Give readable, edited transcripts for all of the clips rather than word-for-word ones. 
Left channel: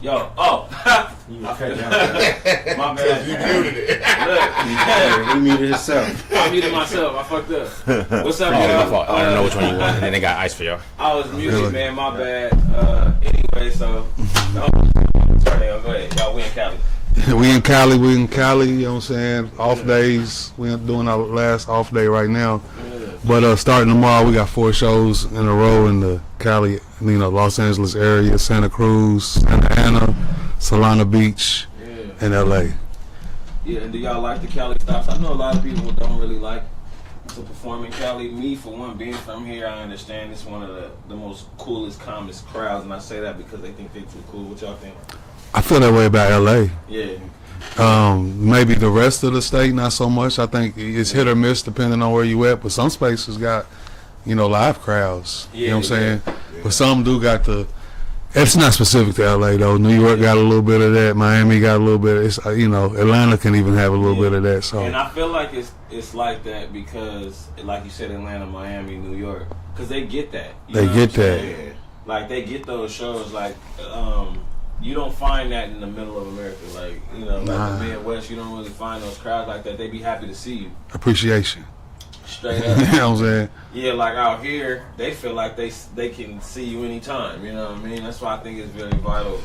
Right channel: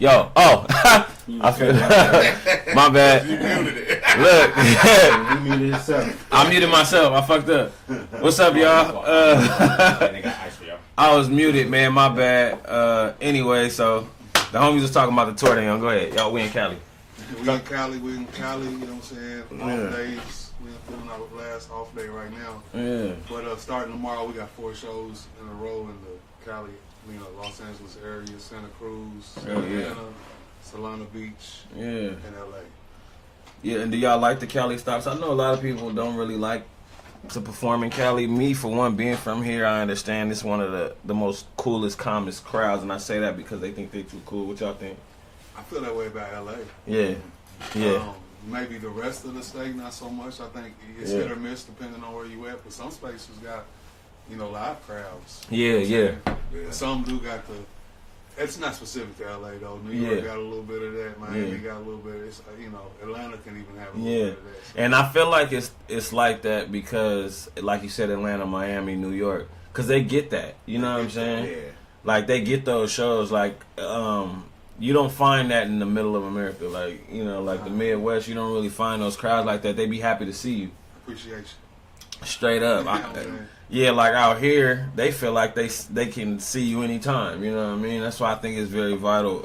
Yo, I feel my bad. You muted it. Look, He muted himself. I muted myself. I fucked up. What's up, y'all? And they got ice for y'all. I was muted, man. My bad. Anyway, so the homies was talking about the tour they on. Go ahead, y'all. We in Cali. We in Cali, you know what I'm saying? Off days. We're doing our last off day right now. Yeah. But starting tomorrow, we got 4 shows in a row in the Cali, Los Angeles area, Santa Cruz, Santa Ana, Solana Beach, and LA. Yeah, and do y'all like the Cali stops? I know a lot of people don't really like to perform in Cali. Me, for one, being from here, I understand it's one of the most coolest, calmest crowds, and I say that because they think they too cool. What y'all think? I feel that way about LA. Yeah. Maybe the rest of the state, not so much. I think it's hit or miss depending on where you at. But some spaces got, live crowds. You know what I'm saying? Yeah. But some do got the. It's not specific to LA though. New York got a little bit of that. Miami got a little bit. It's Atlanta can even have a little bit of that. So. And I feel like it's like that because, like you said, Atlanta, Miami, New York, because they get that. They get that. Like they get those shows. Like you don't find that in the middle of America. Like the Midwest, you don't really find those crowds like that. They be happy to see you. Appreciation. Straight up. You know what I'm saying? Yeah, like out here, they feel like they can see you anytime. You know what I mean? That's why I think it's very vital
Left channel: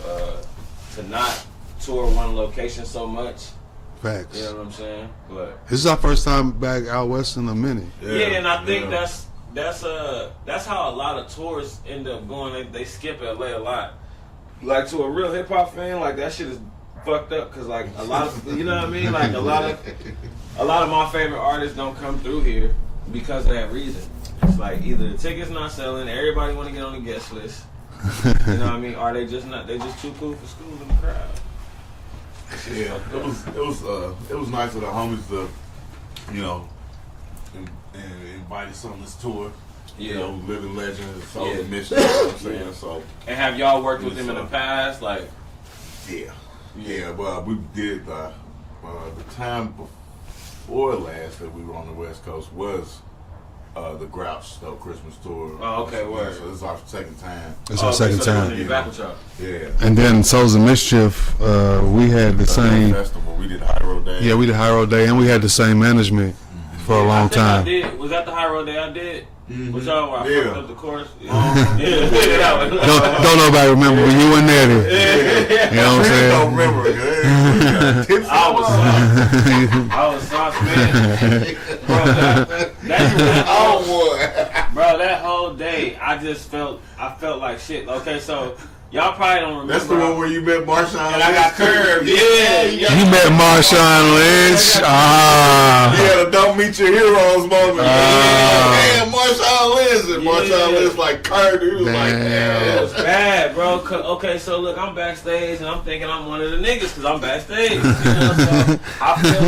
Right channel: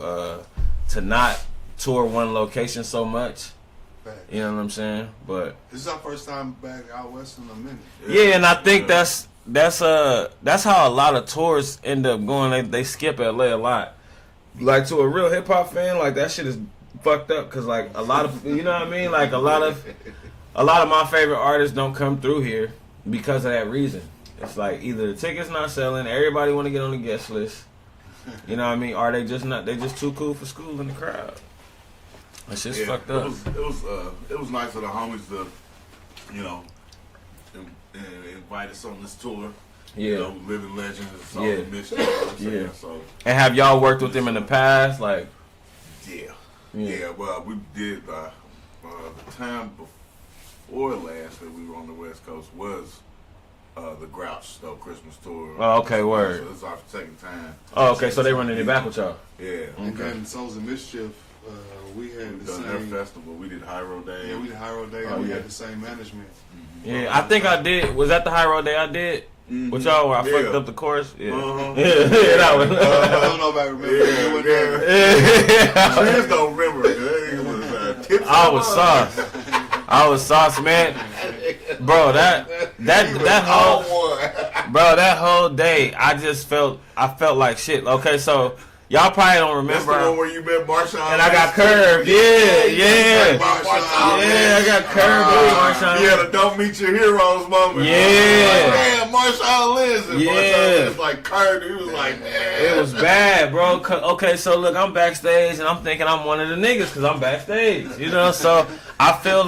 to not tour one location so much. Facts. You know what I'm saying? But this is our first time back out west in a minute. Yeah, and I think that's how a lot of tours end up going. They skip LA a lot. Like to a real hip hop fan, like that shit is fucked up because like a lot of you know what I mean? Like a lot of my favorite artists don't come through here because of that reason. It's like either the tickets not selling, everybody want to get on the guest list. You know what I mean? Or they just too cool for school in the crowd. It's just fucked up. It was nice of the homies to, invite us on this tour. Living legend, soul mission. You know what I'm saying? So. And have y'all worked with them in the past? Like. Yeah. Well, we did the time before last that we were on the West Coast was the Grouch Christmas tour. Oh, okay, word. So this is our second time. So they running your back with y'all. Yeah. And then Souls of Mischief, we had the same festival. We did High Road Day. Yeah, we did High Road Day, and we had the same management for a long time. I did. Was that the High Road Day I did? With y'all where I fucked up the chorus? Yeah. Don't nobody remember when you were there. You know what I'm saying? Don't remember. I was sauce, man. Bro, that whole day, I felt like shit. Okay, so y'all probably don't remember. That's the one where you met Marshawn Lynch. And I got curved. Yeah. You met Marshawn Lynch. You had a don't meet your heroes moment. Yeah. Damn, Marshawn Lynch. And Marshawn Lynch like curved. He was like, damn. It was bad, bro. Okay, so look, I'm backstage and I'm thinking I'm one of the niggas because I'm backstage. So I feel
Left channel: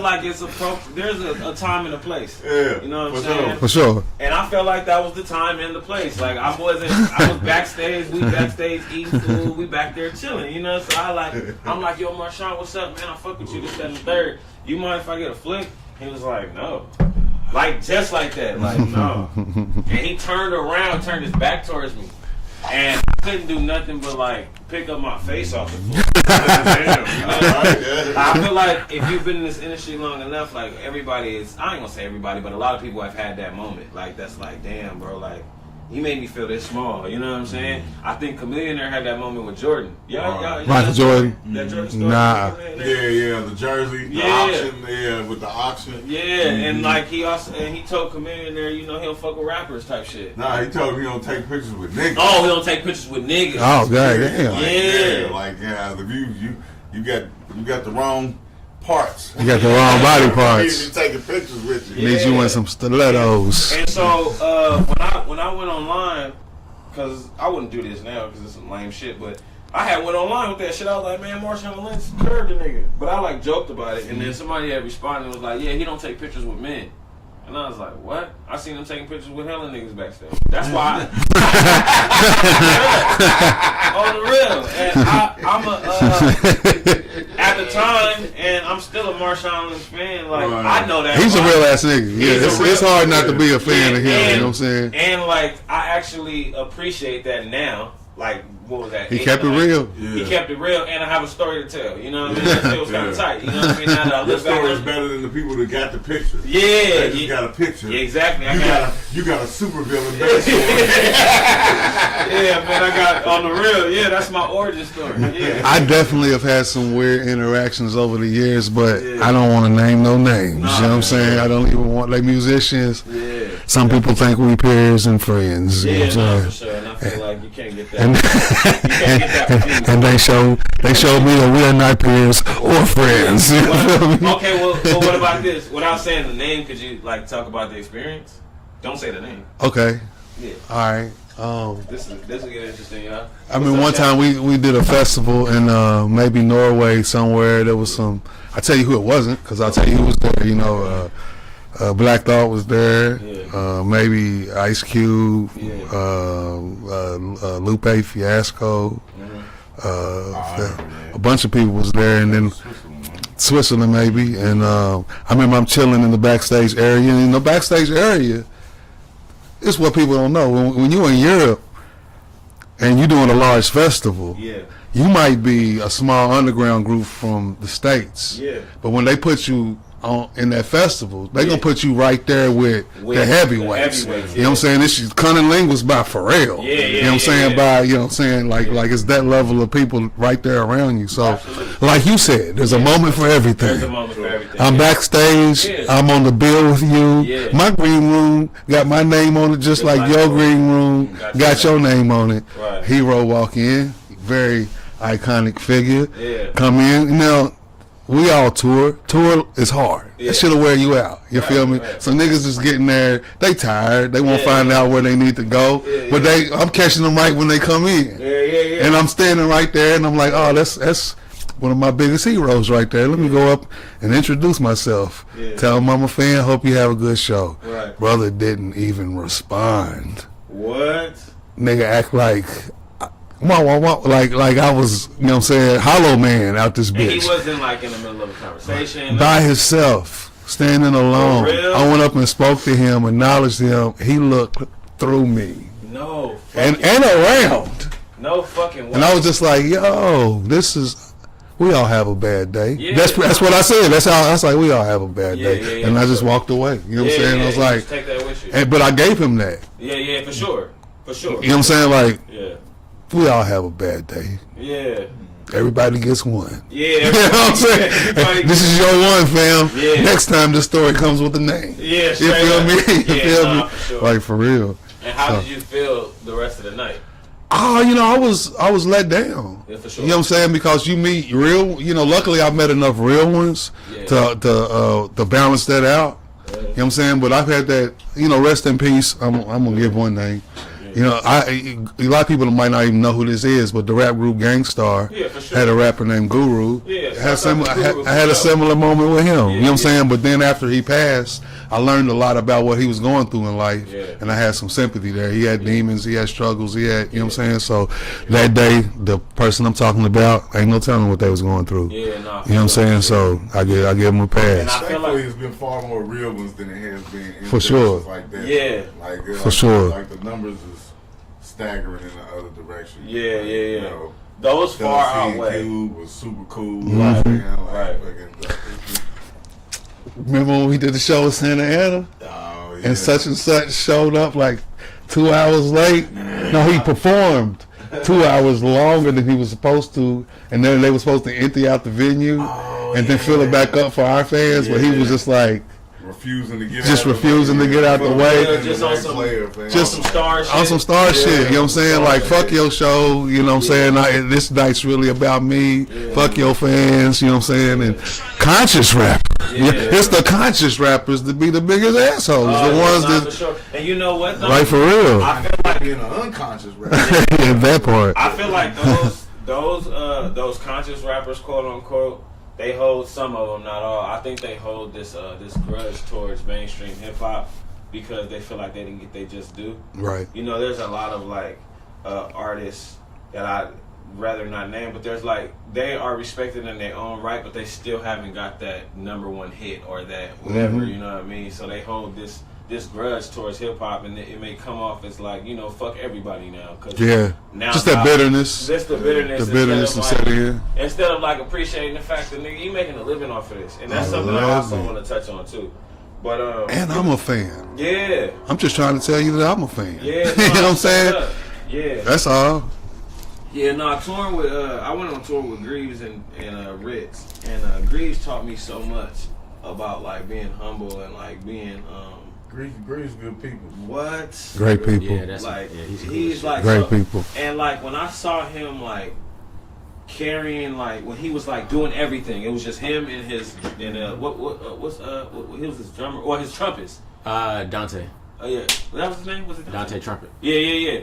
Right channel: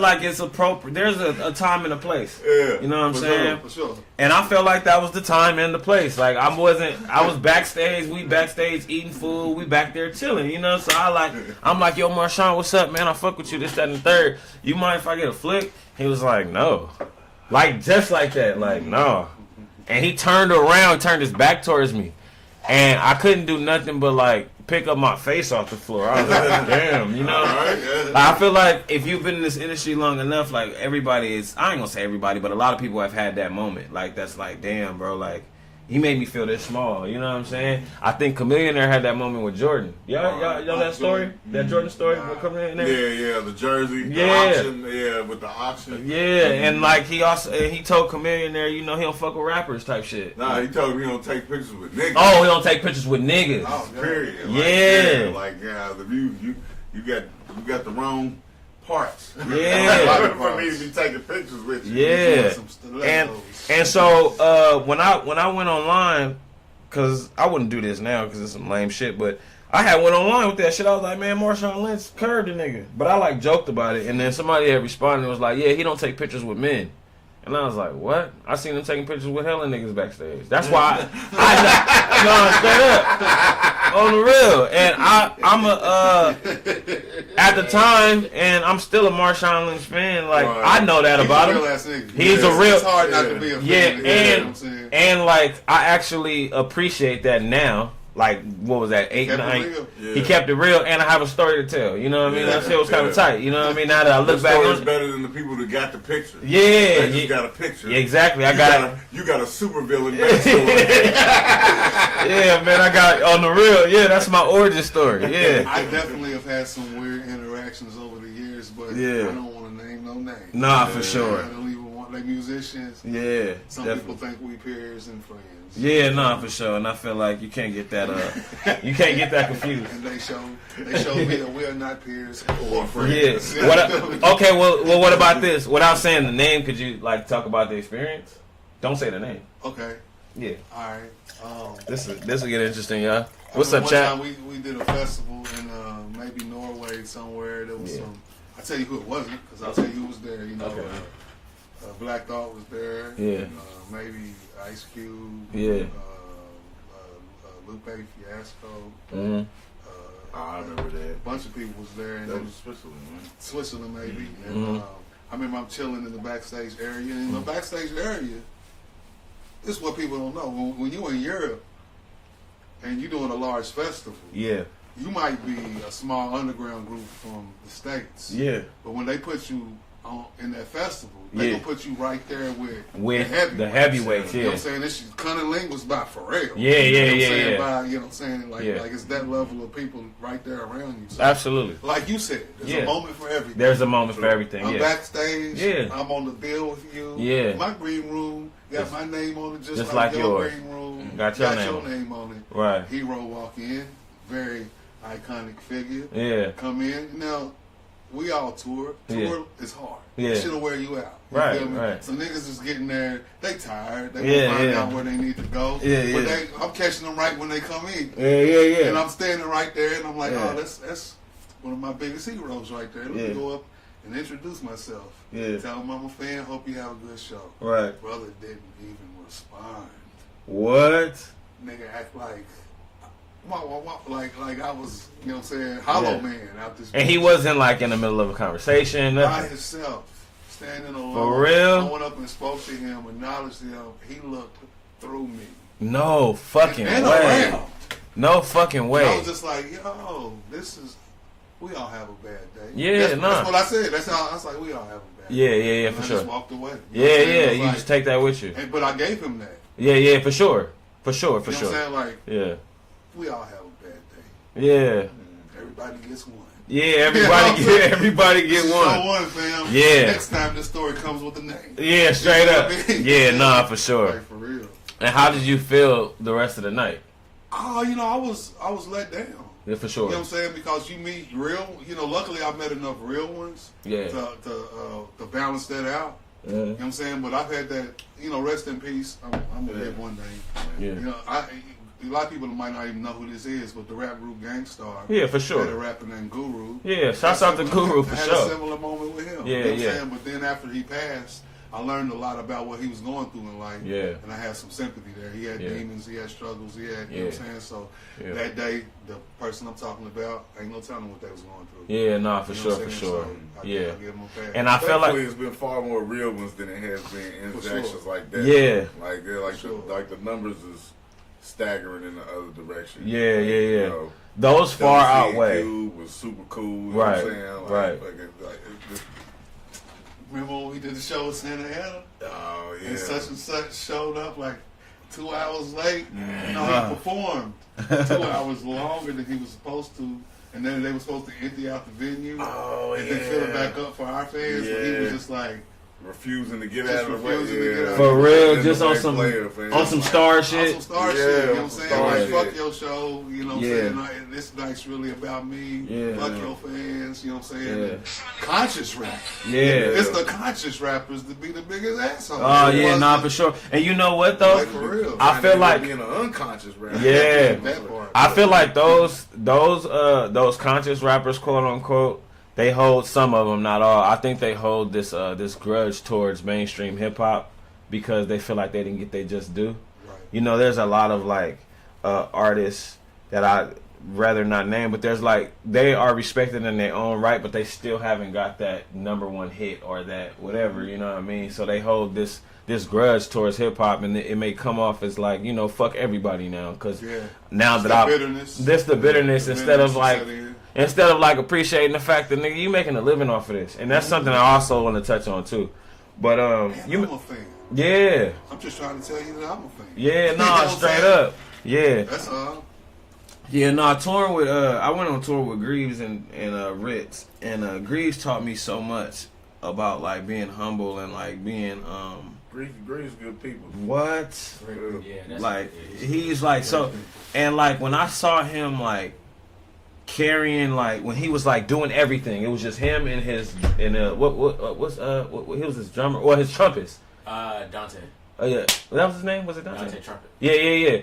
like it's appropriate. There's a time and a place. Yeah. You know what I'm saying? For sure. And I felt like that was the time and the place. Like I was backstage. We backstage eating food. We back there chilling. So I'm like, yo, Marshawn, what's up, man? I fuck with you. This, that, and the third. You mind if I get a flick? He was like, no. Like just like that. Like no. And he turned around, turned his back towards me, and I couldn't do nothing but like pick up my face off the floor. I was like, damn, Like, I feel like if you've been in this industry long enough, like everybody is. I ain't gonna say everybody, but a lot of people have had that moment. Like that's like, damn, bro. Like. He made me feel this small, you know what I'm saying? I think Chameleon there had that moment with Jordan. Y'all Michael Jordan. That Jordan story? Nah. Yeah, the jersey, the auction, with the auction. Yeah, and like he told Chameleon there, he don't fuck with rappers type shit. Nah, he told me he don't take pictures with niggas. Oh, he don't take pictures with niggas. Oh, god damn. You got the wrong parts. You got the wrong body parts. You taking pictures with you. Yeah. You want some stilettos. And so when I went online, because I wouldn't do this now because it's some lame shit, but I had went online with that shit. I was like, man, Marshawn Lynch curved the nigga. But I like joked about it, and then somebody had responded and was like, yeah, he don't take pictures with men. And I was like, what? I seen him taking pictures with hella niggas backstage. That's why on the real. And I'm at the time, and I'm still a Marshawn Lynch fan. Like, I know that. He's a real ass nigga. It's hard not to be a fan of him. You know what I'm saying? And like, I actually appreciate that now. like what was that? He kept it real. Yeah. He kept it real, and I have a story to tell. You know what I mean? That shit was kind of tight. You know what I mean? Now that I look back, story's better than the people that got the picture. Yeah, they just got a picture. Exactly. You got a super villain backstory. Yeah, man, I got on the real. Yeah, that's my origin story. Yeah, I definitely have had some weird interactions over the years, but I don't want to name no names. You know what I'm saying? Sure. I don't even want, like musicians. Yeah. Some people think we peers and friends. Yeah, you know what I'm for saying? sure. And I feel like you can't get that. You can't get that confused. And they showed me that we are not peers or friends. You feel me? Okay, well, what about this? Without saying the name, could you like talk about the experience? Don't say the name. Okay. Yeah. All right. This will get interesting, y'all. I mean, one time we did a festival in maybe Norway somewhere. There was some. I tell you who it wasn't, because I'll tell you who was there. You know, Black Thought was there. Yeah. Maybe Ice Cube. Yeah. Lupe Fiasco. Mm-hmm. A bunch of people was there, and then Switzerland maybe. And I remember I'm chilling in the backstage area, and in the backstage area, it's what people don't know. When you're in Europe and you're doing a large festival, Yeah. you might be a small underground group from the States. Yeah. But when they put you on in that festival, they Yeah. gonna put you right there with the heavyweights. You know what I'm saying? This is CunninLynguists by Pharrell. Yeah, You know what I'm saying? yeah. By, you know what I'm saying? Like it's that level of people right there around you. So Absolutely. like you said, there's a moment for everything. There's a moment for everything. I'm yeah. backstage. Yeah. I'm on the bill with you. Yeah. My green room got my name on it, just like your yours. green room Got your name on it. Right. Hero walk in, very iconic figure. Yeah. Come in. You know, we all tour. Tour is hard. Yeah. It should have wear you out. You Right, feel me? right. So niggas just getting there. They tired. They won't Yeah, find yeah. out where they need to go. Yeah, but yeah. I'm catching them right when they come in. Yeah. And I'm standing right there, and I'm like, oh, that's one of my biggest heroes right there. Let me go up and introduce myself. Yeah. Tell him I'm a fan. Hope you have a good show. Right. Brother didn't even respond. What? Nigga act like like I was, you know what I'm saying, Hollow Man out this bitch. And he wasn't like in the middle of a conversation. By himself, standing alone. For real? I went up and spoke to him, acknowledged him. He looked through me. No fucking And way. around. No fucking way. And I was just like, yo, this is, we all have a bad day. Yeah, that's what I said. That's how I was like, we all have a bad day. Yeah, and I for just sure. walked away. You know what I'm saying? Yeah, It was you like, just take that with you. but I gave him that. Yeah, for sure. For sure. You know what I'm saying? Like, Yeah. we all have a bad day. Yeah. Everybody gets one. Yeah, You know what I'm saying? everybody This is your one, fam. Yeah. Next time the story comes with a name. Yeah, You straight feel up. me? You Yeah, feel nah, me? for sure. Like, for real. And how did you feel the rest of the night? Oh, you know, I was let down. Yeah, for sure. You know what I'm saying? Because you meet real, you know, luckily I've met enough real ones Yeah. to balance that out. You know what I'm saying? But I've had that, you know, rest in peace. I'm gonna give one name. Yeah. You know, a lot of people might not even know who this is, but the rap group Gangstar Yeah, for sure. had a rapper named Guru. Yeah, I shouts out to Guru, I had a for sure. similar moment with him. Yeah, you know what I'm yeah. saying? But then after he passed, I learned a lot about what he was going through in life, Yeah. and I had some sympathy there. He had demons, he had struggles, he had, you know what I'm saying? So that day, the person I'm talking about, ain't no telling what they was going through. Yeah, nah, for You know what I'm sure, saying? for sure. So I give him a pass. And I feel Thankfully, like it's been far more real ones than it has been in For sure. directions like that. Yeah. Like, For sure. Like the numbers is staggering in the other direction. Yeah. You know, Those far Dusty and outweigh. Cube was super cool. Right. You know what I'm saying? Like, Right. fucking, Remember when we did the show in Santa Ana? oh, yeah. And such showed up like 2 hours late. No, he performed 2 hours longer than he was supposed to, and then they were supposed to empty out the venue and then fill it back up for our fans. But he was Yeah. just like refusing to get Just out refusing of to get out the way. Being Just the on next some- player, fam. On some star shit. on some star shit. You know what I'm saying? Like, star fuck shit. your show. You know what I'm saying? This night's really about me. Fuck your fans. You know what I'm saying? And conscious rap. Yeah. It's the conscious rappers to be the biggest assholes. Oh, the yeah, ones nah, that, for sure. And you know what though? like, for real. I feel like being an unconscious rapper. yeah. that part. I feel like those conscious rappers, quote unquote, they hold, some of them, not all. I think they hold this grudge towards mainstream hip hop because they feel like they didn't get their just due. Right. You know, there's a lot of like artists that I rather not name, but there's like they are respected in their own right, but they still haven't got that #1 hit or that whatever. You know what I mean? So they hold this this grudge towards hip hop, and it may come off as like, you know, fuck everybody now, because now just that bitterness. That's the bitterness, the bitterness instead of like appreciating the fact that nigga, you making a living off of this, and that's something I also want to touch on too. But and I'm a fan. Yeah, I'm just trying to tell you that I'm a fan. Yeah, you know what I'm saying? Up. Yeah, that's all. Yeah, no, touring with I went on tour with Greaves and Ritz, and Greaves taught me so much about like being humble and like being Greaves good people. What? Great people. Yeah, that's like he's like great people. And like when I saw him like carrying, like when he was like doing everything, it was just him and his what he was his drummer or his trumpets. Dante. Oh yeah, that was his name. Was it Dante? Dante Trumpet. Yeah.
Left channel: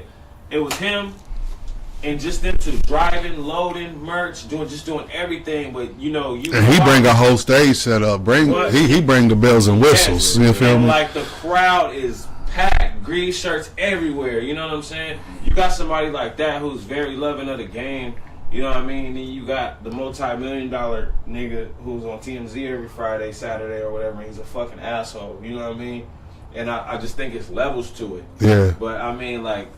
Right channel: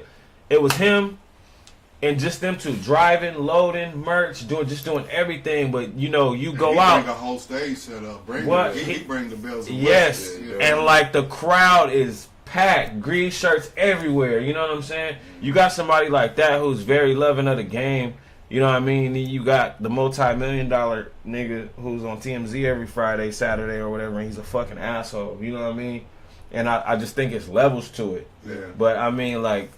It was him. And just them two driving, loading, merch, doing everything. But you know, you and go he out, bring a whole stage set up. He bring the bells and whistles. Yes. You feel and me? like the crowd is packed, green shirts everywhere. You know what I'm saying? You got somebody like that who's very loving of the game. You know what I mean? Then you got the multi-million-dollar nigga who's on TMZ every Friday, Saturday, or whatever. And he's a fucking asshole. You know what I mean? And I just think it's levels to it. Yeah. But I mean, like.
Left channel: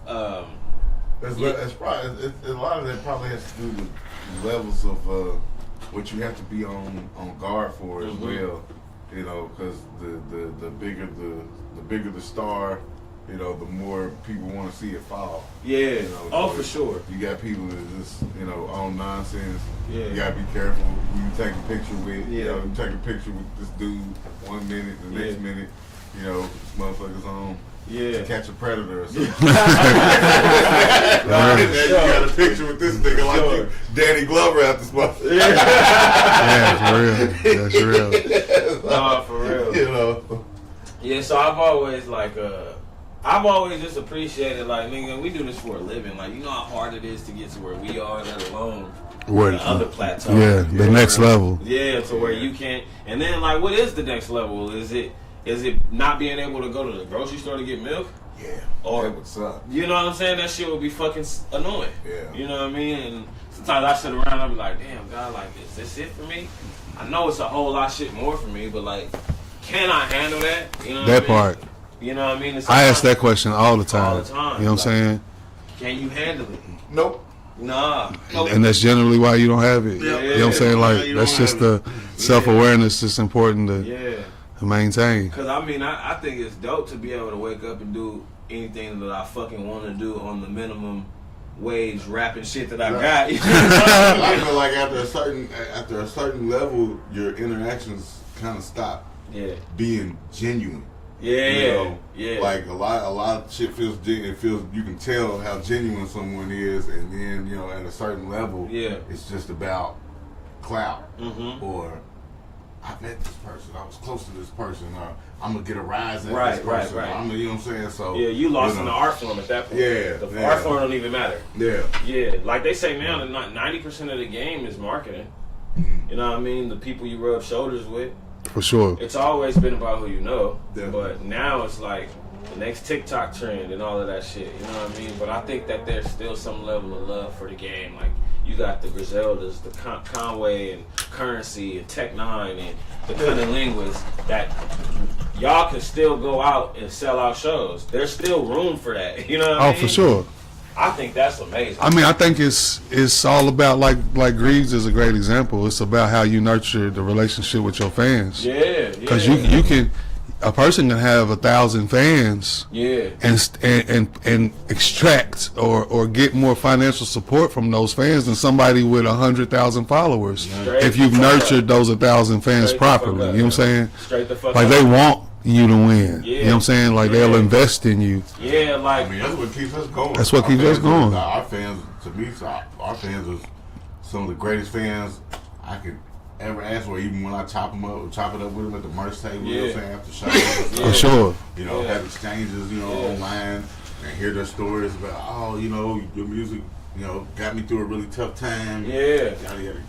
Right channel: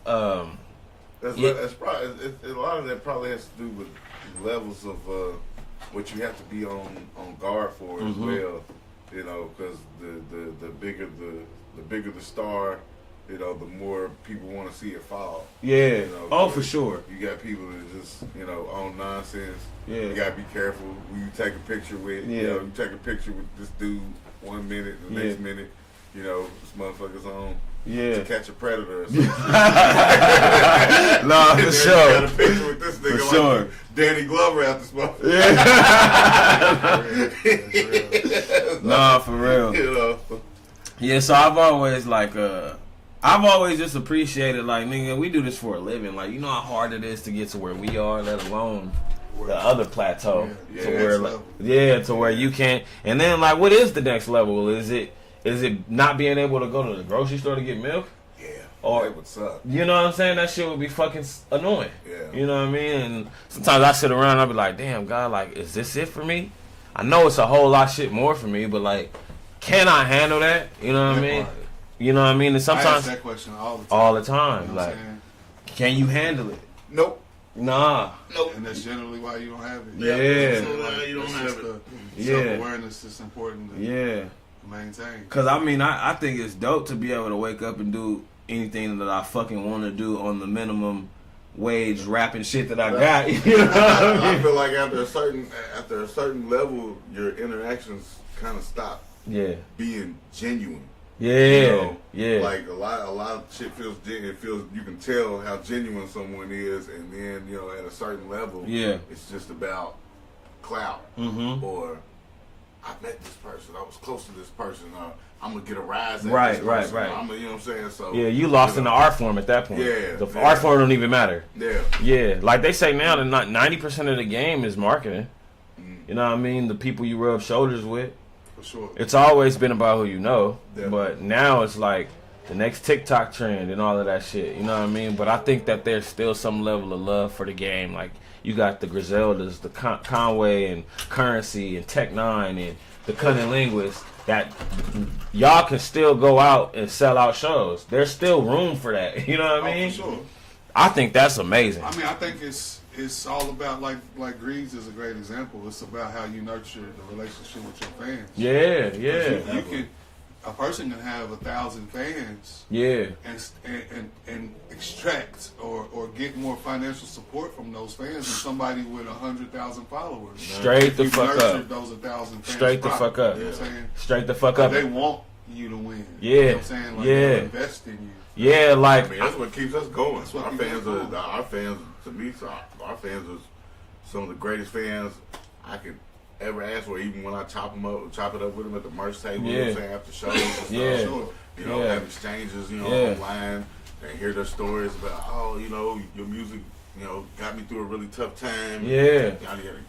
It's probably a lot of that probably has to do with levels of what you have to be on guard for as well. You know, because the bigger the star, you know, the more people want to see it fall. Yeah. You know, for sure. You got people that just, you know, on nonsense. Yeah. You gotta be careful who you take a picture with. Yeah. You know, you take a picture with this dude 1 minute, the next minute, you know, this motherfucker's on. Yeah. To catch a predator or something. Nah, for sure. Got a picture with this nigga like Danny Glover out this motherfucker. Yeah, for real. That's real. Nah, for real. You know. Yeah, so I've always like I've always just appreciated like, nigga, we do this for a living. Like, you know how hard it is to get to where we are, let alone the other plateau. Yeah, the next level. Yeah, to where you can't. And then like, what is the next level? Is it not being able to go to the grocery store to get milk? Yeah. Or that would suck. You know what I'm saying? That shit would be fucking annoying. Yeah. You know what I mean? And sometimes I sit around and I'll be like, damn, God, like, is this it for me? I know it's a whole lot of shit more for me, but like, can I handle that? You know what I mean? That part. You know what I mean? And I ask that question all the time. All the time. You know what I'm saying? Can you handle it? Nope. Nah. Nope. And that's generally why you don't have it. Yeah. You know what I'm saying? Like, that's just the self-awareness that's important to maintain. Because, I mean, I think it's dope to be able to wake up and do anything that I fucking want to do on the minimum wage rapping shit that I got. You know what I mean? I feel like after a certain level, your interactions kind of stop being genuine. Yeah, you know? yeah. Like a lot of shit feels genuine. It feels, you can tell how genuine someone is, and then, you know, at a certain level, it's just about clout or I met this person, I was close to this person, or I'm gonna get a rise at this person. Right. I'm gonna, you know what I'm saying? So you lost in the art form at that point. Yeah, the art form don't even matter. Yeah, like they say now, that 90% of the game is marketing. You know what I mean? The people you rub shoulders with. For sure. It's always been about who you know, Definitely. but now it's like the next TikTok trend and all of that shit. You know what I mean? But I think that there's still some level of love for the game. Like you got the Griseldas, the Conway and Currency and Tech Nine and the CunninLynguists that y'all can still go out and sell out shows. There's still room for that. You know what I mean? Oh, for sure. I think that's amazing. I mean, I think it's all about, like Greaves is a great example. It's about how you nurture the relationship with your fans. Yeah. Because you can, a person can have 1,000 fans. Yeah. And extract or get more financial support from those fans than somebody with 100,000 followers. Straight if you've nurtured up. those 1,000 fans Straight properly, the fuck up. you know what I'm saying? Straight the fuck like up. They want you to win. Yeah. You know what I'm saying? Like they'll invest in you. Yeah, like I mean, that's what keeps us going. That's what keeps us going. Our fans, to me, our fans are some of the greatest fans I could ever ask for. Even when I chop it up with them at the merch table, you know what I'm saying, after shows. For sure. You know, have exchanges, you know, online, and hear their stories about, oh, you know, your music, you know, got me through a really tough time. Yeah.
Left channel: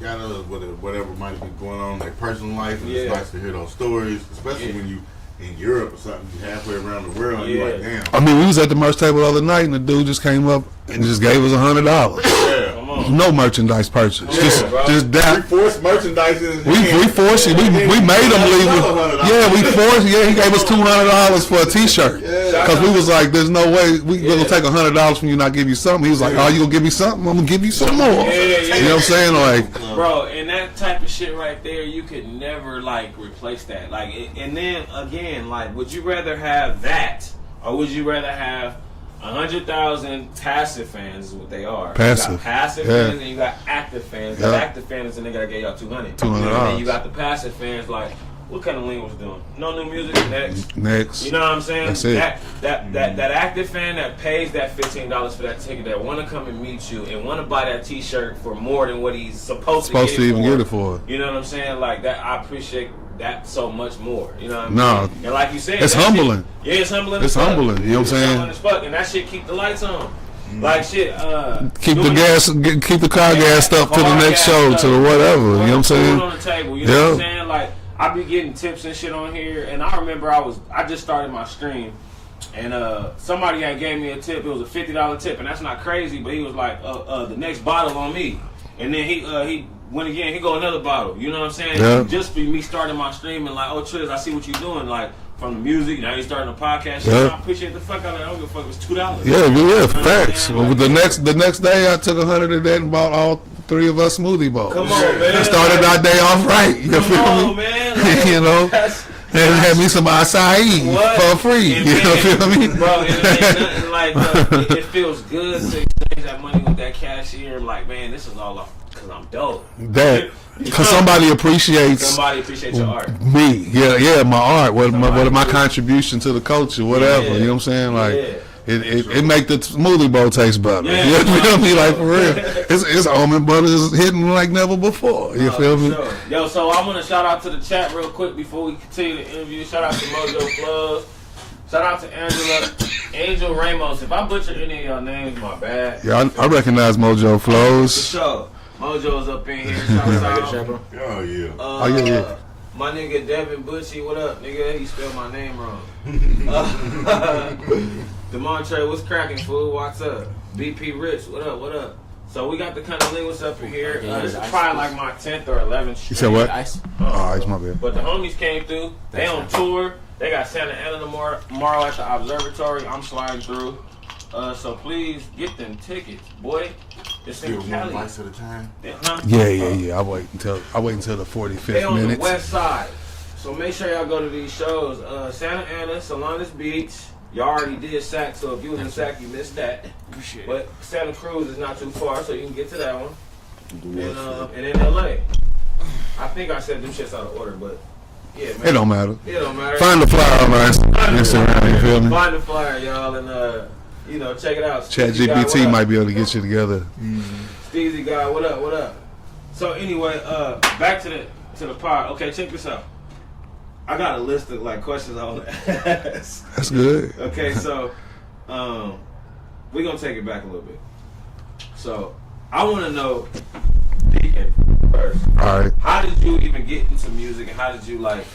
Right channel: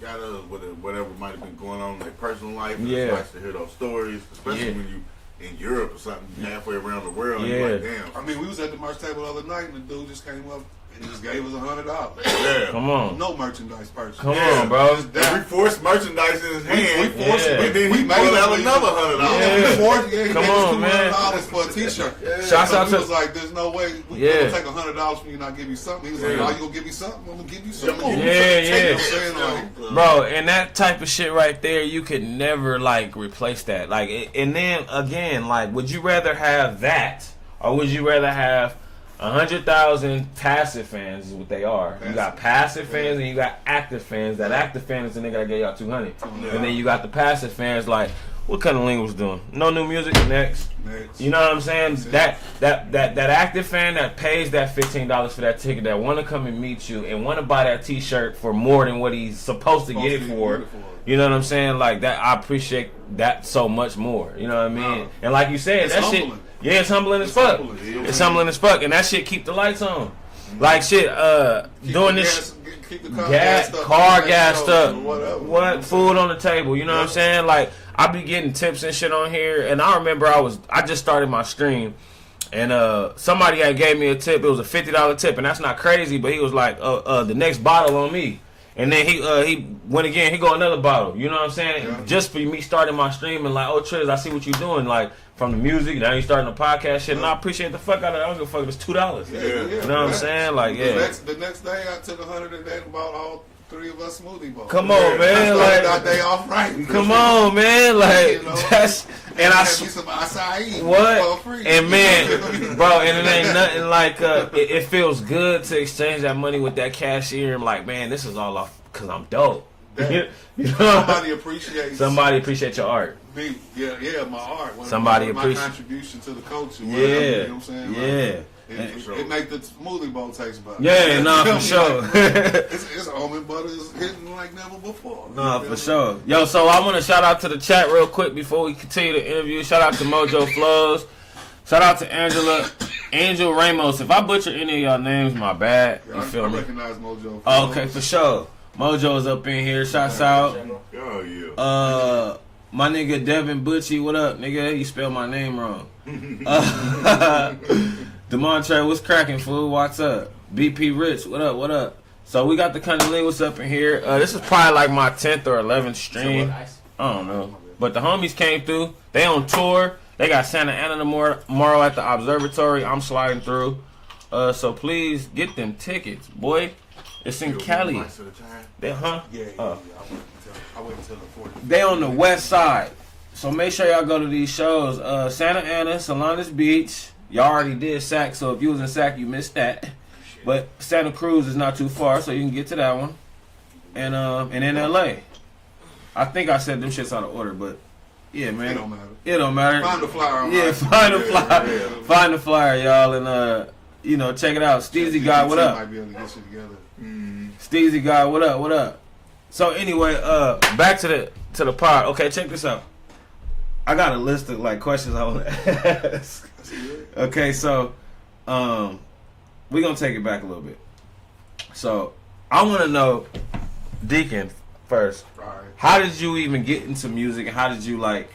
Yada, whatever might have been going on in their personal life. And it's nice to hear those stories, especially when you in Europe or something, halfway around the world, and you're like, damn. I mean, we was at the merch table the other night, and the dude just came up and just gave us $100. Yeah. Come on. No merchandise purchase. Come just, on, bro. just that. We forced merchandise in his hand. We forced it. We made him leave it. Yeah, we forced. Yeah, he gave us $200 for a T-shirt because we was like, "There's no way we gonna take $100 from you, not give you something." He was like, "Oh, you gonna give me something? I'm gonna give you some more." Yeah. You know what I'm saying? Like, bro, and that type of shit right there, you could never like replace that. Like, and then again, like, would you rather have that, or would you rather have 100,000 passive fans? Is what they are. Passive. You got passive fans and you got active fans. That active fans is the nigga that gave y'all 200. And then you got the passive fans like, what CunninLynguists doing? No new music. Next. You know what I'm saying? That active fan that pays that $15 for that ticket, that want to come and meet you and want to buy that T-shirt for more than what he's supposed to get it for. You know what I'm saying? Like that, I appreciate that so much more. You know what I mean? No. And like you said, it's humbling. It's humbling as fuck. You know what I'm saying? It's humbling as fuck, and that shit keep the lights on. Like shit, keep the car gassed up to the next show, to the whatever. You know what I'm saying? Food on the table. You know what I'm saying? Like, I be getting tips and shit on here, and I remember I just started my stream, and somebody had gave me a tip. It was a $50 tip, and that's not crazy, but he was like, the next bottle on me, and then he went again. He go another bottle. You know what I'm saying? Yeah. Just for me starting my stream and like, oh Triz, I see what you doing. Like from the music, now you starting a podcast. Shit, and I appreciate the fuck out of it. I don't give a fuck if it's $2. Yeah, you know facts. Like, the next day, I took 100 of that and bought all 3 of us smoothie bowls. Come on, man. I started our day off right. Come on, man. Like, you know. And I had me some acai for free. And you know what I mean? Bro, it ain't nothing like it feels good to exchange that money with that cashier. I'm like, man, this is all off because I'm dope. Because somebody appreciates your art. Me, yeah, my art. What my contribution to the culture, whatever. You know what I'm saying? Like, it make the smoothie bowl taste better. Yeah, you feel me? Like, for real. It's almond butter is hitting like never before. You feel me? Sure. Yo, so I want to shout out to the chat real quick before we continue the interview. Shout out to Mojo Flows. Shout out to Angel Ramos. If I butcher any of y'all names, my bad. Yeah, I recognize Mojo Flows. For sure. Mojo's up in here. Shouts out. Oh, yeah. My nigga Devin Butchie, what up, nigga? You spelled my name wrong. Demontre, what's cracking, fool? What's up? BP Rich, what up? So we got the CunninLynguists up in here. This is probably like my 10th or 11th stream. You said what? Ice, my bad. But the homies came through. They on tour. They got Santa Ana tomorrow at the Observatory. I'm sliding through. So please get them tickets, boy. It's in Cali. At a time. Yeah. I wait until the 45th. They on the west side. So make sure y'all go to these shows. Santa Ana, Salinas Beach. Y'all already did Sac, so if you was in Sac, you missed that. But Santa Cruz is not too far, so you can get to that one. And in LA. I think I said them shits out of order, but yeah, man. It don't matter. Find the flyer, man. Find the flyer, y'all, and check it out. ChatGPT might be able to get you together. Steezy guy, what up? So anyway, back to the pod. Okay, check this out. I got a list of like questions I want to ask. That's good. Okay, so we're gonna take it back a little bit. So I want to know, Deacon, first. All right. How did you even get into music, and how did you like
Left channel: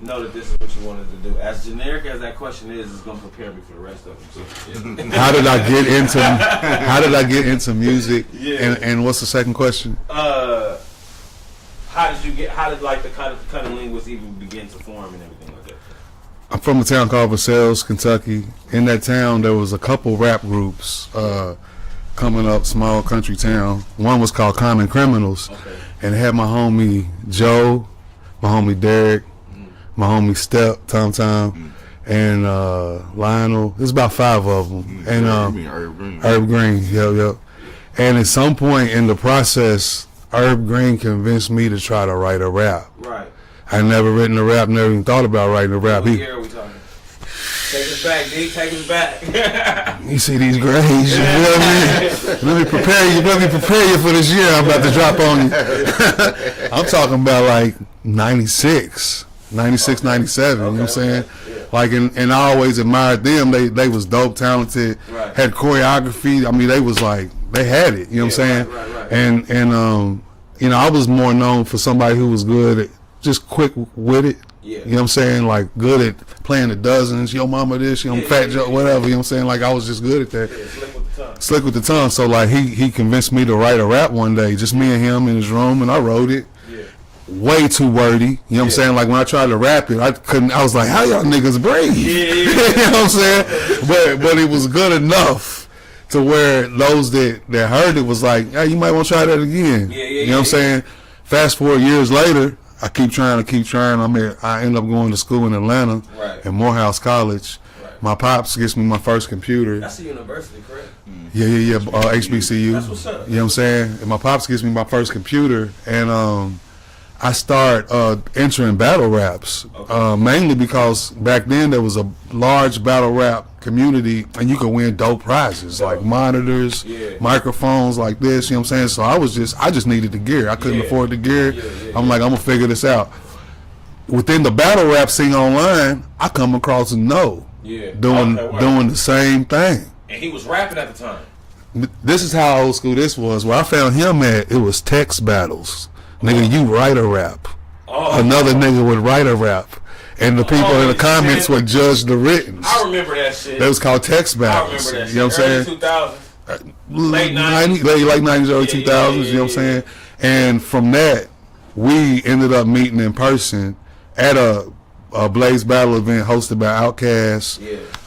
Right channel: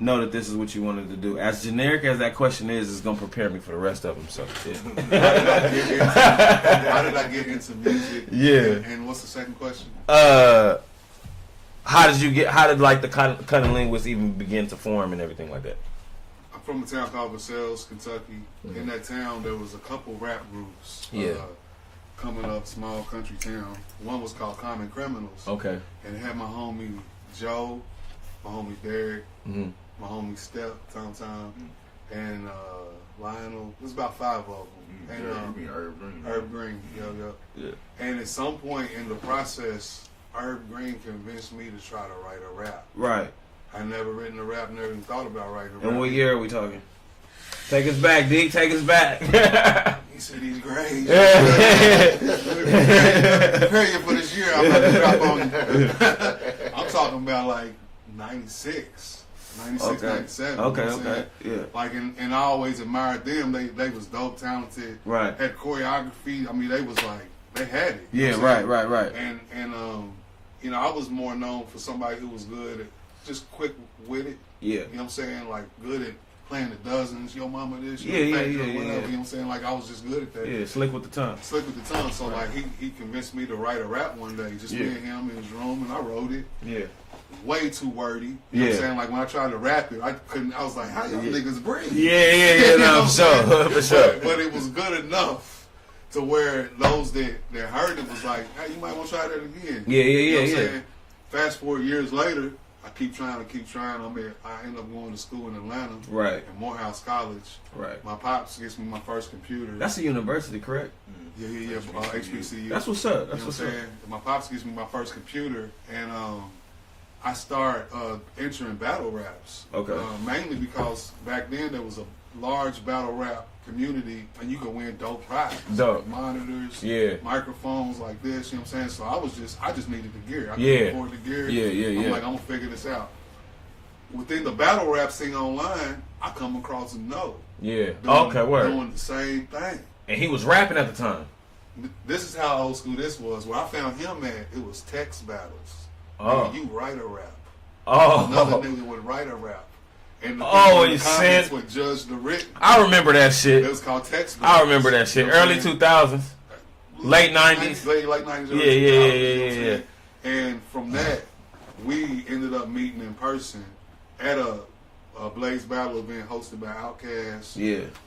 know that this is what you wanted to do? As generic as that question is, it's gonna prepare me for the rest of them. So, yeah. How did I get into music? Yeah. And what's the second question? How did like the CunninLynguists even begin to form and everything like that? I'm from a town called Versailles, Kentucky. In that town, there was a couple rap groups coming up, small country town. One was called Common Criminals. Okay. And it had my homie Joe, my homie Derek, my homie Step, Tom, and Lionel. There's about 5 of them. And Herb Green. Yep. And at some point in the process, Herb Green convinced me to try to write a rap. Right. I never written a rap, never even thought about writing a rap. What year are we talking? Take us back, D. Take us back. You see these grades? Let me prepare you for this year I'm about to drop on you. I'm talking about like 96, 97. You know what I'm saying? Yeah. Like, and I always admired them. They was dope, talented, had choreography. I mean, they was like, they had it. You know what I'm saying? Right. And I was more known for somebody who was good at just quick with it. Yeah. You know what I'm saying? Like good at playing the dozens, yo mama this, fat joke, whatever. You know what I'm saying? Like I was just good at that. Yeah, slick with the tongue. Slick with the tongue. So like he convinced me to write a rap one day, just me and him in his room, and I wrote it. Yeah. Way too wordy. You know what I'm saying? Like when I tried to rap it, I was like, how y'all niggas breathe? Yeah. You know what I'm saying? But it was good enough to where those that heard it was like, hey, you might want to try that again. You know what I'm saying? Fast forward years later, I keep trying. I end up going to school in Atlanta, right, at Morehouse College. Right. My pops gets me my first computer. That's a university, correct? Yeah. HBCU. That's what's up. You know what I'm saying? And my pops gives me my first computer, and I start entering battle raps, mainly because back then there was a large battle rap community, and you could win dope prizes like monitors, microphones like this. You know what I'm saying? So I just needed the gear. I couldn't afford the gear. I'm like, I'm gonna figure this out. Within the battle rap scene online, I come across doing the same thing. And he was rapping at the time. This is how old school this was. Where I found him at, it was text battles. Nigga, you write a rap. Another nigga would write a rap. And the people in the comments would judge the written. I remember that shit. That was called text battles. I remember that shit. You know Early 2000s. Late 90s. Late 90s, early 2000s, you know what I'm saying? And from that, we ended up meeting in person at a Blaze Battle event hosted by Outkast.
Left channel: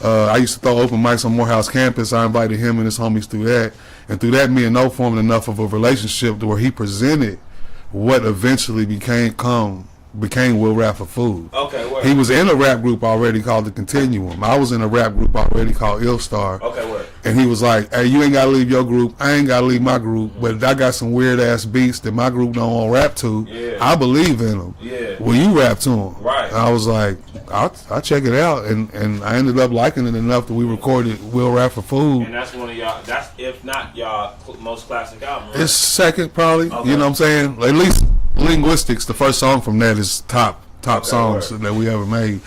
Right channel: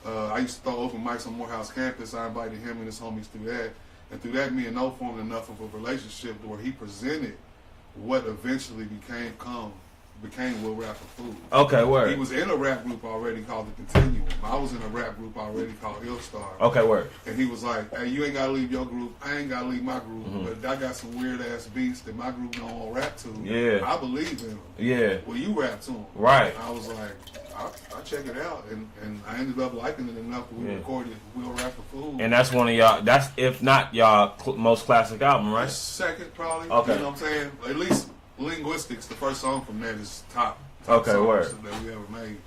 I used to throw open mics on Morehouse campus. I invited him and his homies through that. And through that, me and No formed enough of a relationship to where he presented what eventually became Will Rap for Food. Okay, word. He was in a rap group already called The Continuum. I was in a rap group already called Ill Star. Okay, word. And he was like, hey, you ain't got to leave your group. I ain't got to leave my group. But I got some weird-ass beats that my group don't want to rap to. Yeah. I believe in them. Yeah. Will you rap to them? Right. And I was like, I'll check it out. And I ended up liking it enough that we recorded Will Rap for Food. And that's one of y'all, that's, if not y'all most classic album, right? It's second, probably. Okay. You know what I'm saying? At least Linguistics, the first song from that, is top songs that we ever made.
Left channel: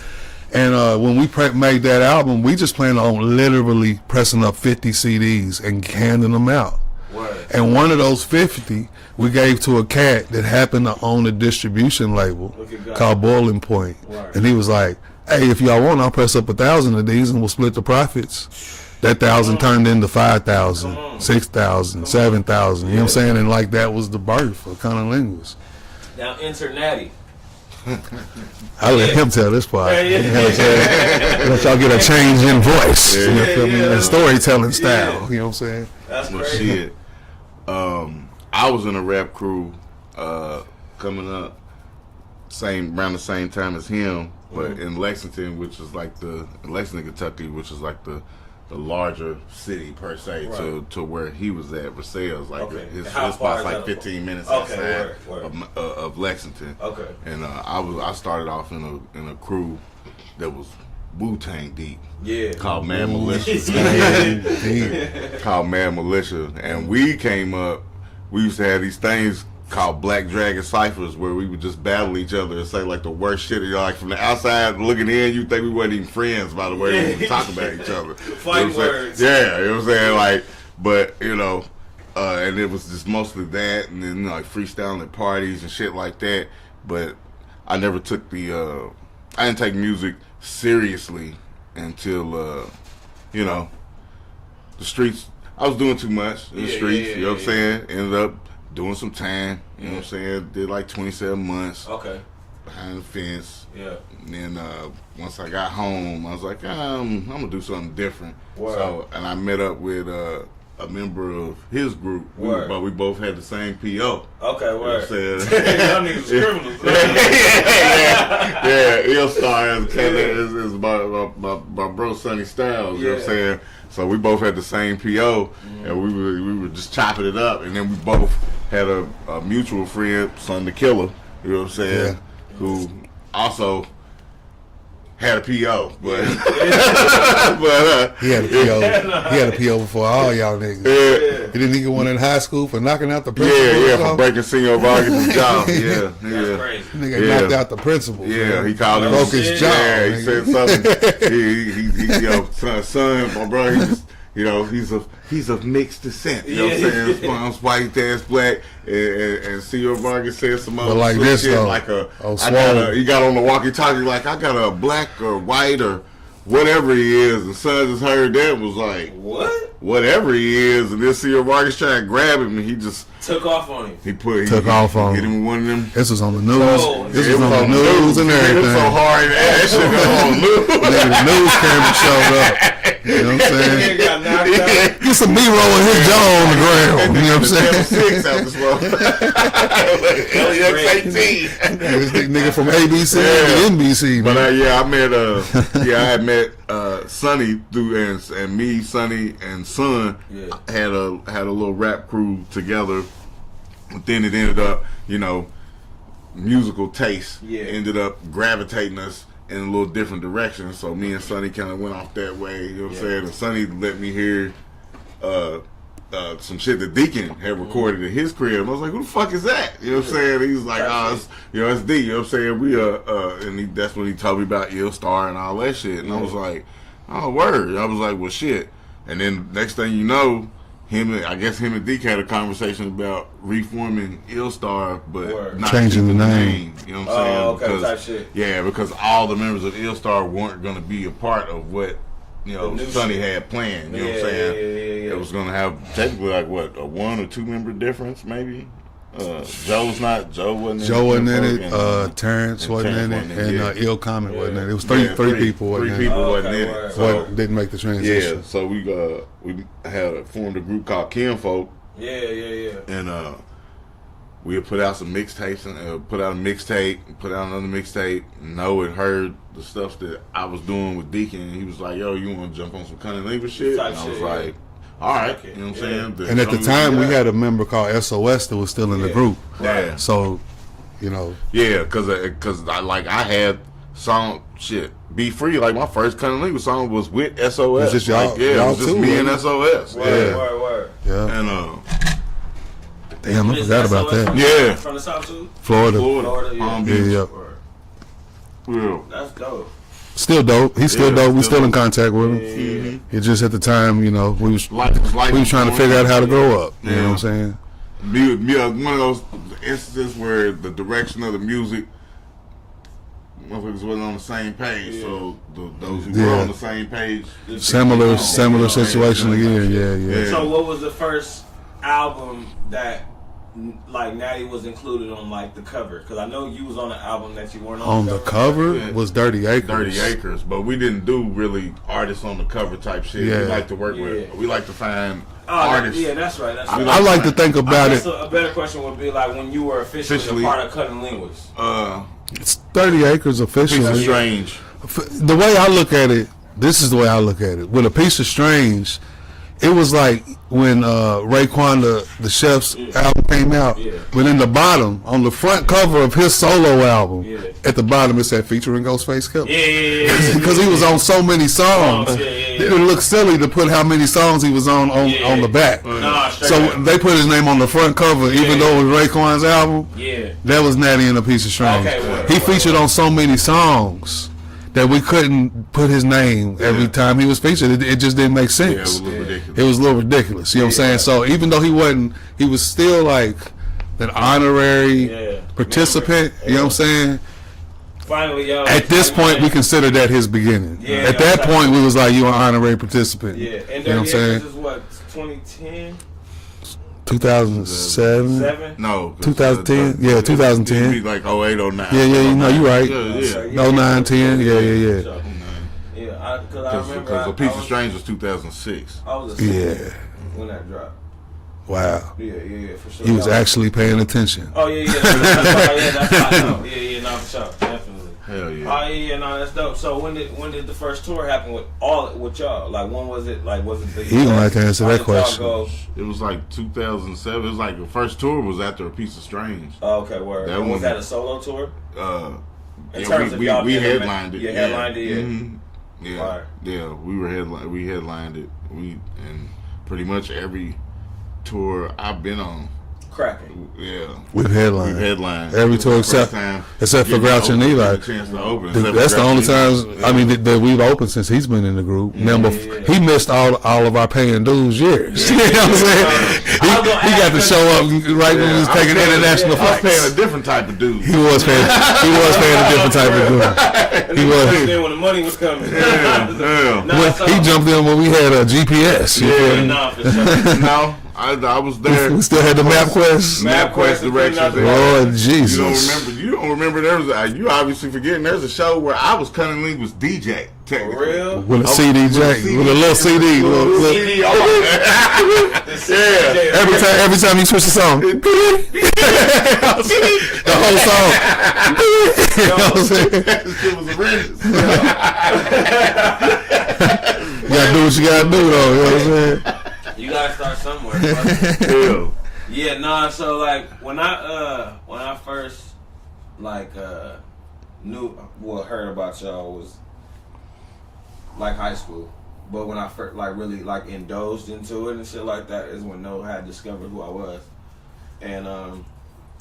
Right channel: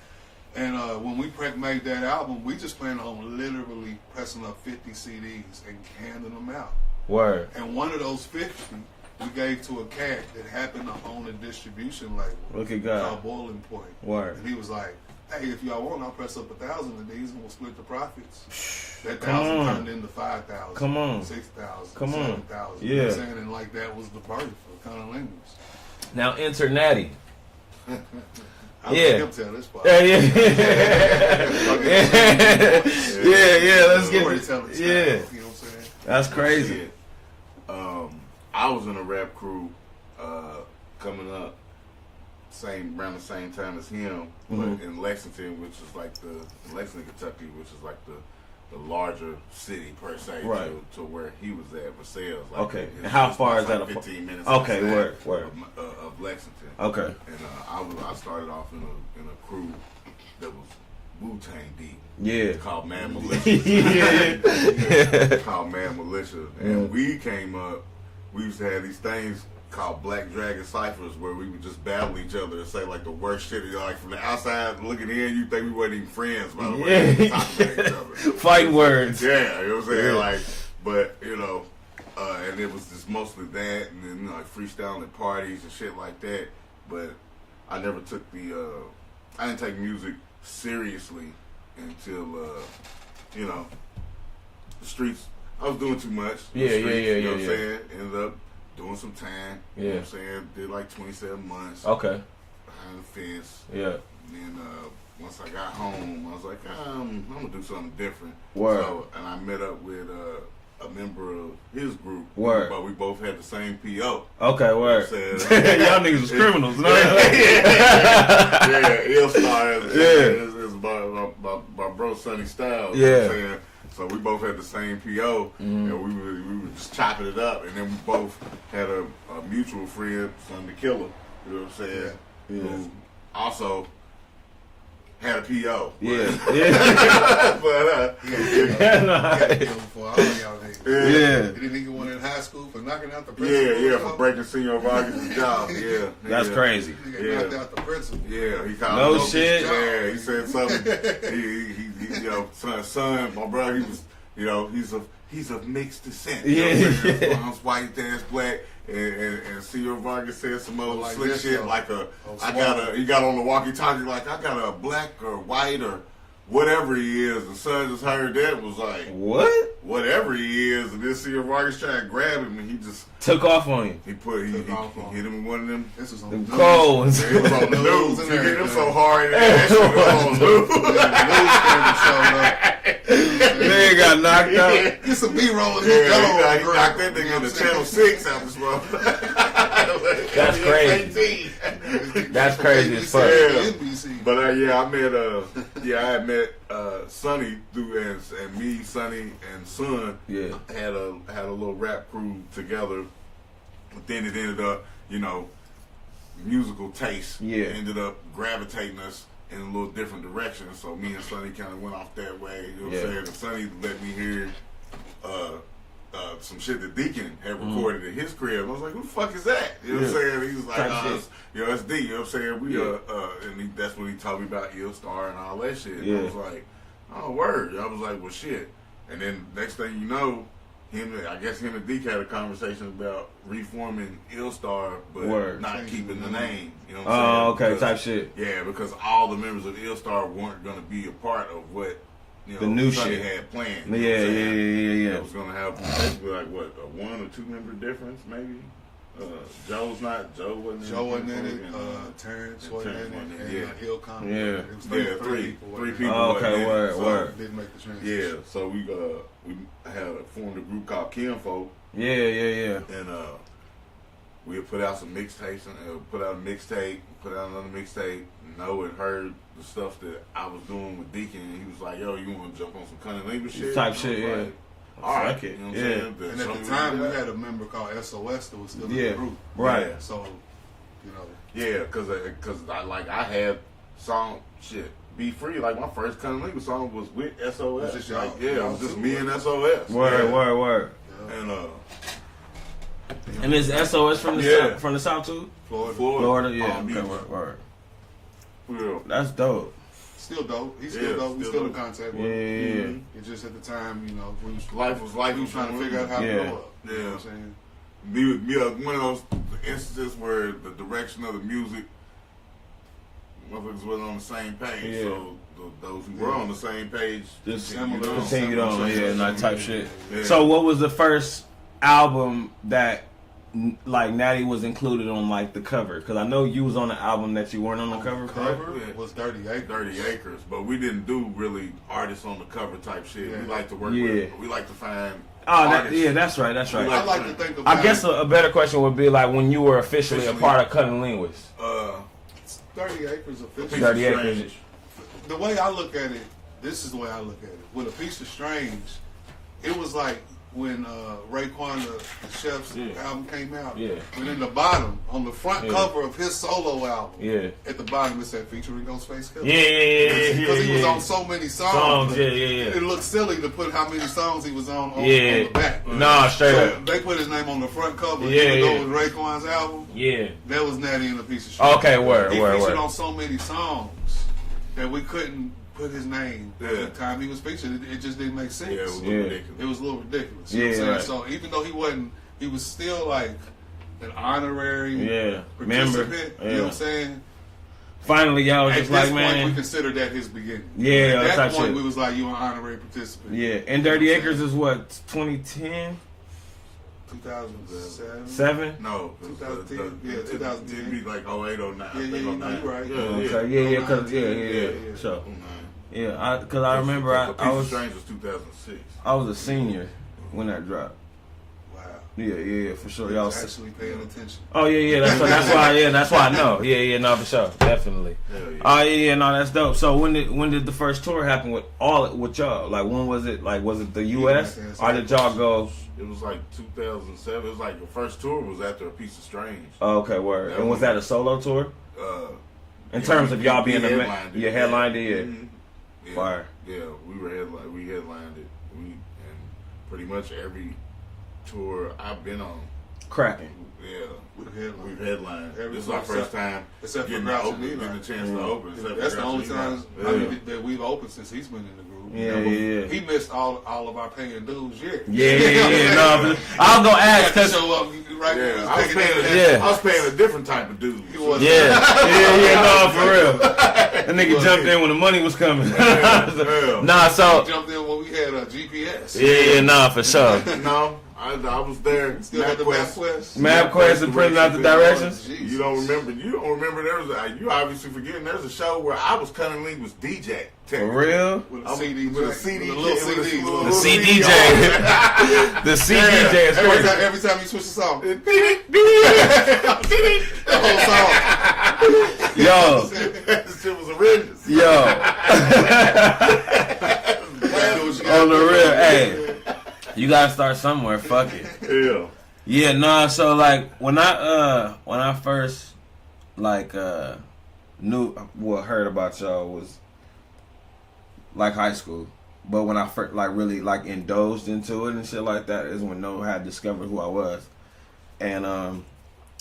And when we made that album, we just planned on literally pressing up 50 CDs and handing them out. Word. And one of those 50 we gave to a cat that happened to own a distribution label called Boiling Point. Word. And he was like, hey, if y'all want, I'll press up 1,000 of these and we'll split the profits. That 1,000 turned into 5,000, 6,000, 7,000. You know what I'm saying? And like that was the birth of CunninLynguists. Now enter Natti. I let him tell this part. Yeah. You know what I'm saying? Let y'all get a change in voice. Yeah. Storytelling style. You know what I'm saying? That's crazy. I was in a rap crew coming up around the same time as him, but in Lexington, which is like Lexington, Kentucky, which is like the larger city per se, to where he was at. Versailles, like his spot's like 15 minutes of Lexington. Okay, and I started off in a crew that was Wu-Tang deep. Yeah, called Mad Militia. Called Mad Militia, and we came up. We used to have these things called Black Dragon Ciphers, where we would just battle each other and say like the worst shit. Like from the outside looking in, you think we weren't even friends by the way we talk about each other. Fight words. Yeah, you know what I'm saying? Like, but and it was just mostly that, and then like freestyling at parties and shit like that. But I never took I didn't take music seriously until the streets. I was doing too much in the streets. You know what I'm saying? Ended up doing some time, you know what I'm saying? Did like 27 months. Okay. Behind the fence. Yeah. And then once I got home, I was like, I'm gonna do something different. Word. So, and I met up with a member of his group. Word. But we both had the same PO. Okay, word. You know y'all niggas was criminals. Yeah, Ill Star is my bro Sonny Styles. You know what I'm saying? So we both had the same PO, and we were just chopping it up, and then we both had a mutual friend, Son the Killer, you know what I'm saying, who also had a PO. But, he had a PO. He had a PO before all y'all niggas. Yeah. He didn't get one in high school for knocking out the principal. For breaking single bargain's job. Yeah, that's crazy. Nigga knocked out the principal. Yeah, he called him his job. Yeah, he said something. He son, my brother, You know, he's of mixed descent. You know what I'm saying? I'm white, dad's black, and C.O. Vargas said some other like this, shit though. like Swallow. he got on the walkie-talkie like, I got a black or white or whatever he is. And son just heard that and was like, what? Whatever he is. And then C.O. Vargas tried to grab him and he just took off on him. He took off on hit him. him with one of them. This was on the news. Bro, this was on the news and everything. Hit him so hard that shit was on the news. The news camera showed up. You know what I'm saying? He got knocked out. Get some B-roll and his jaw on the ground. You know what I'm saying? 6 out this motherfucker. That's crazy. This nigga from ABC and NBC. But I had met Sonny through and me, Sonny and Son had a little rap crew together. But then it ended up, you know, musical taste ended up gravitating us in a little different direction. So me and Sonny kind of went off that way. You know what I'm saying? And Sonny let me hear some shit that Deacon had recorded in his crib. And I was like, who the fuck is that? You know what I'm saying? He was like, it's D. You know what I'm saying? That's when he told me about Ill Star and all that shit. And I was like, oh, word. I was like, well, shit. And then next thing you know, him and Deacon had a conversation about reforming Ill Star, but not changing the name. You know what I'm saying? Oh, okay, type shit. Yeah, because all the members of Ill Star weren't going to be a part of what the new Sonny had planned. You know what I'm saying? Yeah. It was going to have technically like what, a 1 or 2 member difference maybe. Joe wasn't in it. Terrence wasn't in it, and Ill Common wasn't in it. It was three people wasn't in it. Wasn't in it. So didn't make the transition. Yeah, so we had formed a group called Kinfolk. Yeah. And we had put out some mixtapes and put out a mixtape, put out another mixtape. Noah had heard the stuff that I was doing with Deacon, and he was like, "Yo, you want to jump on some CunninLynguists shit?" Type and I shit, was like, all right, you know what I'm saying? And at the time, we had a member called SOS that was still in the group. Right. So, you know. Yeah, because I had song shit. Be Free, like my first CunninLynguists song was with SOS. It's just y'all, it was just me and SOS. Word. Yeah. And damn, I forgot about that. From the South too? Florida. Yeah. That's dope. Still dope. He's still dope. We still in contact with him. Yeah. It just at the time, you know, we was trying to figure out how to grow up. You know what I'm saying? One of those instances where the direction of the music, motherfuckers wasn't on the same page. So those who were on the same page, similar situation again. Yeah. So what was the first album that like Natti was included on like the cover? Because I know you was on the album that you weren't on the cover was Dirty Acres. 30 Acres, but we didn't do really artists on the cover type shit. We like to work with. We like to find artists. Yeah, that's right. I like to think about I guess a better question would be like when you were officially a part of CunninLynguists. It's 30 Acres officially. Piece of Strange. The way I look at it, this is the way I look at it. With A Piece of Strange, it was like when Raekwon the Chef's album came out. But in the bottom, on the front cover of his solo album, at the bottom it said featuring Ghostface Killer. Because he was on so many songs. It would look silly to put how many songs he was on the back. So they put his name on the front cover, even though it was Raekwon's album. That was Natti in A Piece of Strange. He featured on so many songs that we couldn't put his name every time he was featured. It just didn't make sense. It was a little ridiculous. You know what I'm saying? So even though he was still like an honorary participant. You know what I'm saying? Finally, y'all. At this point, we consider that his beginning. At that point, we was like, you an honorary participant. And Dirty Acres is what, 2010? 2007? No. 2010? Yeah, 2010. It'd be like 08, 09. Yeah, you know, you're right. 09, 10, yeah. Yeah, because I remember A Piece of Strange was 2006. I was a senior when that dropped. Wow. Yeah, for sure. He was actually paying attention. Oh, that's why I know. No, for sure. Definitely. Hell yeah. No, that's dope. So when did the first tour happen with y'all? Like, when was it? Like, was it the US? He would like to answer that question. It was like 2007. It was like the first tour was after A Piece of Strange. Oh, okay, word. And was that a solo tour? In yeah, terms of y'all being headlined it. You headlined it, Yeah. Fire. Yeah, we headlined it. And pretty much every tour I've been on, cracking. Yeah. We've headlined. Every tour except for Grouch and Eli. That's the only times I mean that we've opened since he's been in the group. Remember, he missed all of our paying dues years. You know what I'm saying? He got to show up right when we was taking international I was flights. paying a different type of dude. He was paying a different type of dude. He jumped in when the money was coming. Nah, so he jumped in when we had a GPS. Yeah, nah, for sure. No. I was there. We still had the MapQuest. MapQuest directions. Lord Jesus. You don't remember there was you obviously forgetting there's a show where I was CunninLynguists DJ. For real? With a CD jack. With a little CD. CD jack. The CD jack. Every time you switch the song. The whole song. Yo. It was horrendous. Yo. You gotta do what you gotta do, though. You gotta start somewhere, fuck it. Yeah, nah. So like when I first like heard about y'all was like high school, but when I first like really like indulged into it and shit like that is when Noah had discovered who I was, and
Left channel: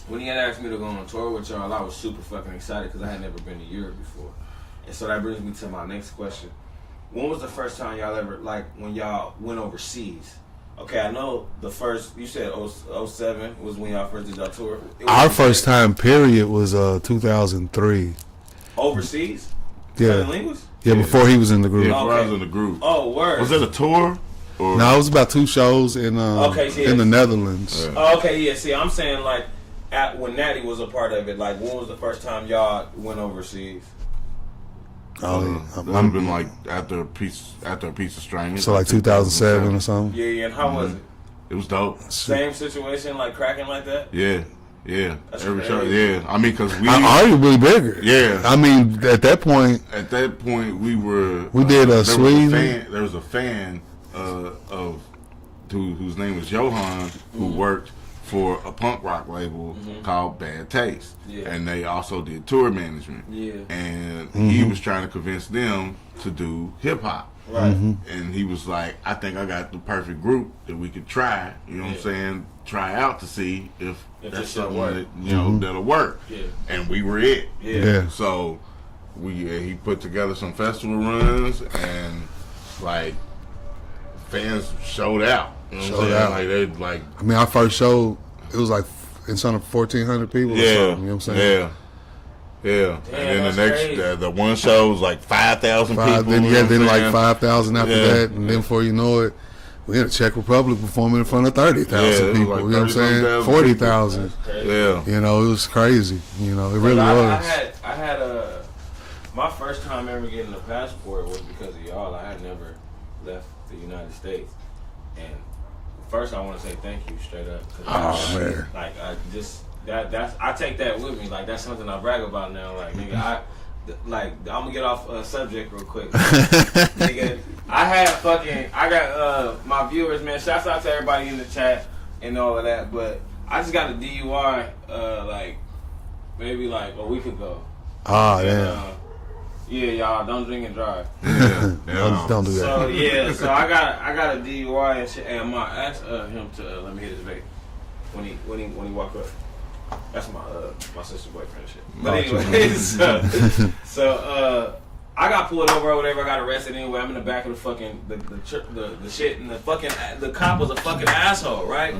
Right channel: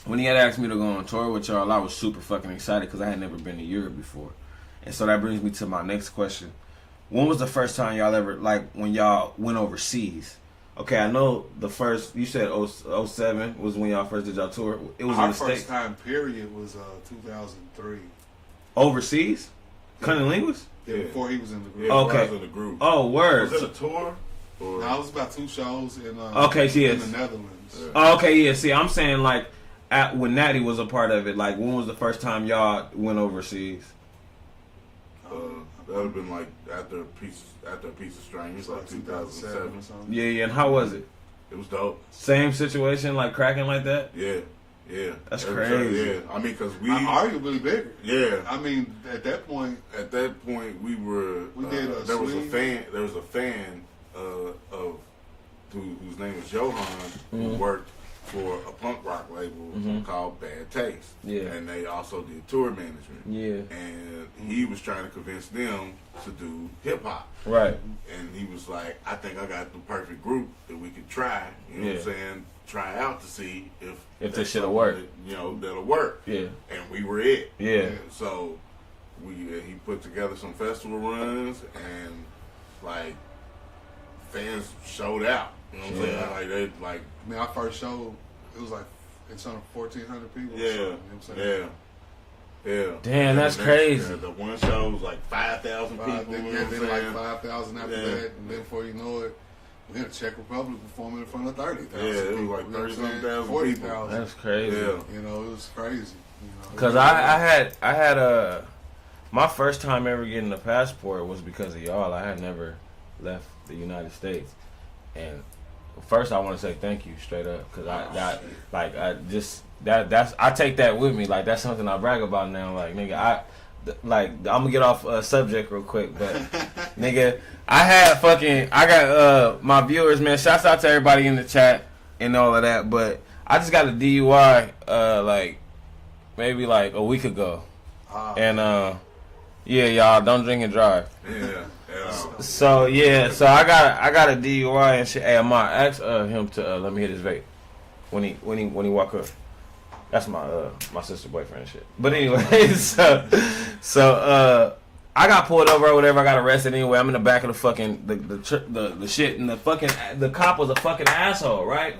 when he had asked me to go on tour with y'all, I was super fucking excited because I had never been to Europe before, and so that brings me to my next question. When was the first time y'all ever like when y'all went overseas? Okay, I know the first, you said 07 was when y'all first did y'all tour. Our first time period was 2003. Overseas? Yeah. CunninLynguists? Yeah, before he was in the group. Yeah, Okay. I was in the group. Oh, word. Was it a tour? Or? No, it was about 2 shows in in the Netherlands. Yeah. Oh, okay, yeah. See, I'm saying like when Natti was a part of it, like when was the first time y'all went overseas? It would have been like after a piece of string. So like 2007 or something. Yeah, and how was it? It was dope. Same situation, like cracking like that? Yeah. That's Every crazy. show, yeah. I mean, because we arguably bigger. Yeah. I mean, at that point, we were. We did a Sweden. There was a fan of whose name was Johan, who worked for a punk rock label called Bad Taste. Yeah. And they also did tour management. Yeah. And he was trying to convince them to do hip hop. Right. And he was like, I think I got the perfect group that we could try, you know what I'm saying, try out to see if this shit'll work. That'll work. Yeah. And we were it. Yeah. So he put together some festival runs and like fans showed out. You know what I'm saying? Like they like. I mean, our first show, it was like in front of 1,400 people. Or something, you know what I'm saying? Yeah. Damn, that's crazy. The one show was like 5,000 people. Then like 5,000 after that, and then before you know it, we had a Czech Republic performing in front of 30,000 people. Like you know what I'm saying? 40,000. That's crazy. Yeah. You know, it was crazy. You know, it really was. I had my first time ever getting a passport was because of y'all. I had never left the United States, and first I want to say thank you straight up because I take that with me. Like that's something I brag about now. Like nigga, I'm gonna get off subject real quick. Nigga, I got my viewers, man. Shouts out to everybody in the chat and all of that. But I just got a DUI like maybe like a week ago. Yeah, y'all don't drink and drive. Yeah. Don't do that. So I got a DUI and shit. Hey, I might ask him to let me hit his vape when he walk up. That's my sister's boyfriend and shit. But anyways, so I got pulled over or whatever. I got arrested anyway. I'm in the back of the fucking the shit, and the cop was a fucking asshole, right?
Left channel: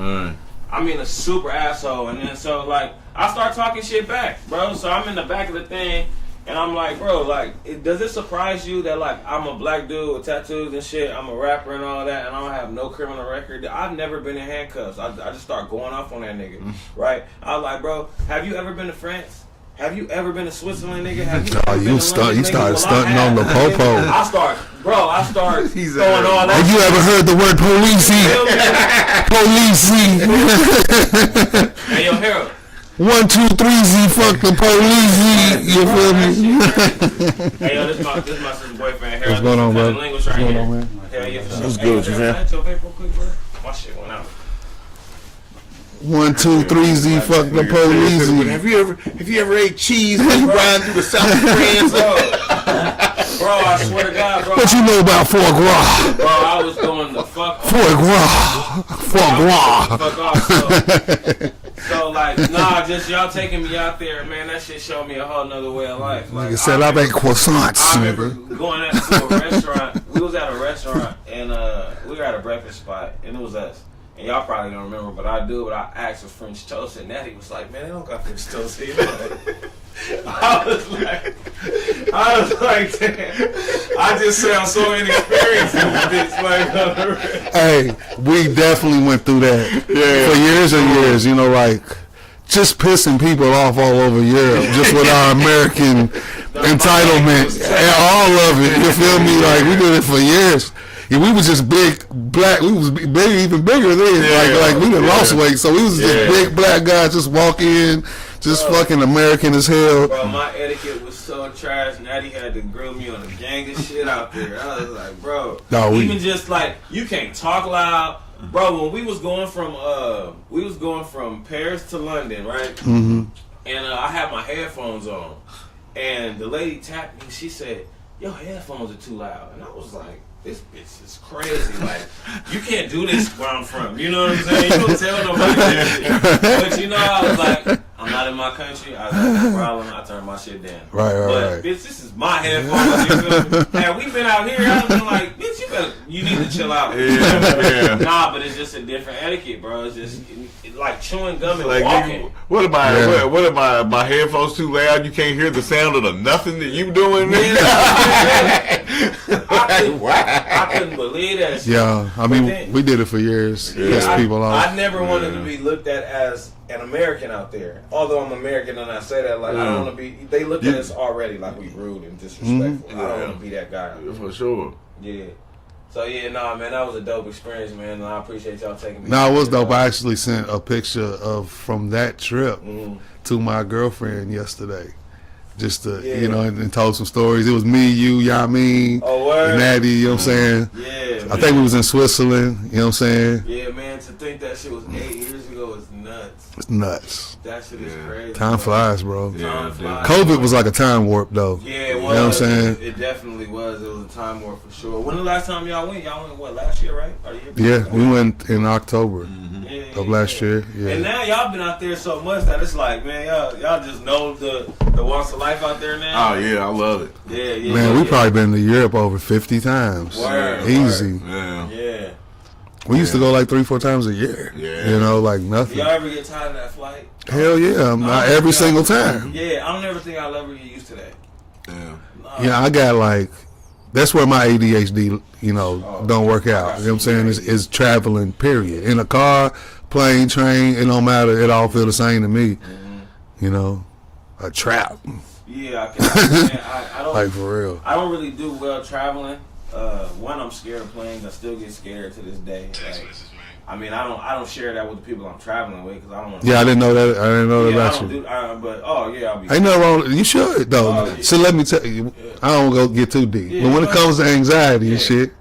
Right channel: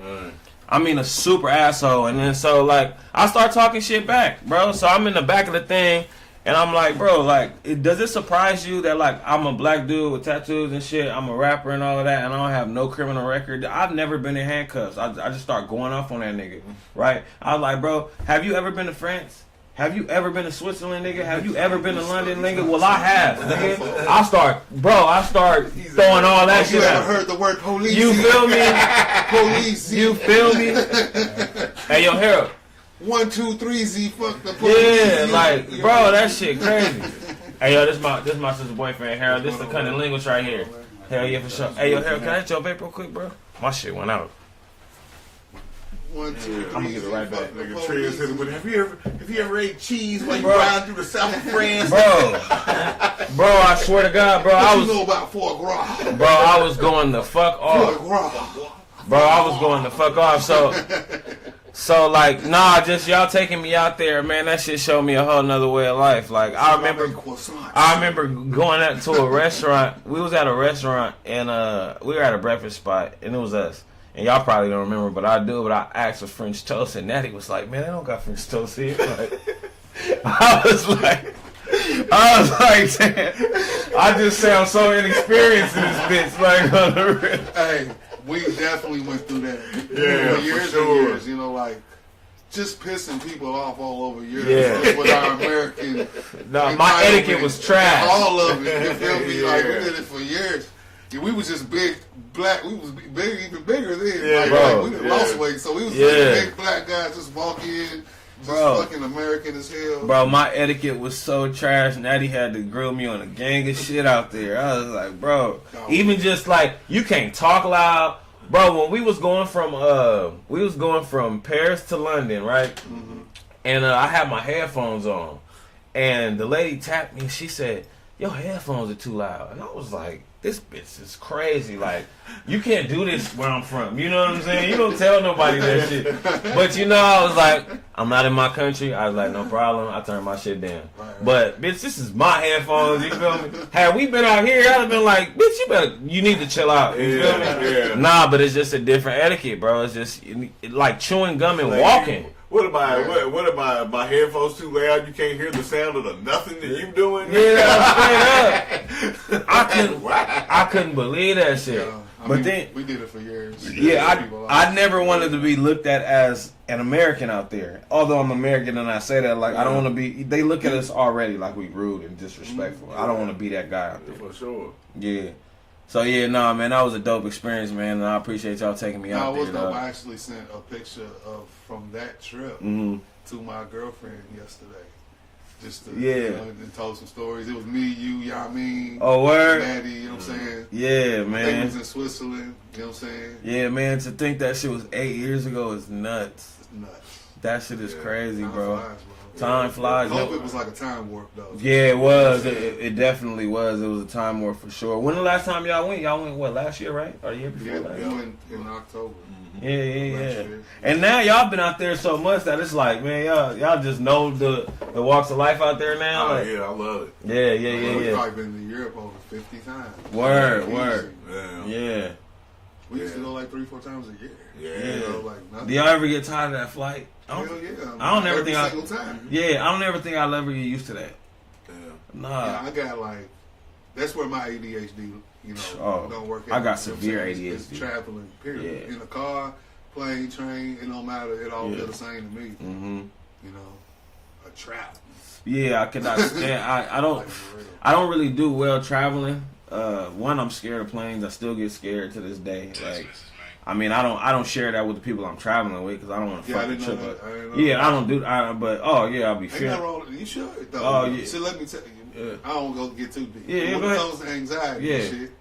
I mean a super asshole. And then so like I start talking shit back, bro. So I'm in the back of the thing. And I'm like, bro, like, does it surprise you that, like, I'm a black dude with tattoos and shit, I'm a rapper and all of that, and I don't have no criminal record? I've never been in handcuffs. I just start going off on that nigga, right? I was like, bro, have you ever been to France? Have you ever been to Switzerland, nigga? Have you ever been to London, You nigga? started stunting on the popo. I start throwing all that Have you shit ever out. heard the word You feel me? police? Hey, yo, Harold. 1, 2, 3, Z, fuck the police. Like, You bro, feel that me? shit crazy. Hey, yo, this my sister's boyfriend, Harold. What's going on, bro? CunninLynguists right here. Hell yeah, for sure. Hey, yo, Harold, can I hit your vape real quick, bro? My shit went out. 1, 2, 3, Z, fuck the police. Have you ever ate cheese when you riding through the south of France? Bro, I swear to God, bro. What you know about foie gras? Bro, I was going the fuck off. Foie gras. Bro, I was going the fuck off. So like, nah, just y'all taking me out there, man. That shit showed me a whole nother way of life. Like, You said I make croissants. I remember going out to a restaurant. We was at a restaurant, and we were at a breakfast spot, and it was us. And y'all probably don't remember, but I do. But I asked for French toast, and Natti was like, "Man, they don't got French toast here." Like, I was like, damn. I just sound so inexperienced in this bitch. Like, on the rest. Hey, we definitely went through that for years and years. You know, like just pissing people off all over Europe, just with our American entitlement and all of it. You feel me? Like we did it for years. Yeah, we was just big black. We was big, even bigger then. Like we done lost weight, so we was just big black guys just walk in. Just fucking American as hell. Bro, my etiquette was so trash. Natty had to grill me on a gang of shit out there. I was like, bro. No, even just like, you can't talk loud. Bro, when we was going from Paris to London, right? Mm-hmm. And I had my headphones on. And the lady tapped me and she said, "Your headphones are too loud." And I was like, this bitch is crazy. Like, you can't do this where I'm from. You know what I'm saying? You don't tell nobody this. But you know, I was like, I'm not in my country. I was like, no problem. I turned my shit down. But bitch, this is my headphones. You feel me? Had we been out here, I'd have been like, bitch, you need to chill out. Nah, but it's just a different etiquette, bro. It's just like chewing gum and walking. What am my headphones too loud? You can't hear the sound of the nothing that you doing. I couldn't believe that shit. Yeah, I mean, we did it for years. I never wanted to be looked at as an American out there. Although I'm American and I say that, like, I don't want to be. They look at us already like we rude and disrespectful. I don't want to be that guy out there. For sure. Yeah. So yeah, man, that was a dope experience, man, and I appreciate y'all taking me. No, it was dope. I actually sent a picture from that trip to my girlfriend yesterday. Just to, you know, and told some stories. It was me, you, Yamin, Natti, you know what I'm saying? Yeah, man. I think we was in Switzerland, you know what I'm saying? Yeah, man, to think that shit was 8 years ago is nuts. It's nuts. That shit is crazy. Time flies, bro. Time flies. COVID was like a time warp, though. Yeah, it was. You know what I'm saying? It definitely was. It was a time warp for sure. When the last time y'all went? Y'all went, what, last year, right? Or the year before? Yeah, we went in October. Of last year. Yeah. And now y'all been out there so much that it's like, man, y'all just know the walks of life out there now. Oh yeah, I love it. Yeah. Man, we probably been to Europe over 50 times. Easy. Yeah. We used to go like 3-4 times a year. Yeah. You know, like nothing. Do y'all ever get tired of that flight? Hell yeah, every single time. Yeah, I don't ever think I'll ever get used to that. Yeah, I got like, that's where my ADHD, you know, don't work out. You know what I'm saying? Is traveling, period. In a car, plane, train, it don't matter. It all feel the same to me. You know, a trap. Yeah, I can understand. I don't, like, for real. I don't really do well traveling. One, I'm scared of planes. I still get scared to this day. Like, I mean, I don't share that with the people I'm traveling with because I don't. Yeah, I didn't know that. I didn't know that. Yeah, I don't do. But I'll be. Ain't nothing wrong. You should though. So let me tell you, I don't go get too deep. But when it comes to anxiety and shit,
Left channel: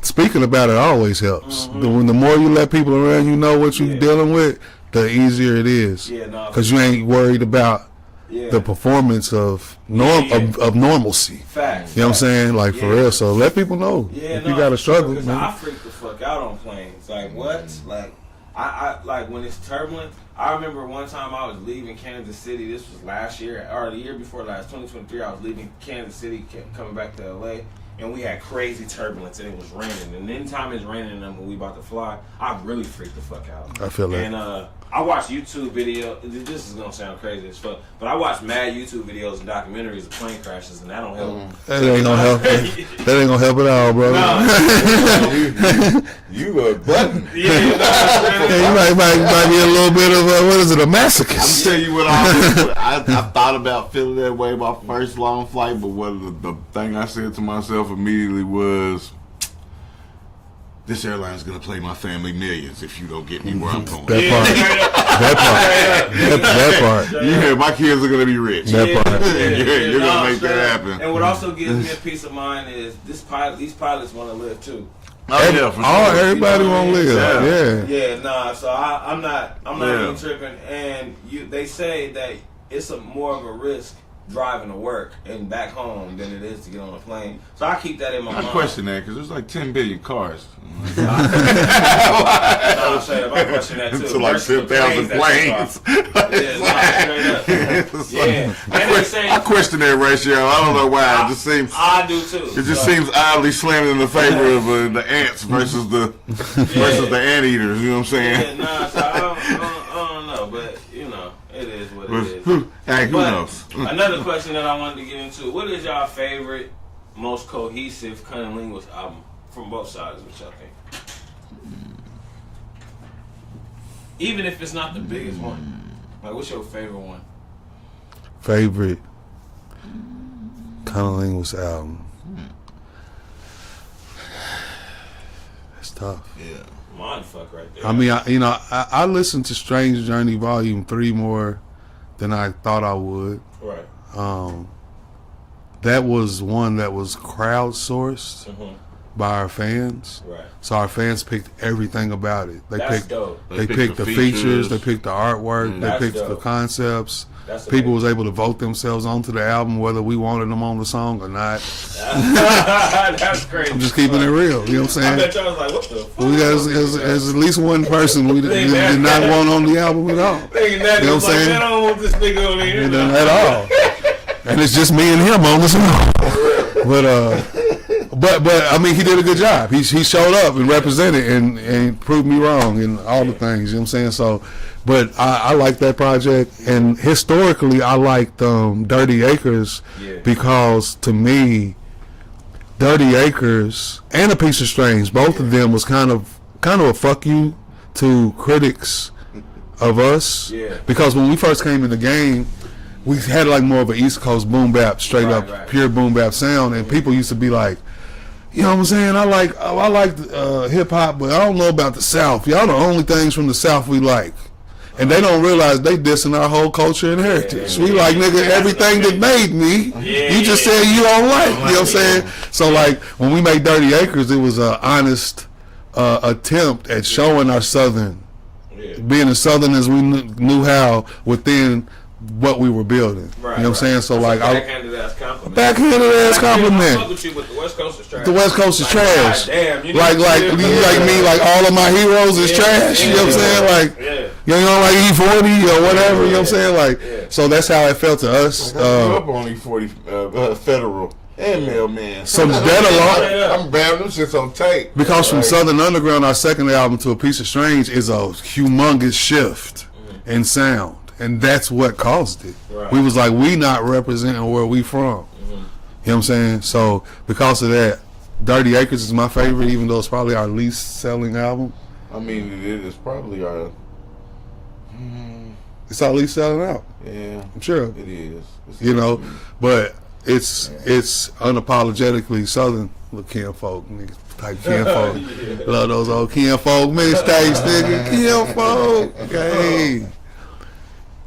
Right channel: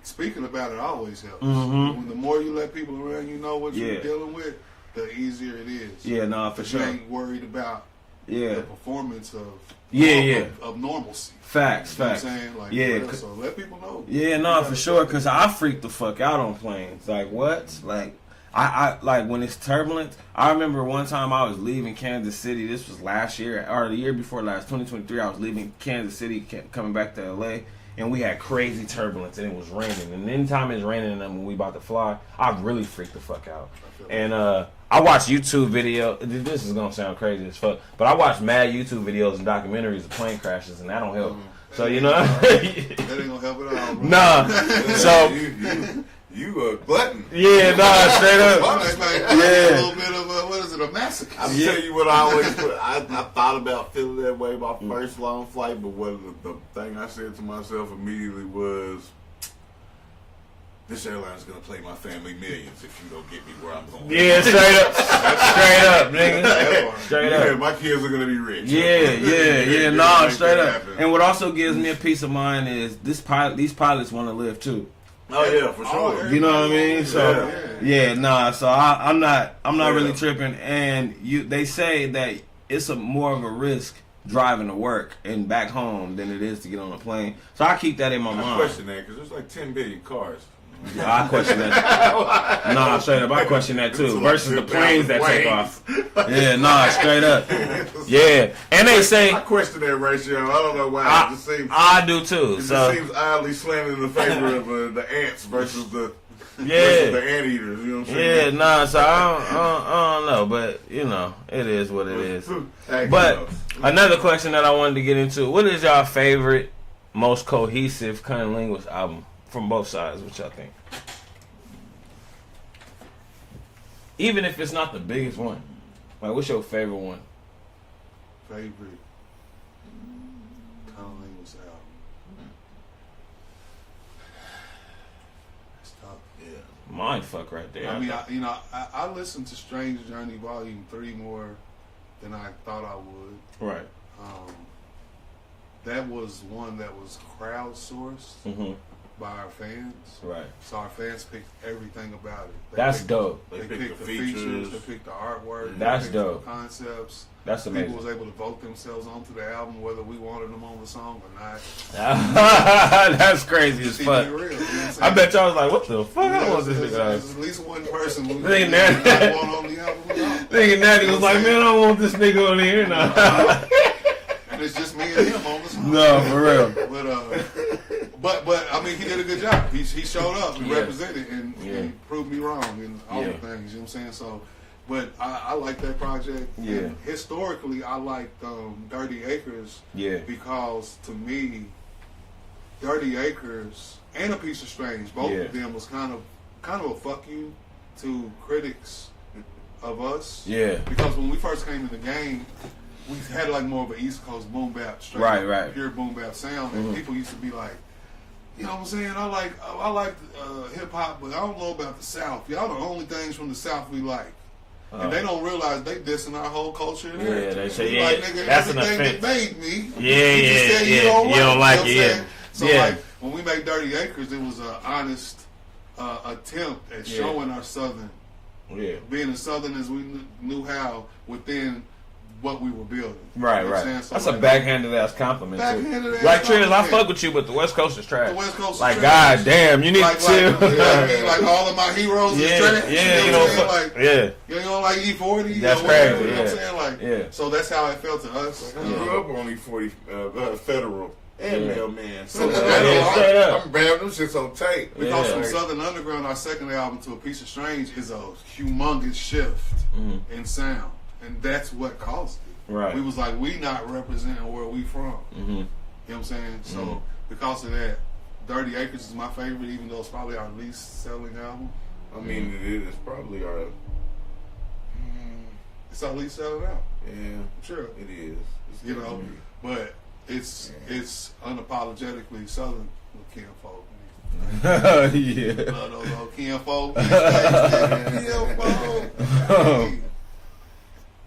speaking about it always helps. When the more you let people around you know what you're dealing with, the easier it is. Yeah, no. Because you ain't worried about the performance of normalcy. Facts. You know what I'm saying? Like, for real. So let people know. Yeah, no, for sure. Because I freak the fuck out on planes. Like, what? Like, I like when it's turbulent. I remember one time I was leaving Kansas City. This was last year or the year before last, 2023. I was leaving Kansas City, coming back to LA. And we had crazy turbulence, and it was raining. And anytime it's raining, and when we about to fly, I really freaked the fuck out. I feel that. And I watch YouTube videos. This is gonna sound crazy as fuck, but I watch mad YouTube videos and documentaries of plane crashes, and that don't help. That ain't gonna help. That ain't gonna help at all, bro. Nah. So you a button. Yeah, you might get a little bit of what is it, a masochist? I'll tell you what I thought about feeling that way my first long flight, but what the thing I said to myself immediately was, this airline's gonna play my family millions if you don't get me where I'm going. That part. Yeah, my kids are gonna be rich. Make that happen. And what also gives me a peace of mind is these pilots want to live too. Oh yeah, for sure. Everybody want to live. Yeah, nah. So I'm not really tripping. And they say that it's more of a risk driving to work and back home than it is to get on a plane. So I keep that in my mind. I question that because there's like 10 billion cars. Nah, straight up, I question that too. It's like Versus the planes that take off. Yeah, straight up. Yeah, and they say I question that ratio. I don't know why. It just seems I do too. It just seems oddly slanted in the favor of the ants versus the anteaters. You know what I'm saying? Yeah, nah. So I don't know, but you know, it is what it is. Hey, who But knows? another question that I wanted to get into: what is y'all favorite, most cohesive CunninLynguists album from both sides? What y'all think? Even if it's not the biggest one, like what's your favorite one? Favorite CunninLynguists album. It's tough. Yeah. Mind fuck right there. I mean, I listened to Strange Journey Volume 3 more than I thought I would. Right. That was one that was crowdsourced by our fans. Right. So our fans picked everything about it. That's dope. They picked the features, they picked the artwork, That's they picked dope. the concepts. That's People was able to vote themselves onto the album whether we wanted them on the song or not. That's crazy. I'm just keeping it real. You know what I'm saying? I bet y'all was like, what the fuck? We got there's at least one person we did not want on the album at all. Thinking that, You know was what I'm like, saying? man, I don't want this nigga on here. No. At all. And it's just me and him on the song. For real. But I mean, he did a good job. He showed up and represented and proved me wrong in all the things. You know what I'm saying? So, but I like that project, and historically, I liked Dirty Acres because to me, Dirty Acres and A Piece of Strange, both of them was kind of a fuck you to critics of us. Yeah. Because when we first came in the game, we had like more of an East Coast boom bap, straight up pure boom bap sound, and people used to be like, you know what I'm saying? I like hip hop, but I don't know about the South. Y'all the only things from the South we like. And they don't realize they dissing our whole culture and heritage. We like, nigga, everything that made me. You just said you don't like. You know what I'm saying? So like when we made Dirty Acres, it was an honest attempt at showing our Southern, being as Southern as we knew how within what we were building. Right, you know what I'm saying? So that's like backhanded ass compliment. Backhanded ass compliment. I fuck with you, but the West Coast is trash. The West Coast is like, trash. God damn, you need like me, like all of my heroes is trash. You know what I'm saying? Like you know, like E40 or whatever. You know what I'm saying? Like so that's how it felt to us. I grew up on E40 Federal and Mailman. So I'm bad. Them shit's on tape. Because from Southern Underground, our second album, to A Piece of Strange, is a humongous shift in sound. And that's what caused it. Right. We was like, we not representing where we from. You know what I'm saying? So because of that, Dirty Acres is my favorite, even though it's probably our least selling album. I mean, it is probably our... It's our least selling album. Yeah. I'm sure. It is. You know, but it's unapologetically Southern kinfolk, nigga. Like kinfolk. Love those old kinfolk mixtapes, nigga. Kinfolk. Okay.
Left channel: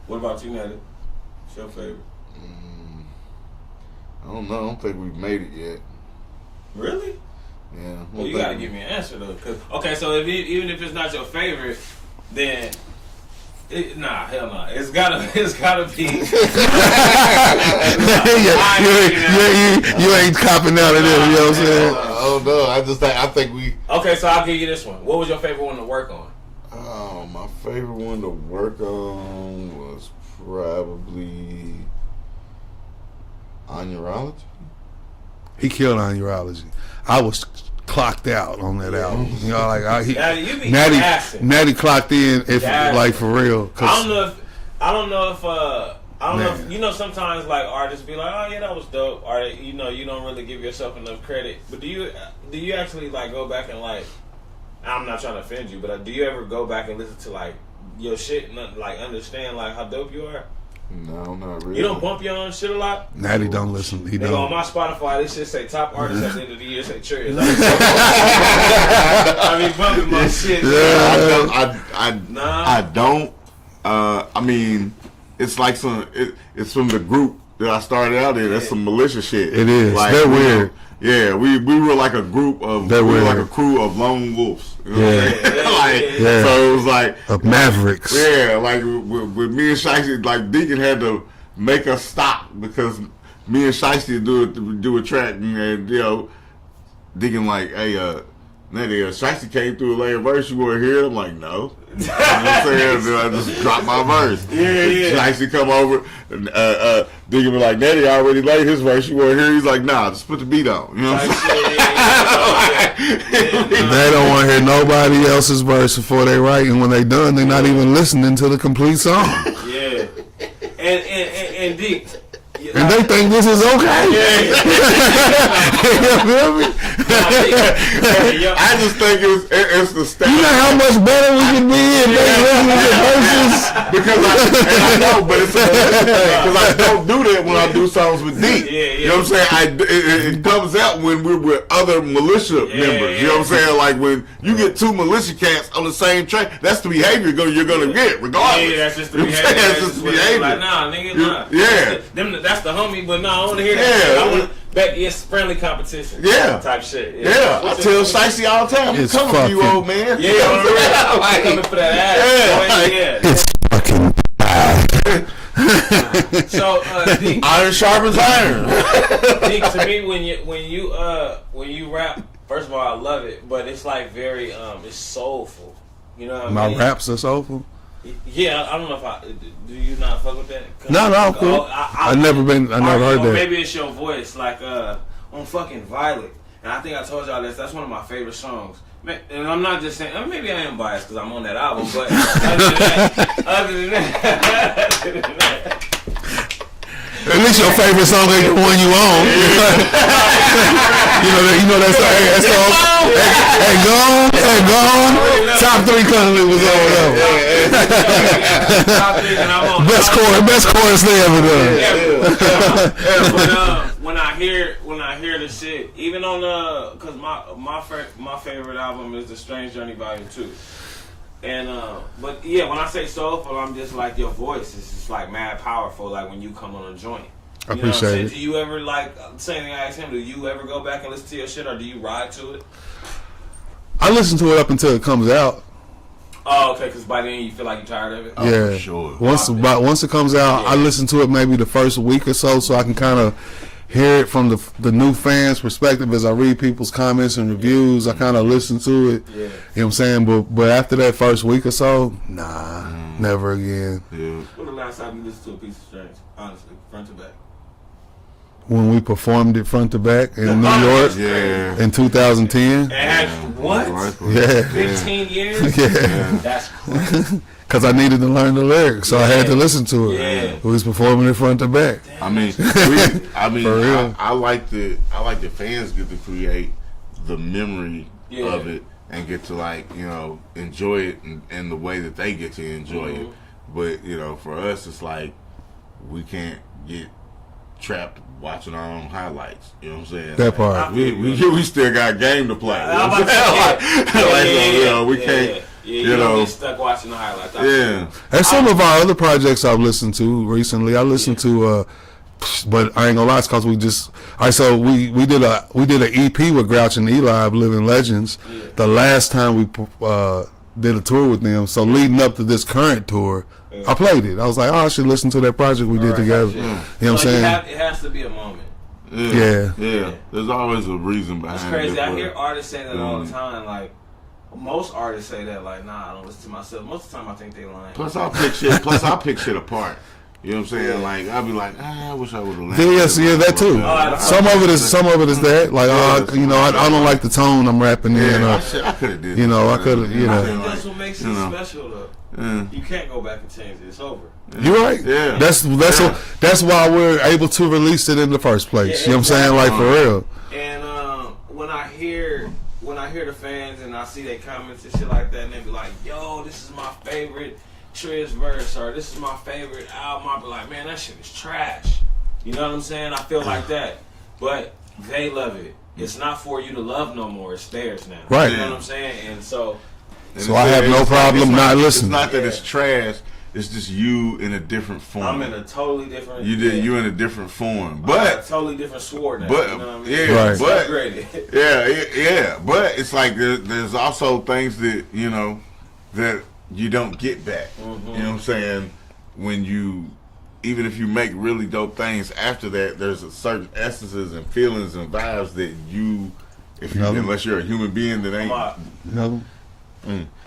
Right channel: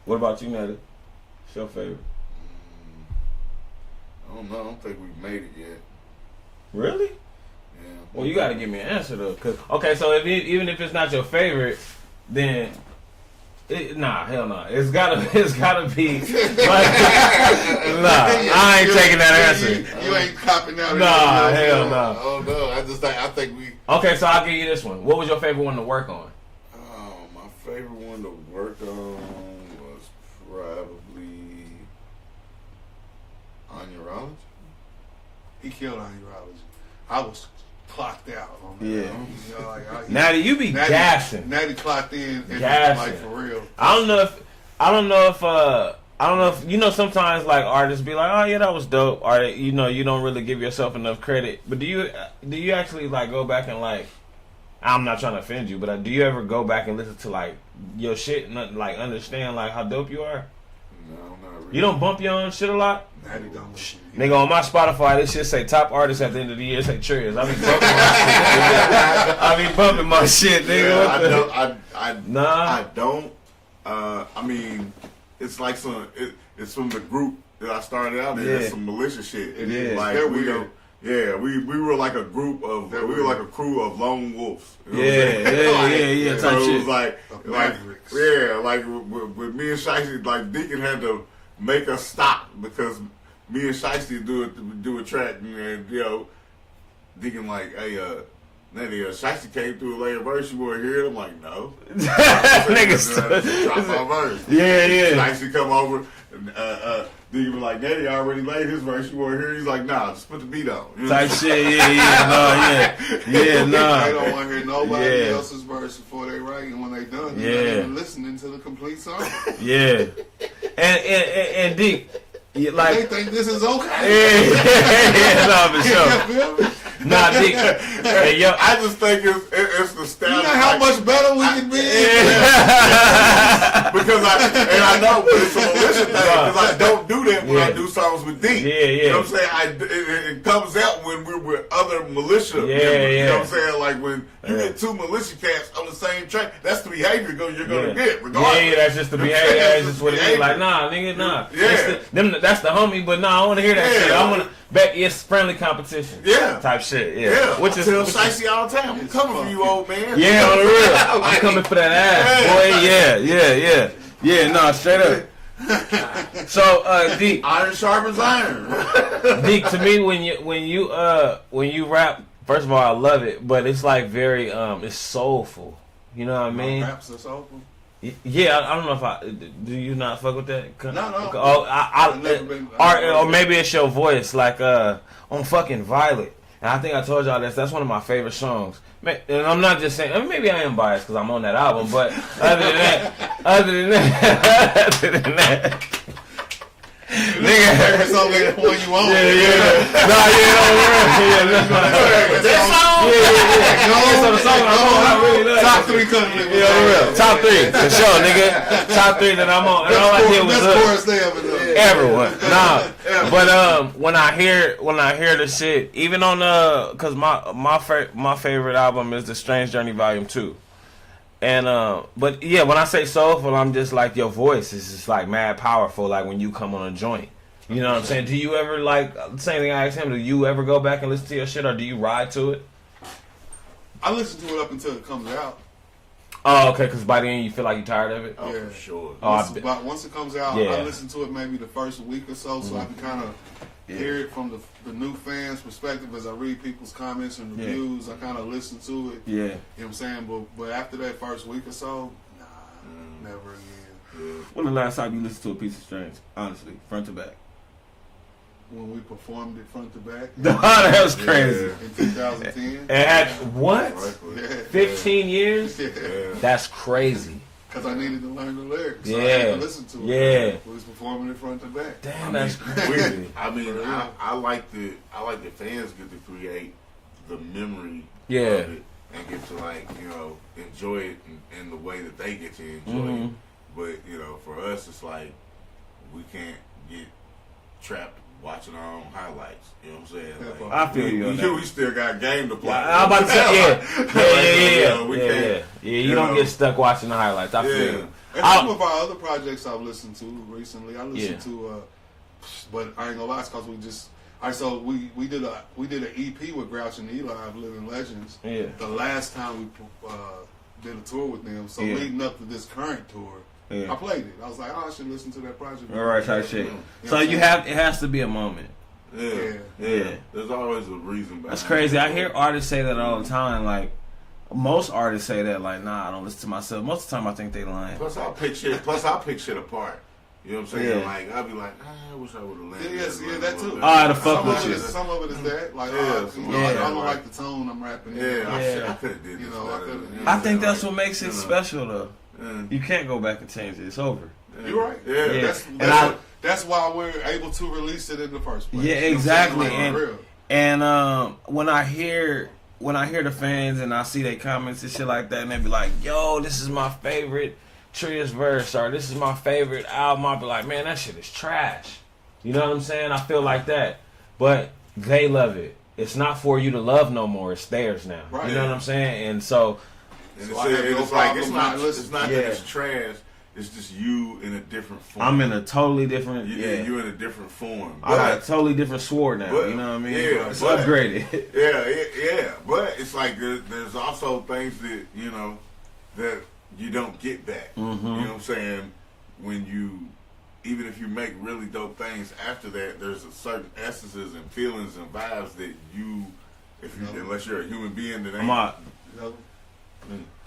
What about you, Natti? What's your favorite? I don't know. I don't think we've made it yet. Really? Yeah. Well, you gotta give me an answer though. Okay, so even if it's not your favorite, then hell no. It's gotta be. I ain't taking that. You ain't copping out of it. You know what I'm saying? Oh no, I think we. Okay, so I'll give you this one. What was your favorite one to work on? My favorite one to work on was probably on urology. He killed on urology. I was clocked out on that album. You know, like Natti, you be gassing. Natty clocked in, like for real. I don't know if you know. Sometimes like artists be like, "Oh yeah, that was dope," or they, you know, you don't really give yourself enough credit. But do you actually like go back and like? I'm not trying to offend you, but do you ever go back and listen to like your shit and like understand like how dope you are? No, not really. You don't bump your own shit a lot? Natty don't listen. Nigga, on my Spotify, this shit say top artists at the end of the year. Say Triz. I be bumping my shit. Yeah, I don't. I mean, it's like it's from the group that I started out in. It's some malicious shit. It is. Like, they're weird. Yeah, we were like a group of like a crew of lone wolves. You know So it was like of mavericks. Yeah, like with me and Shicey, like Deacon had to make us stop because me and Shiesty do a track and you know, Deacon like, hey, Natti, Shiesty came through a later verse. You want to hear it? I'm like, no. I just drop my verse. Yeah. Shiesty come over, and Deacon be like, Natti already laid his verse. You want to hear it? He's like, nah, just put the beat on. You know what I'm saying? They don't want to hear nobody else's verse before they write, and when they done, they're not even listening to the complete song. Yeah. And Deep. And they think this is okay. You feel me? I just think it's the style. You know how much better we can be because I know, but it's a militia thing because I don't do that when I do songs with D. You know what I'm saying? It comes out when we're with other militia members. You know what I'm saying? Like when you get two militia cats on the same track, that's the behavior you're gonna get, regardless. Yeah, that's just the behavior. That's just the behavior. Like, nah, nigga, nah. Yeah. That's the homie, but nah, I want to hear that shit. I want to bet it's friendly competition. Yeah. Type shit. Yeah. I tell Shiesty all the time, I'm coming for you, old man. Yeah, for real. I'm coming for that ass. Boy. Yeah. Nah, straight up. So, Deke. Iron sharpens iron. Deke, to me, when you rap, first of all, I love it, but it's like very, it's soulful. You know what I mean? My raps are soulful. Yeah, I don't know if do you not fuck with that? No, cool. I never heard that. Or maybe it's your voice, like on fucking Violet. And I think I told y'all this. That's one of my favorite songs. And I'm not just saying. Maybe I am biased because I'm on that album. But other than that. At least your favorite song ain't the one you own. You know that song. Hey, gone. Top 3 CunninLynguists over there. Top 3, and I'm on. Best chorus they ever done. But when I hear the shit, even on because my favorite album is The Strange Journey Volume 2. And but yeah, when I say soulful, I'm just like your voice is just like mad powerful. Like when you come on a joint, you know what I'm saying? Do you ever like same thing I asked him? Do you ever go back and listen to your shit, or do you ride to it? I listen to it up until it comes out. Oh, okay. Because by then you feel like you're tired of it. Oh, yeah, for sure. Once it comes out, I listen to it maybe the first week or so I can kind of hear it from the new fans' perspective as I read people's comments and reviews. I kind of listen to it. Yeah. You know what I'm saying? But after that first week or so, nah, never again. Yeah. When the last time you listened to a piece of Strange, honestly, front to back? When we performed it front to back in New York that's crazy. In 2010. And what? Yeah. 15 years? Yeah. That's crazy. Because I needed to learn the lyrics, so I had to listen to it. Yeah. We was performing it front to back. Damn, I like the fans get to create the memory of it and get to enjoy it in the way that they get to enjoy it. But for us, it's like we can't get trapped watching our own highlights. You know what I'm saying? That part. We still got game to play. I'm about to say, we can't. Yeah, you don't get stuck watching the highlights. And some of our other projects I've listened to recently, I listened to, but I ain't gonna lie, it's cause we just. All right, so we did an EP with Grouch and Eli of Living Legends. Yeah. The last time we did a tour with them, so leading up to this current tour, I played it. I was like, I should listen to that project we did together. You know what I'm saying? It has to be a moment. Yeah. There's always a reason behind it. It's crazy. I hear artists say that all the time. Like most artists say that. Like, nah, I don't listen to myself. Most of the time, I think they lying. Plus, I'll pick shit apart. You know what I'm saying? Like, I'll be like, I wish I would have. Yeah, that too. Some of it is that. Like, I don't like the tone I'm rapping in. I could have did. I could have. I think that's what makes it special, though. You can't go back and change it. It's over. You're right. Yeah. That's why we're able to release it in the first place. You know what I'm saying? Like, for real. And when I hear the fans and I see their comments and shit like that, and they be like, "Yo, this is my favorite Triz verse," or "This is my favorite album," I'll be like, "Man, that shit is trash." You know what I'm saying? I feel like that, but they love it. It's not for you to love no more. It's theirs now. Right. You know what I'm saying? And so I have no problem not listening. It's not that it's trash. It's just you in a different form. I'm in a totally different. You in a different form, but I'm a totally different sword now. But you know what I mean? yeah, right. but upgraded. yeah. But it's like there's also things that that you don't get back. You know what I'm saying? When you even if you make really dope things after that, there's a certain essences and feelings and vibes that unless you're a human being that ain't.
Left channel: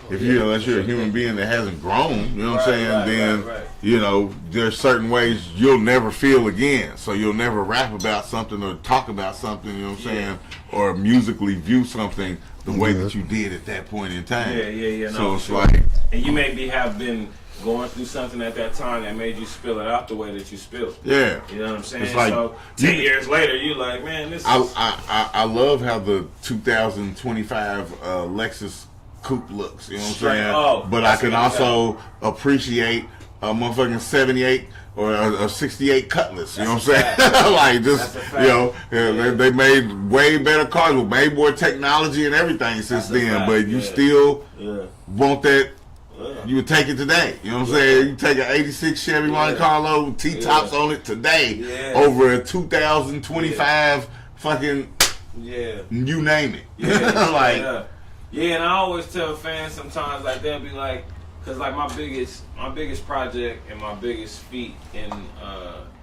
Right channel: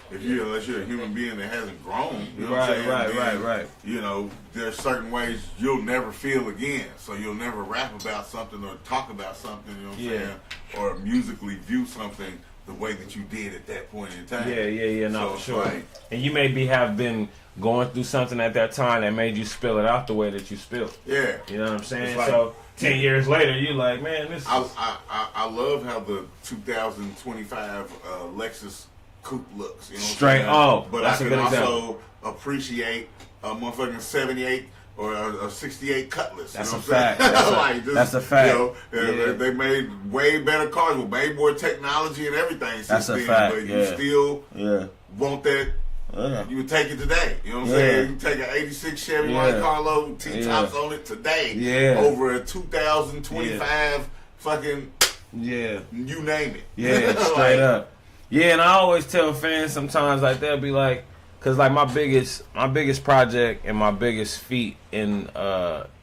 Unless you're a human being that hasn't grown, you know what I'm saying? Then you know there's certain ways you'll never feel again. So you'll never rap about something or talk about something, you know what I'm saying, or musically view something the way that you did at that point in time. Yeah. So No, it's sure. like, and you maybe have been going through something at that time that made you spill it out the way that you spilled. yeah, You know what I'm saying? It's like, so 10 years later, you're like, man, this is... I love how the 2025 Lexus coupe looks. You know what I'm saying? But I can also appreciate a motherfucking 78 or a 68 Cutlass. You know what I'm saying? Like just, that's a fact. You know, they made way better cars with way more technology and everything since then. Fact. But you still Yeah. want that. You would take it today. You know what I'm saying? You take an 86 Chevy Monte Carlo, T-tops on it today over a 2025 fucking, you name it. Yeah, like, and I always tell fans sometimes, like, they'll be like, cause like my biggest project and my biggest feat in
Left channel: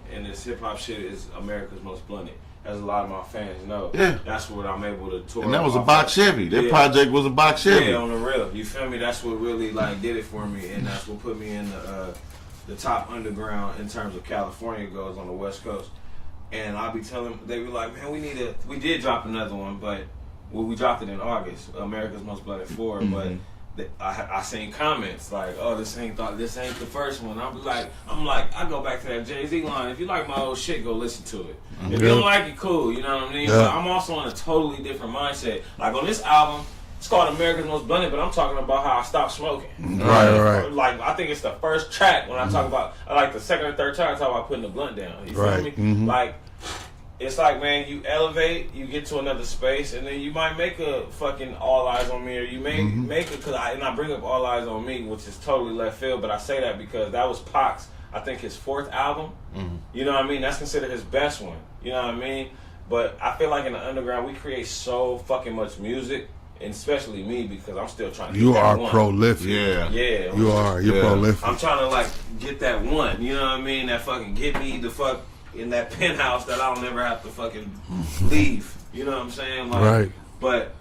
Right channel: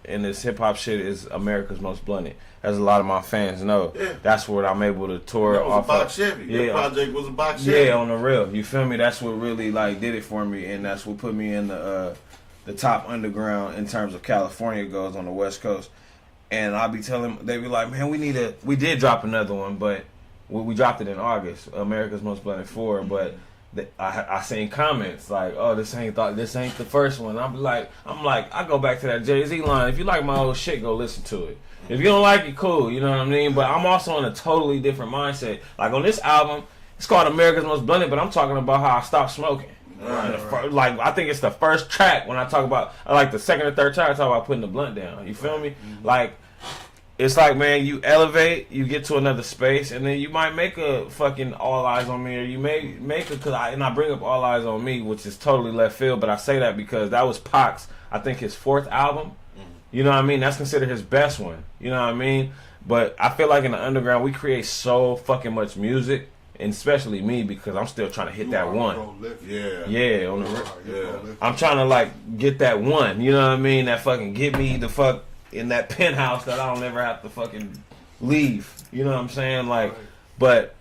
this hip hop shit is America's Most Blunted. As a lot of my fans know, that's what I'm able to tour. And that was a box Chevy. That project was a box Chevy. Yeah, on the real. You feel me? That's what really like did it for me, and that's what put me in the top underground in terms of California goes on the West Coast. And I'll be telling, they be like, man, we did drop another one, but we dropped it in August, America's Most Blunted 4, but I seen comments like, oh, this ain't the first one. I'm like, I go back to that Jay-Z line. If you like my old shit, go listen to it. If you don't like it, cool. You know what I mean? But I'm also in a totally different mindset. Like on this album, it's called America's Most Blunted, but I'm talking about how I stopped smoking. Right. Like I think it's the first track when I talk about, like the second or third track, I talk about putting the blunt down. You feel me? Like. It's like, man, you elevate, you get to another space, and then you might make a fucking All Eyes on Me, or you may make a, and I bring up All Eyes on Me, which is totally left field, but I say that because that was Pac's, I think, his 4th album. You know what I mean? That's considered his best one. You know what I mean? But I feel like in the underground, we create so fucking much music, and especially me, because I'm still trying to get that one. You are prolific. Yeah. You're prolific. I'm trying to, like, get that one. You know what I mean? That fucking get me the fuck in that penthouse that I don't ever have to fucking leave. You know what I'm saying? Like, but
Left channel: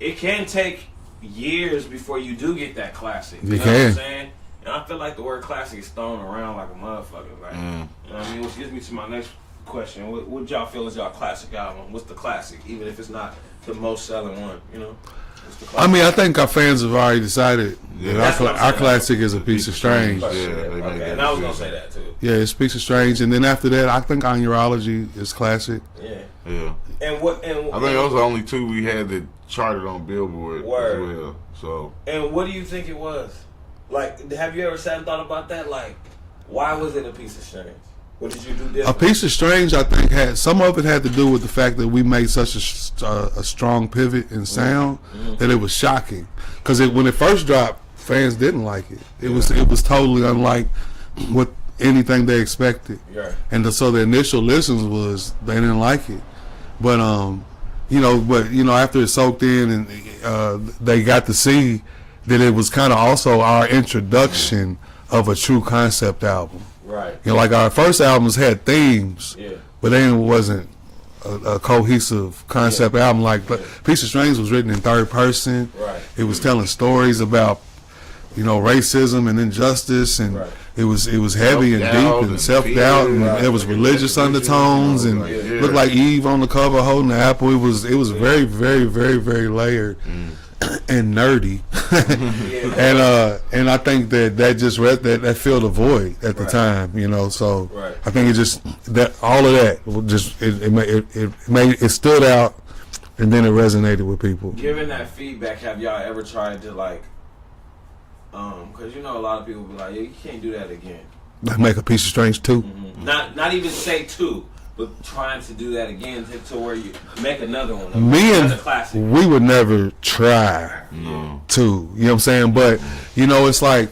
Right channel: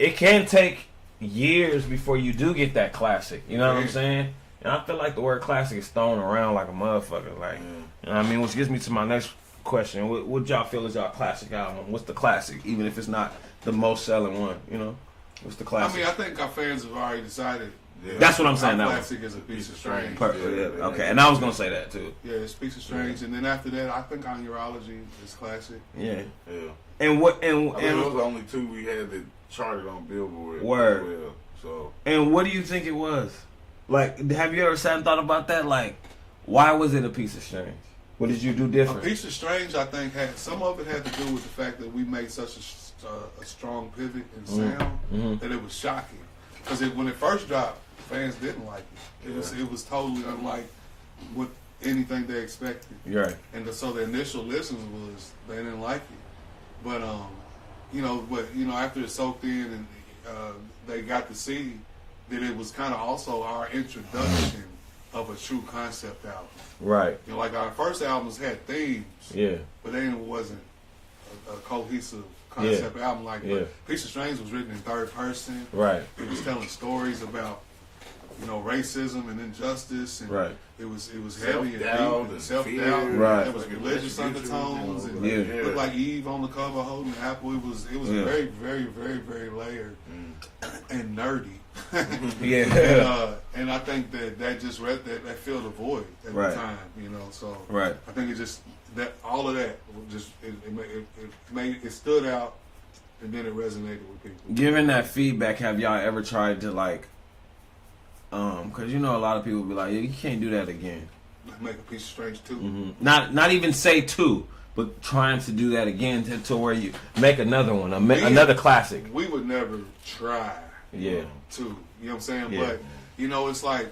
it can take years before you do get that classic. You know what I'm saying? And I feel like the word classic is thrown around like a motherfucker. Like, you know what I mean? Which gets me to my next question. What y'all feel is y'all classic album? What's the classic? Even if it's not the most selling one, you know? What's the classic? I mean, I think our fans have already decided. That's what I'm saying. Our classic is A Piece of Strange. Okay, and I was going to say that too. Yeah, it's Piece of Strange. And then after that, I think On Urology is classic. Yeah. And I think those are the only two we had that charted on Billboard as well. So. And what do you think it was? Like, have you ever sat and thought about that? Like, why was it A Piece of Strange? What did you do different? A Piece of Strange, I think, some of it had to do with the fact that we made such a strong pivot in sound that it was shocking. Because when it first dropped, fans didn't like it. It was totally unlike what anything they expected. Right. And so the initial listens was they didn't like it. But after it soaked in and they got to see that it was kind of also our introduction of a true concept album. Right. You know, like our first albums had themes, but then it wasn't a cohesive concept album. Like Piece of Strange was written in third person. Right. It was telling stories about, racism and injustice, and it was heavy and deep and self-doubt, and there was religious undertones, and looked like Eve on the cover holding the apple. It was very, very, very, very layered. And nerdy, and I think that just that filled a void at the time, So I think it just that all of that just it stood out, and then it resonated with people. Given that feedback, have y'all ever tried to because a lot of people be like, yeah, you can't do that again. Make A Piece of Strange 2. Not even say 2. But trying to do that again to where you make another one, another classic. We would never try to, you know what I'm saying? But, it's like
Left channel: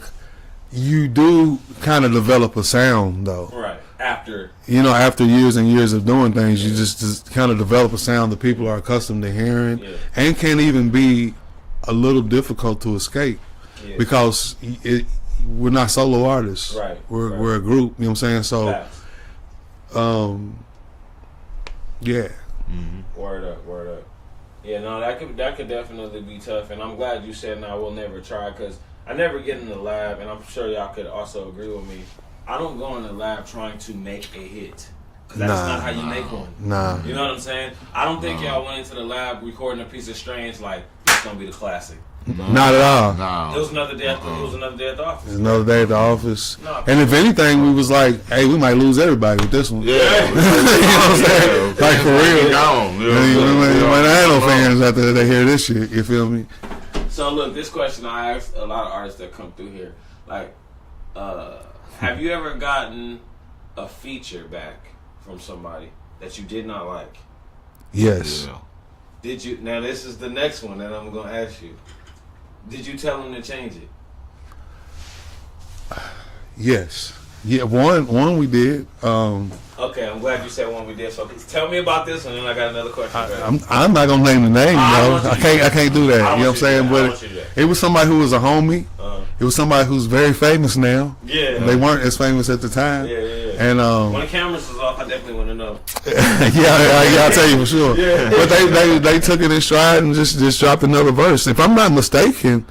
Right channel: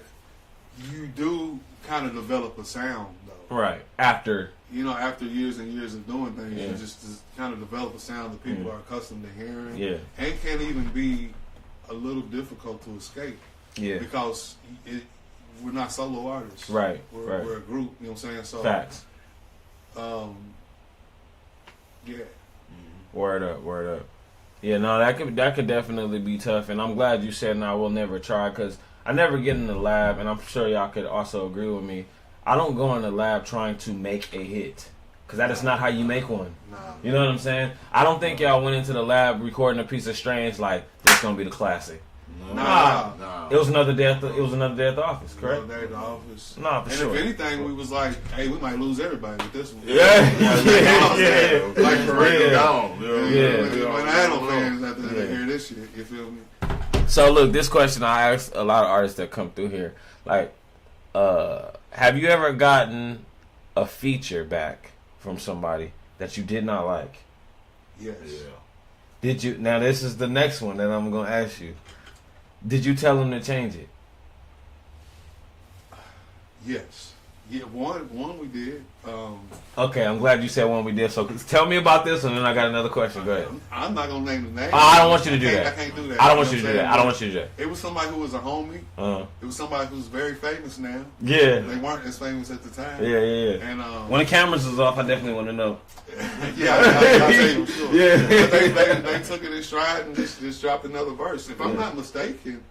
you do kind of develop a sound, though. Right. After. After years and years of doing things, you just kind of develop a sound that people are accustomed to hearing and can even be a little difficult to escape. Yeah. Because we're not solo artists. Right. We're a group. You know what I'm saying? So, Facts. yeah. Word up. Yeah, no, that could definitely be tough, and I'm glad you said, "No, I will never try," because I never get in the lab, and I'm sure y'all could also agree with me. I don't go in the lab trying to make a hit, because that's not how you make one. Nah. You know what I'm saying? I don't think y'all went into the lab recording a piece of Strange like it's gonna be the classic. Not at all. No. It was another day at the office. It's another day at the office. Nah, and if anything, we was like, hey, we might lose everybody with this one. Yeah. You know what I'm saying? Like, for real. Gone. We might not have no fans after they hear this shit. You feel me? So look, this question I asked a lot of artists that come through here. Like, have you ever gotten a feature back from somebody that you did not like? Yes. Yeah. Did you? Now this is the next one that I'm gonna ask you. Did you tell them to change it? Yes. Yeah, one we did. Okay, I'm glad you said one we did. So tell me about this, and then I got another question. I'm not gonna name the name. I can't do that. You know what I'm saying? But it was somebody who was a homie. It was somebody who's very famous now. Yeah. They weren't as famous at the time. Yeah. And when the cameras is off, I definitely want to know. yeah, I'll tell you for sure. Yeah. But they took it in stride and just dropped another verse. If I'm not mistaken,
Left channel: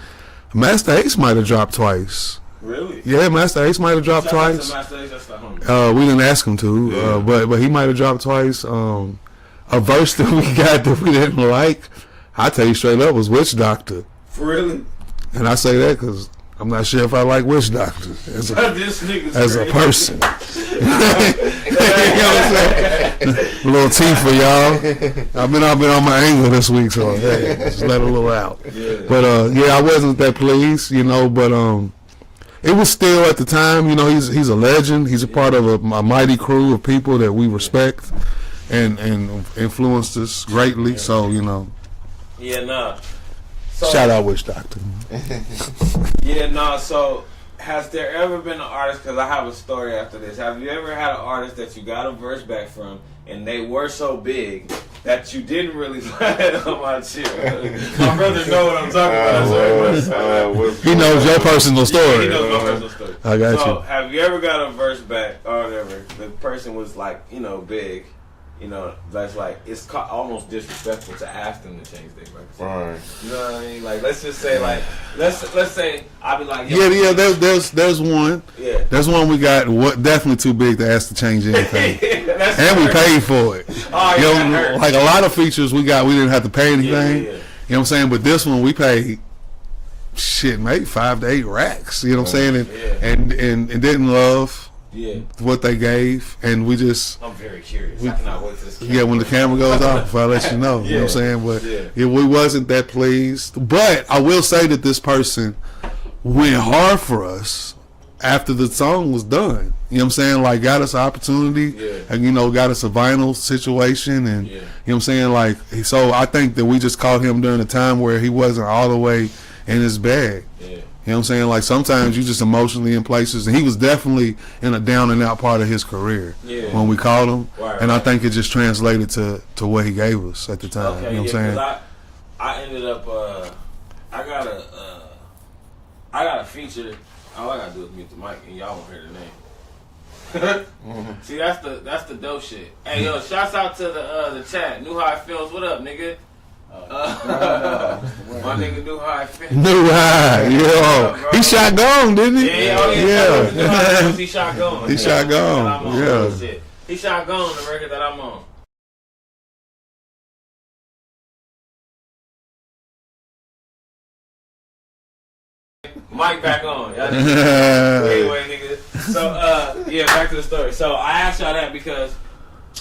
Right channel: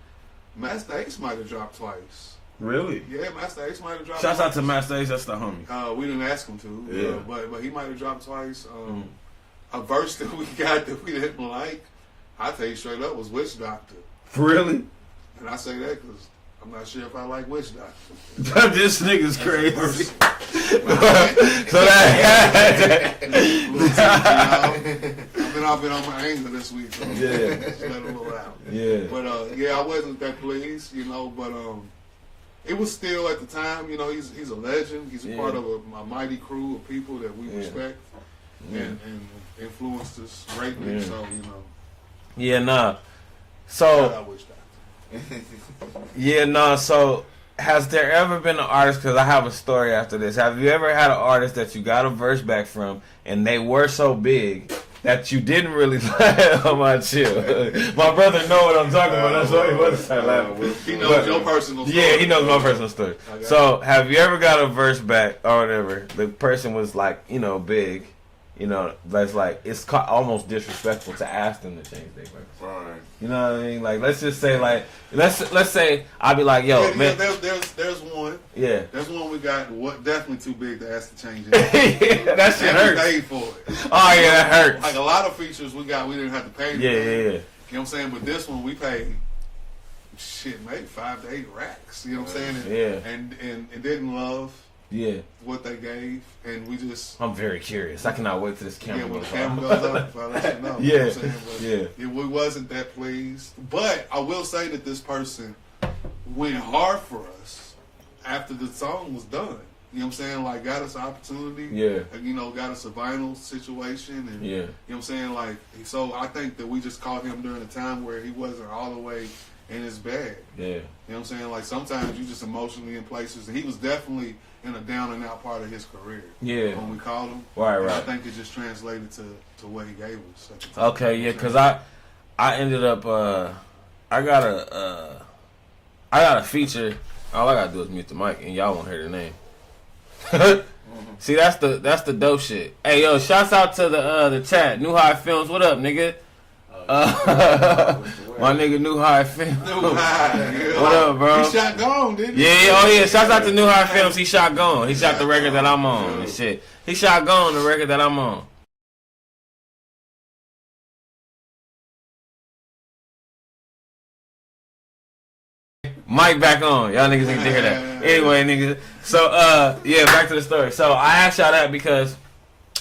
Master Ace might have dropped twice. Really? Yeah, Master Ace might have dropped Shout twice. out to Master Ace, that's the homie. We didn't ask him to, but he might have dropped twice. A verse that we got that we didn't like, I tell you straight up, was Witch Doctor. Really? And I say that because I'm not sure if I like Witch Doctor This nigga's as crazy. a person. A little tea for y'all. I've been on my angle this week, so just let a little out. Yeah. But I wasn't that pleased, but it was still at the time, he's a legend. He's a part of a mighty crew of people that we respect and influenced us greatly. So Yeah, nah. So shout out Witch Doctor. Yeah, nah. So has there ever been an artist? Because I have a story after this. Have you ever had an artist that you got a verse back from, and they were so big that you didn't really like? Oh my chill. My brother know what I'm talking about. He knows your personal story. Yeah, he knows my personal story. I got So you. have you ever got a verse back or whatever? The person was like, big. That's like it's almost disrespectful to ask them to change their verse. Right. You know what I mean? Like let's just say let's say I'll be like, yo. Yeah. There's one. Yeah. There's one we got. Definitely too big to ask to change anything. That's And we paid for it. Oh yeah, that hurt. Like a lot of features we didn't have to pay anything. Yeah. You know what I'm saying? But this one we paid maybe 5 to 8 racks. You know what I'm saying? And didn't love what they gave, and we just. I'm very curious. I cannot wait to this. When the camera goes off, I'll let you know. You know what I'm saying? But we wasn't that pleased. But I will say that this person went hard for us after the song was done. You know what I'm saying? Like got us an opportunity and got us a vinyl situation and you know what I'm saying? Like so I think that we just caught him during a time where he wasn't all the way in his bag. Yeah. You know what I'm saying? Like sometimes you just emotionally in places, and he was definitely in a down and out part of his career when we called him. Right. I think it just translated to what he gave us at the time. Okay, you know because I ended up I got a feature. All I gotta do is mute the mic, and y'all won't hear the name. See, that's the dope shit. Hey yo, shouts out to the chat. New High Films, what up, nigga? My nigga New High Films. New High, bro. He shot gone, didn't he? Yeah, shout out to New High Films. He shot gone. He shot the record gone. that I'm on. Yeah. Shit. He shot gone the record that I'm on. Mic back on. Y'all niggas. Anyway, nigga. So, back to the story. So, I asked y'all that because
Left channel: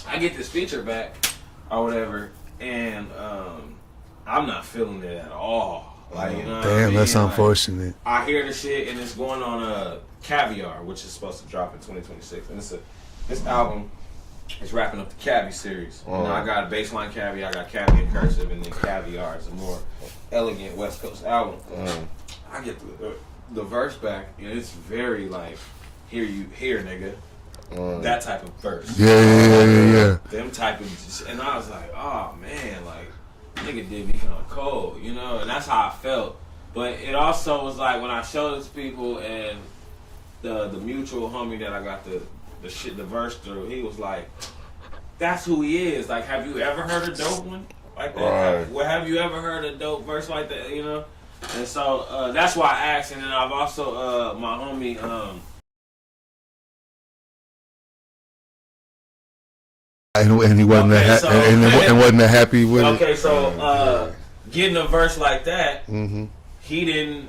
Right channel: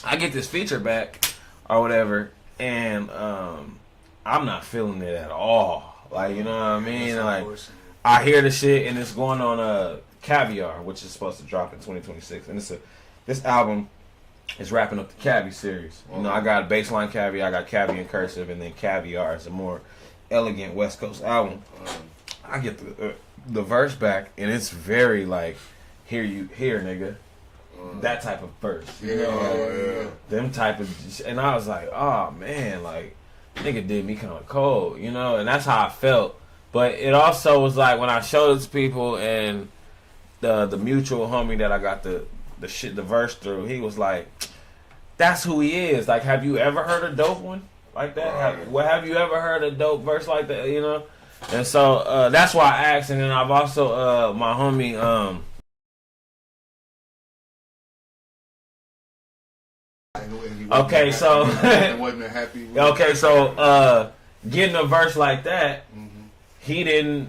I get this feature back or whatever, and I'm not feeling it at all. Like, you know what I mean? That's unfortunate. I hear the shit, and it's going on Caviar, which is supposed to drop in 2026. And this album is wrapping up the Cavi series. I got a baseline Cavi, I got Cavi in cursive, and then Caviar is a more elegant West Coast album. I get the verse back, and it's very like, here nigga. That type of verse. Yeah. Them type of, and I was like, oh man, like, nigga did me kind of cold, and that's how I felt. But it also was like when I showed it to people, and the mutual homie that I got the verse through, he was like, "That's who he is." Like, have you ever heard a dope one like that? Right. Have you ever heard a dope verse like that? You know, and so that's why I asked. And then I've also my homie And he wasn't and wasn't that happy with it. Okay, so getting a verse like that, he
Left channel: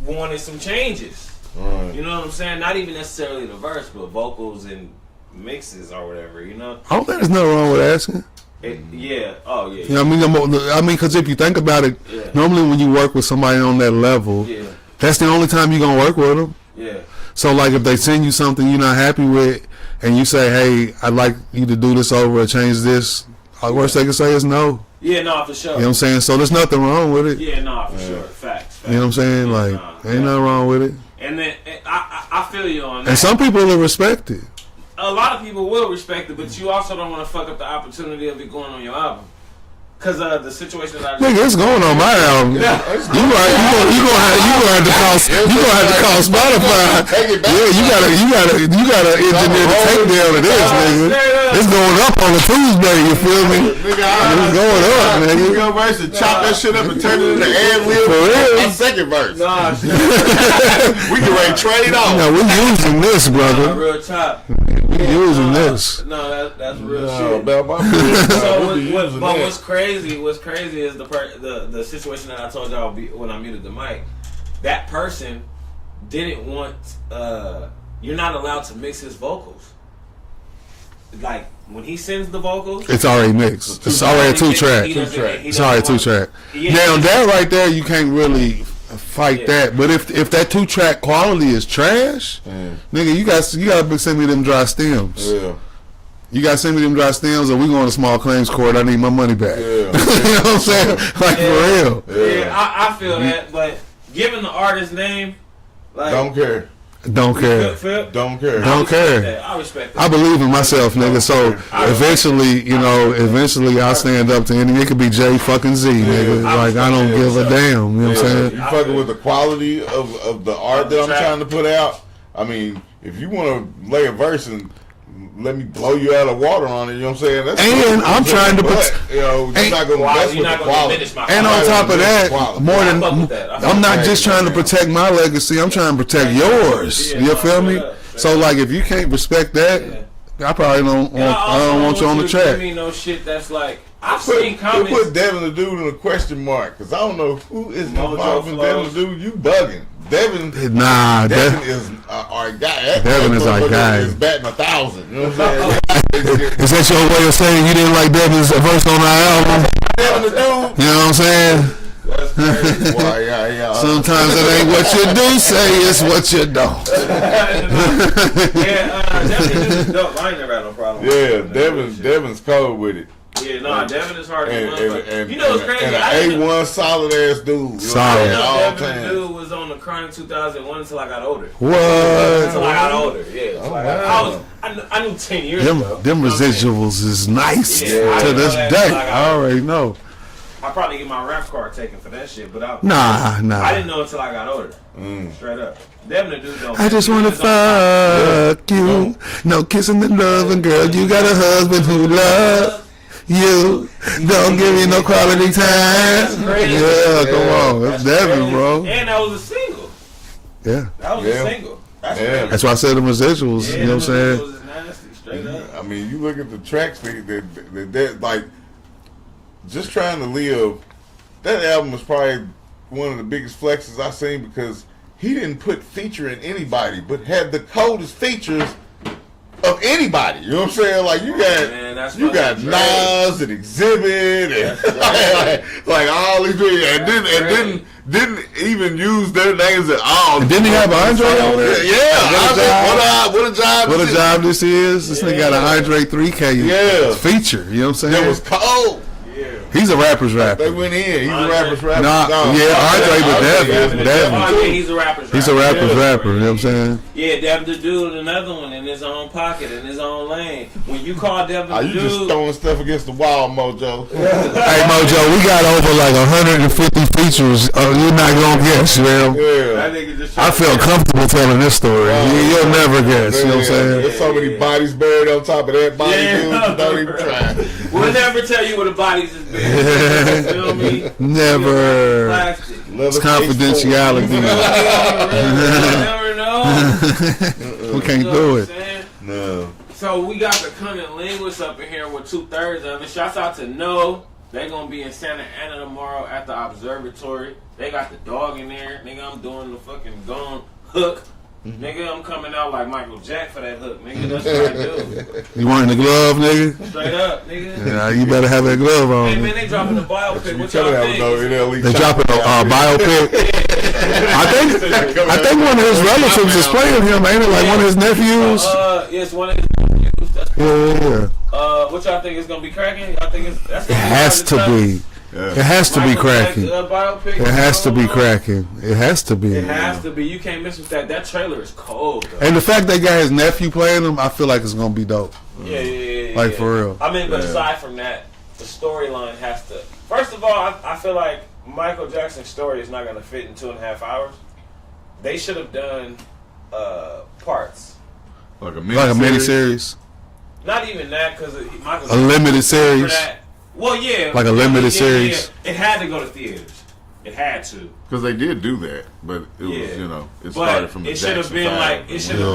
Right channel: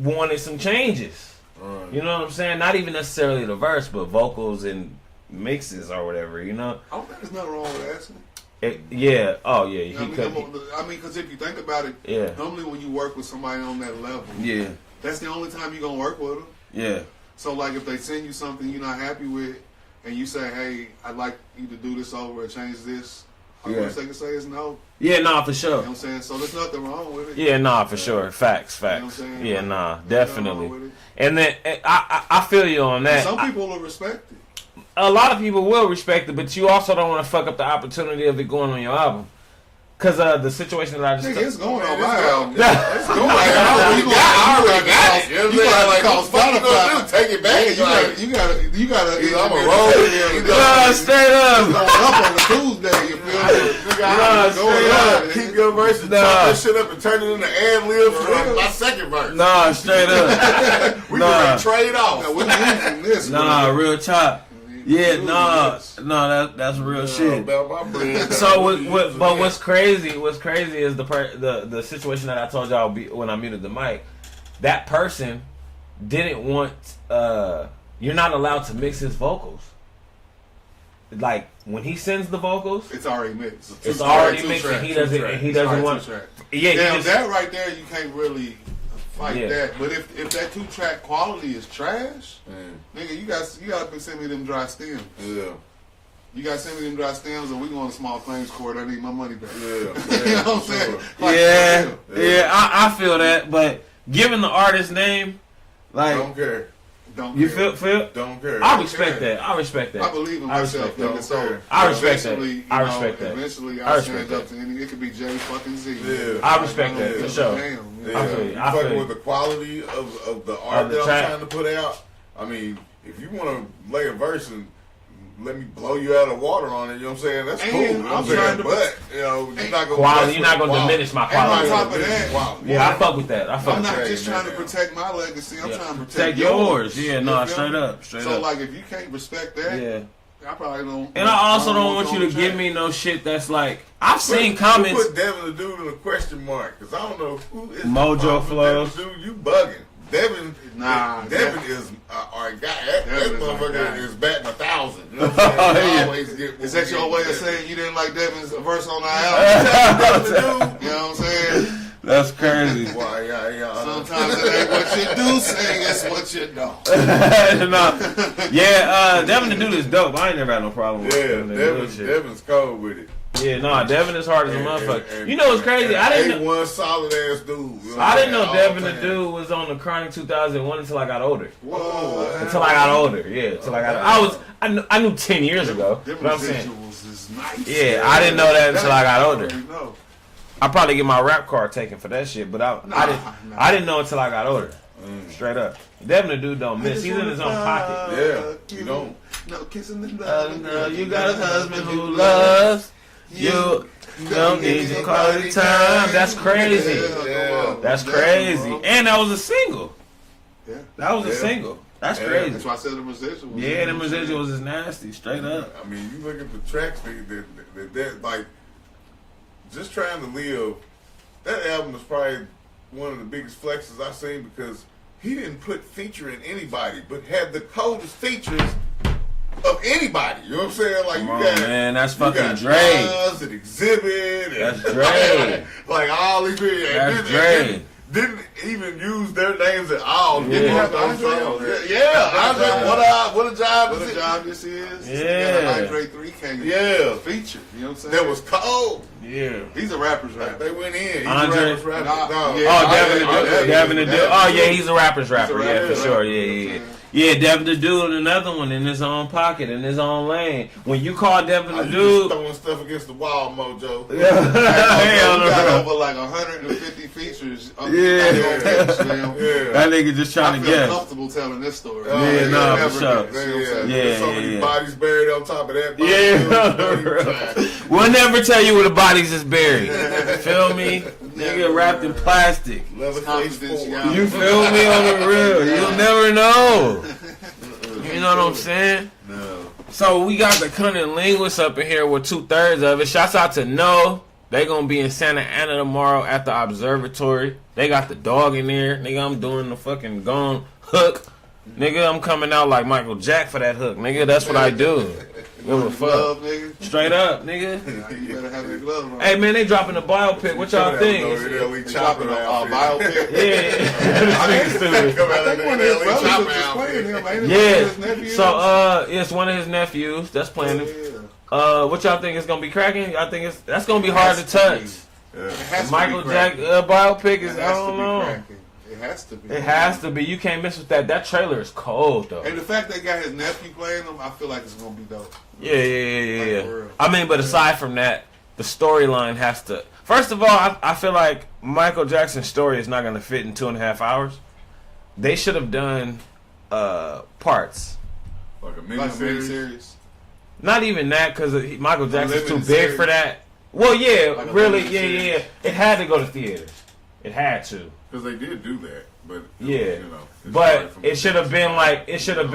wanted some changes. Right. You know what I'm saying? Not even necessarily the verse, but vocals and mixes or whatever. You know? I don't think there's nothing wrong with asking. Yeah. Oh yeah. You know what I mean, because if you think about it, normally when you work with somebody on that level, that's the only time you're gonna work with them. Yeah. So like, if they send you something you're not happy with, and you say, "Hey, I'd like you to do this over or change this," the worst they can say is no. Yeah, no, for sure. You know what I'm saying? So there's nothing wrong with it. Yeah, no, for sure. Facts. You know what I'm saying? Yeah, like, ain't nothing wrong with it. And then I feel you on that. And some people will respect it. A lot of people will respect it, but you also don't want to fuck up the opportunity of it going on your album. Because the situation that I just... Nigga, it's going on my album. You gonna have to call Spotify. Yeah, you gotta engineer the tape down to this, nigga. It's going up on the Tuesday, you feel me? Nigga, it's going up, nigga. You go verse and chop that shit up and turn it into ad lib. For real? My second verse. Nah, straight up. We can like trade it off. No, we're using this, brother. Nah, real chop. Yeah, using this. No, that's real shit. So what's crazy is the situation that I told y'all when I muted the mic. That person didn't want. You're not allowed to mix his vocals. Like when he sends the vocals, it's already mixed. It's already two track. It's already two track. Now that right there, you can't really fight that. But if that 2-track quality is trash, nigga, you gotta send me them dry stems. Yeah. You gotta send me them dry stems, or we going to small claims court. I need my money back. Yeah. You know what I'm saying? Like for real. Yeah, I feel that. But given the artist name, like Don't care. Don't care. Don't care. Don't care. I respect that. I believe in myself, nigga. So eventually, I'll stand up to any. It could be J fucking Z, nigga. Like I don't give a damn. You know what I'm saying? You fucking with the quality of the art that I'm trying to put out. I mean, if you want to lay a verse and let me blow you out of water on it, you know what I'm saying? That's and I'm trying to put, you're not gonna diminish my quality. And on top of that, I'm not just trying to protect my legacy. I'm trying to protect yours. You feel me? So like, if you can't respect that, I probably don't. I don't want you on the track. Give me no shit that's like. I've seen comments. Put Devin the Dude in a question mark because I don't know who is Mojo Flow. Devin the Dude. You bugging. Devin is our guy. Devin is our guy. He's batting 1,000. You know what I'm saying? Is that your way of saying you didn't like Devin's verse on our album? Devin the Dude. You know what I'm saying? That's crazy. Boy, Sometimes it ain't what you do say, it's what you don't. Devin the Dude is dope. I ain't never had no problem with it. Yeah, Devin's cold with it. Yeah, Devin is hard as a motherfucker. You know what's crazy? I didn't know solid ass dude. Solid. I didn't know Devin the Dude was on the Chronic 2001 until I got older. What? Until I got older, yeah. I knew 10 years ago. Them residuals is nice. Yeah, I didn't know that until I got older. I already know. I probably get my rap card taken for that shit, but I didn't know until I got older. Straight up. Devin the Dude don't. I just wanna fuck you. No kissing and loving, girl. You got a husband who loves you. Don't give me no quality time. That's crazy. Yeah, come on. That's Devin, bro. And that was a single. Yeah. That was a single. That's crazy. That's why I said the residuals. Yeah, you know what I'm saying? Residuals is nasty, straight up. I mean, you look at the tracks, that like, just trying to live. That album was probably one of the biggest flexes I've seen because he didn't put featuring anybody, but had the coldest features of anybody. You know what I'm saying? Like you got Nas and Exhibit and like all these people, and didn't even use their names at all. Didn't he have Andre on there? Yeah. What a job! What a job this is. This nigga got an Andre 3K feature. You know what I'm saying? That was cold. Yeah, Yeah. He's a rapper's They rapper. went in. He's Andre- a rapper's rapper. Nah, No. yeah, Andre the Devin the Devin. Dude. Oh yeah, he's a rapper's rapper. He's a rapper's Yeah, rapper. yeah, You know what I'm yeah. saying? Yeah, Devin the Dude, another one in his own pocket, in his own lane. When you call Devin the You just Dude, throwing stuff against the wall, Mojo. Hey Mojo, we got over like 150 features. Oh, you're not gonna guess, man. Yeah. that nigga just I trying feel to guess. comfortable telling this story. You'll never guess. You know what I'm saying? There's so many Yeah. bodies buried on top of that body. Yeah. Dude, don't even try. We'll never tell you where the bodies is buried. You feel me? Never. We'll wrap it in plastic. It's You confidentiality. feel me on the real? You never know. We can't You know do what I'm it. saying? No. So we got the CunninLynguists up in here with 2/3 of it. Shouts out to No. They gonna be in Santa Ana tomorrow at the observatory. They got the dog in there. Nigga, I'm doing the fucking gone hook. Nigga, I'm coming out like Michael Jack for that hook. Nigga, that's what I do. You wearing the glove, nigga? Straight up, nigga. Yeah, you better have that glove on. Hey man, they dropping a biopic. What y'all think? They dropping a biopic. I think one of his relatives is playing him, ain't it? Like one of his nephews. So, it's one of his nephews. That's playing. Yeah. What y'all think is gonna be cracking? I think that's gonna It be hard has to to touch. be. It has to be Michael Jack, cracking. Biopic. It has to be I don't know. cracking. It has to be. It has to be. You can't miss with that. That trailer is cold though. And the fact they got his nephew playing him, I feel like it's gonna be dope. Yeah. Like, for real. I mean, but aside from that, the storyline has to. First of all, I feel like Michael Jackson's story is not going to fit in 2.5 hours. They should have done parts. Like a miniseries. Not even that, because Michael A Jackson limited was big for series? that. Well, yeah, Like a really, limited yeah. series? It had to go to theaters. It had to. Because they did do that, but it was, it started But from it should have been like they should have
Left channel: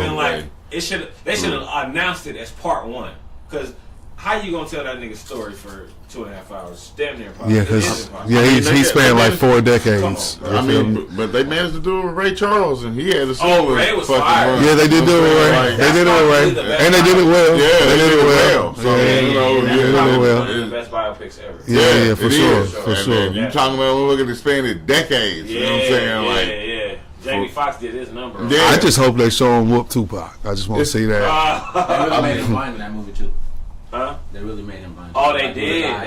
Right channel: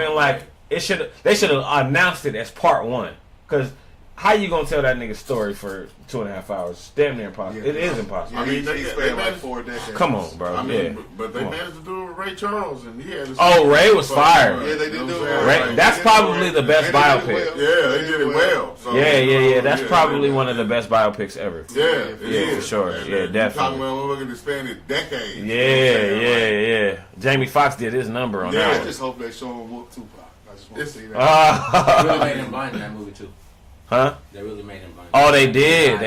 announced it as part one. Because how you gonna tell that nigga's story for 2.5 hours? Damn near impossible. Yeah, It is 'cause impossible. he spanned like 4 decades. Come on, bro. I mean, but they managed to do it with Ray Charles, and he had a Oh, Ray was fire. Yeah, they did do it right. They That's did it probably right. the best And they did it well. Yeah, they did it well. So, Yeah. That's yeah, probably yeah. one of the best biopics ever. Yeah, for it sure. is. For And sure. then you talking about look at the span of decades. Yeah, you know what I'm saying? yeah. Jamie Foxx did his number on Yeah. that. I just hope they show him whoop Tupac. I just want to see that. They really made him blind in that movie too. Huh? They really made him blind. Oh, they did.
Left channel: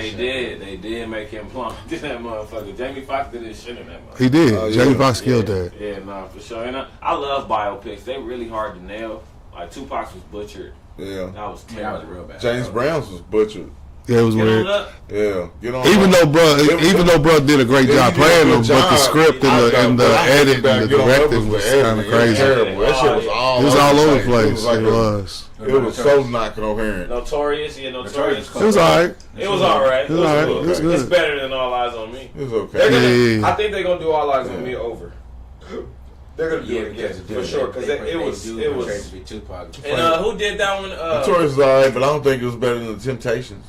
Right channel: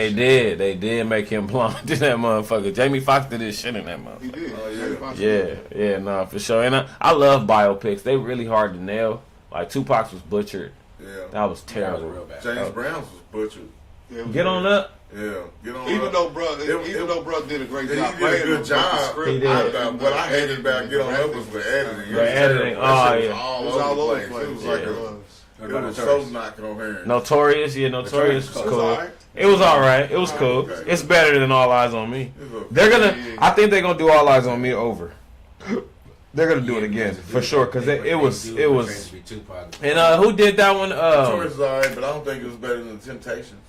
They did make him blind in that motherfucker. Jamie Foxx did his shit in that motherfucker. He did. Oh, yeah. Jamie Foxx Yeah, killed that. yeah, no, for sure. And I love biopics. They really hard to nail. Like Tupac's was butchered. Yeah. That was Yeah, that was terrible. real bad. James Brown's was butchered. Yeah, it was Get on weird. up. Yeah. Get on Even up. though bro did a great Yeah, job he did a playing good him, but the job. script and the edit and the directing was kind of crazy. Terrible. That shit was Yeah. all It was all over the It place. was like It was. It was so not coherent. Notorious, yeah, Notorious. It was alright. It was alright. It It was was alright. cool. It was good. It's better than All Eyes on Me. It was okay. They're gonna. Yeah. I think they're gonna do All Eyes on Me over. They're gonna do it again for sure because it was. And who did that one? Notorious is alright, but I don't think it was better than the Temptations.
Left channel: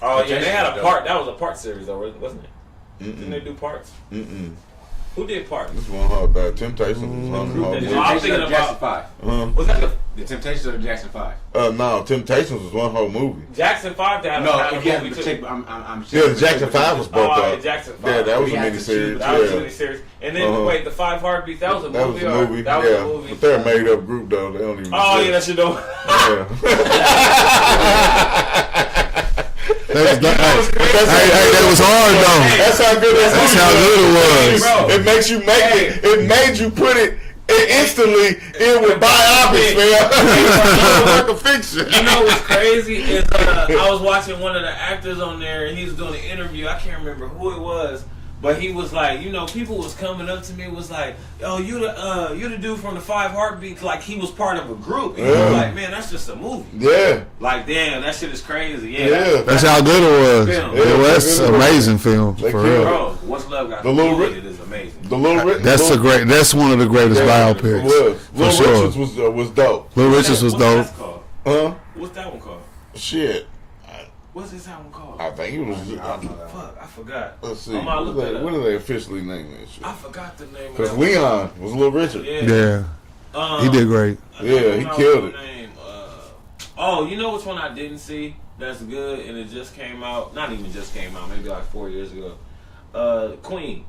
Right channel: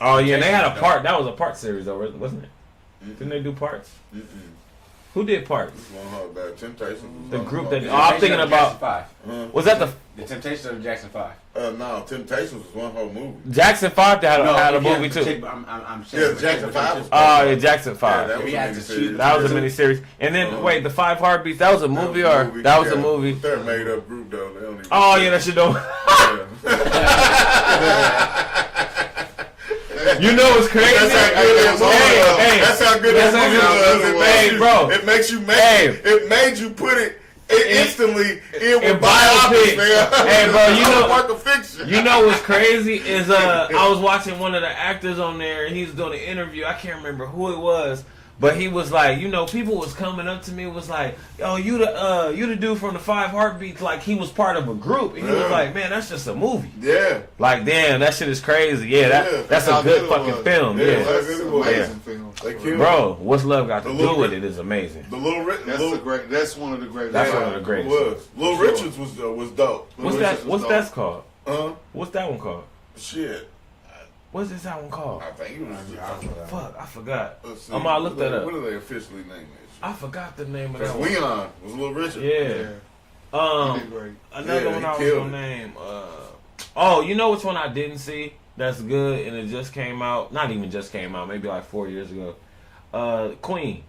Oh yeah, they had a part. That was a part series though, wasn't it? Didn't they do parts? Who did parts? This one hard. Temptations was The on group hard. that. Oh, I'm thinking about. 5. Was that The Temptations of Jackson 5. No, Temptations was one whole movie. Jackson 5 that had a movie too? Yeah, Jackson 5 was both Oh of yeah, them. Jackson 5. Yeah, that was a Yeah, miniseries. That was a Yeah. miniseries. And then wait, the 5 Heartbeats. That was a That was movie, a or movie. that was Yeah. a movie. But they're a made up group though. They don't even. Oh yeah, that should know. You know what's crazy? It was hard though. Hey, That's how good that That's how good it was. bro. It makes you make it made you put it instantly in with biopics, man. It's like a fiction. You know what's crazy is I was watching one of the actors on there and he was doing an interview. I can't remember who it was, but he was like, you know, people was coming up to me was like, "Oh, you the dude from the 5 Heartbeats." Like he was part of a group. And he was like, "Man, that's just a movie." Yeah. Like, damn, that shit is crazy. Yeah, Yeah. That's how good it was. Film. It was an amazing film They for killed real. Bro, What's Love Got The to Do Little with Ri- it is amazing. The Little That's one of the greatest It biopics. was. For Little sure. Richards was dope. Little Richards was What's dope. that called? Huh? What's that one called? Shit. What's this album called? I think it was. Fuck, I forgot. Let's see. I'm gonna look that up. What do they officially name that shit? I forgot the name of Because that. Leon was Little Richard. Yeah. Yeah, he did great. Another Yeah, one he I was killed gonna name, oh, you know which one I didn't see? That's good, and it just came out. Not even just came out. Maybe like 4 years ago. Queen.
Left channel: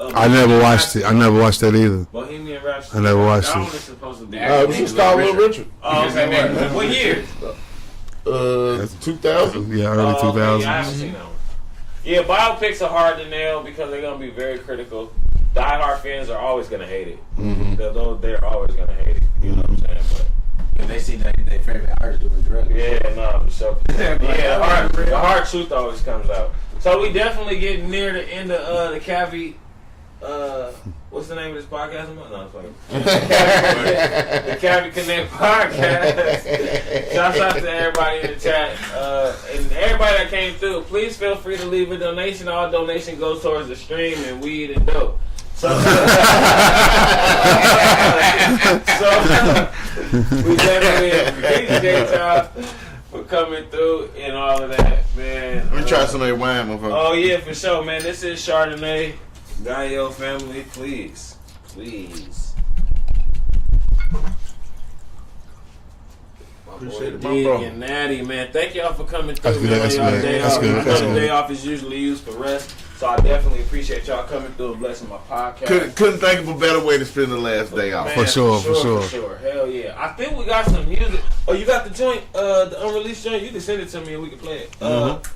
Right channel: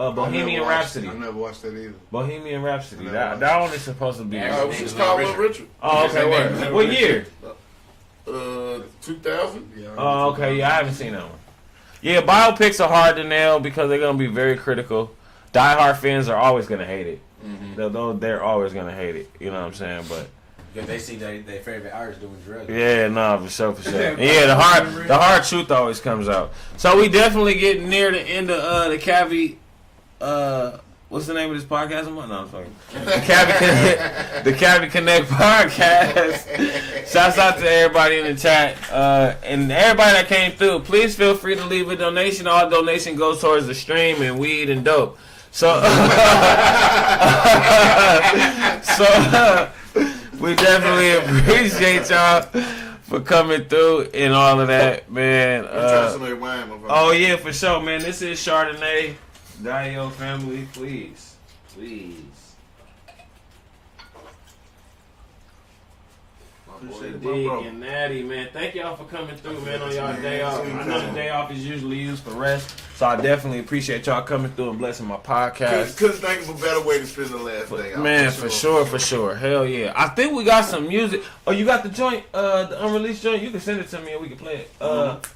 I never watched it. I never watched that either. Bohemian Rhapsody. I never watched that it. one is supposed to be. It was called Little Richard. Oh, okay. What year? 2000. Yeah, early Oh, okay. 2000s. Yeah, I haven't seen that one. Yeah, biopics are hard to nail because they're gonna be very critical. Die-hard fans are always gonna hate it. They're always gonna hate it. You know what I'm saying? But If they see their favorite artist doing drugs. yeah, no, for sure. Yeah, the hard truth always comes out. So we definitely getting near the end of the Cavi. What's the name of this podcast? No, I'm fucking. The Cavi Connect podcast. Shouts out to everybody in the chat and everybody that came through. Please feel free to leave a donation. All donation goes towards the stream and weed and dope. So, we definitely appreciate y'all for coming through and all of that, man. I'm trying some of that wine, motherfucker. Oh yeah, for sure, man. This is Chardonnay. Gallo family, please. Appreciate it, my Dig bro. and Natti, man. Thank y'all for coming through, That's man. good, Y'all that's day good, off. that's good, The that's good. day off is usually used for rest, so I definitely appreciate y'all coming through and blessing my podcast. Couldn't think of a better way to spend the last day off. Man, For sure. Hell yeah. I think we got some music. Oh, you got the joint, the unreleased joint? You can send it to me and we can play it.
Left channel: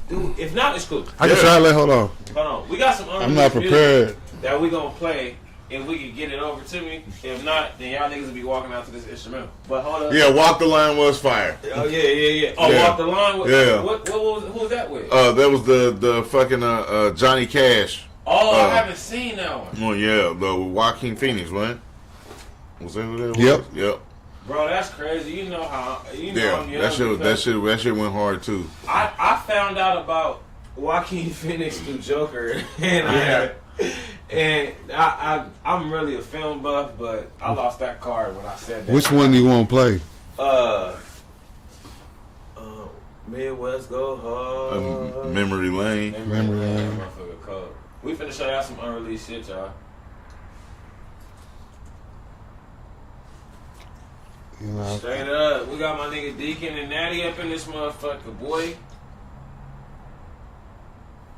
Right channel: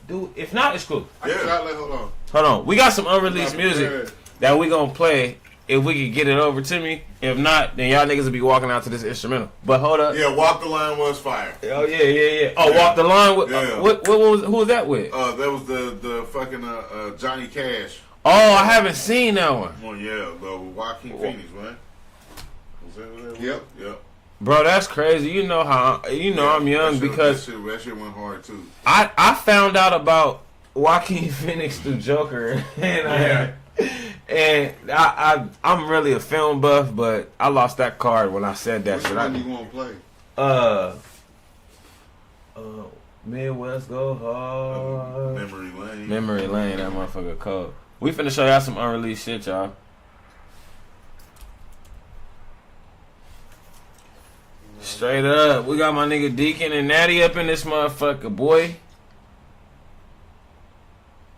Dude, if not, it's cool. I can try to hold on. Hold on. We got some I'm not unreleased music prepared. that we gonna play if we can get it over to me. If not, then y'all niggas will be walking out to this instrumental. But hold up. Yeah, Walk the Line was fire. Oh yeah. Oh, Yeah. Walk the Line. With, Yeah. who was that with? That was the fucking Johnny Cash. Oh, I haven't seen that one. Oh yeah, the Joaquin Phoenix, man. Was that what that was? Yep. Yep. Bro, that's crazy. You know how I'm young that because that shit went hard too. I found out about Joaquin Phoenix through Joker, and I'm really a film buff, but I lost that card when I said that. Which one you want to play? Midwest Go Hard. Memory Lane. Memory Lane, that motherfucker cold. We finna show y'all some unreleased shit, y'all. You know, Straight up, we got my nigga Deacon and Natti up in this motherfucker, boy.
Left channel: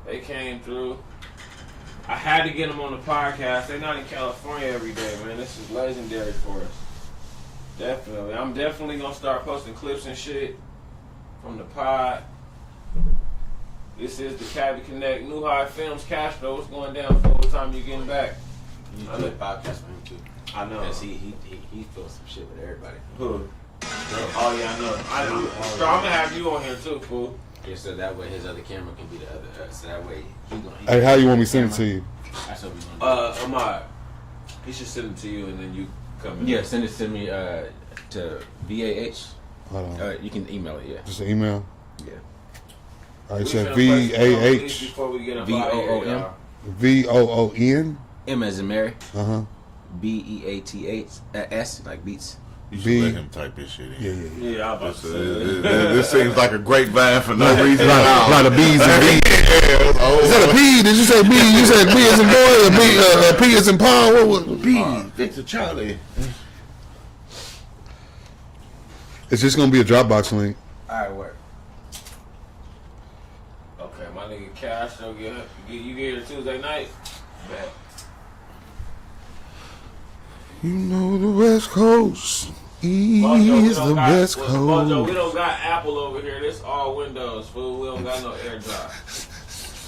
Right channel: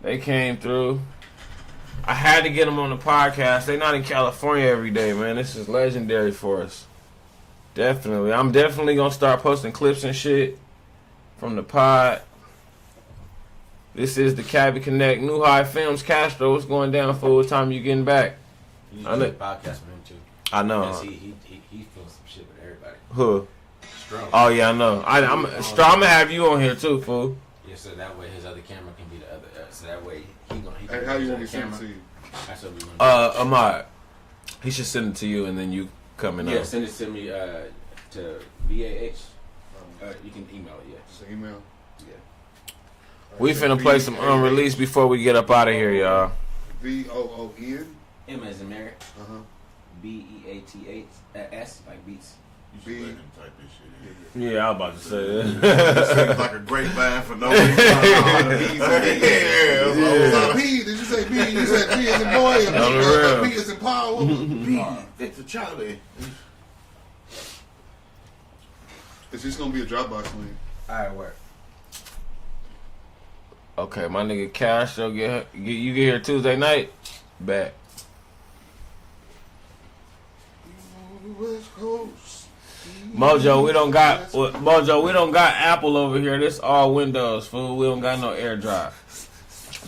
They came through. I had to get them on the podcast. They not in California every day, man. This is legendary for us. Definitely. I'm definitely gonna start posting clips and shit from the pod. This is the Cavi Connect, New High Films, Castro. What's going down for? What time you getting back? I know podcast for him too. I know. Because he feels some shit with everybody. Who? Oh yeah, I know. I'm gonna have you on here too, fool. Yeah, so that way his other camera can be the other. So that way he hey, how you want me to send it to you? That's what we gonna do. Ahmad, he should send it to you and then you come in. Yeah, send it to me to VAH. Hold on. You can email it. Yeah. Just an email. Yeah. All right, We so finna play some unreleased VAH, before we get up out of here, y'all. VOON. M as in Mary. BEATH. BEATH like beats. You should B- let him type this shit in. Yeah. Yeah, I was about to say that. This seems like a great vibe for no reason. A lot of B's and B's. Is that a P? Did you say B? You said B as in boy or P as in Paul? What was B, Victor Charlie. It's just gonna be a Dropbox link. Alright, work. Okay, my nigga Cash, you get here Tuesday night. Bet. You know the West Coast. Mojo, we don't got West Coast. Mojo, we don't got Apple over here. This all Windows, fool. We don't got no AirDrop.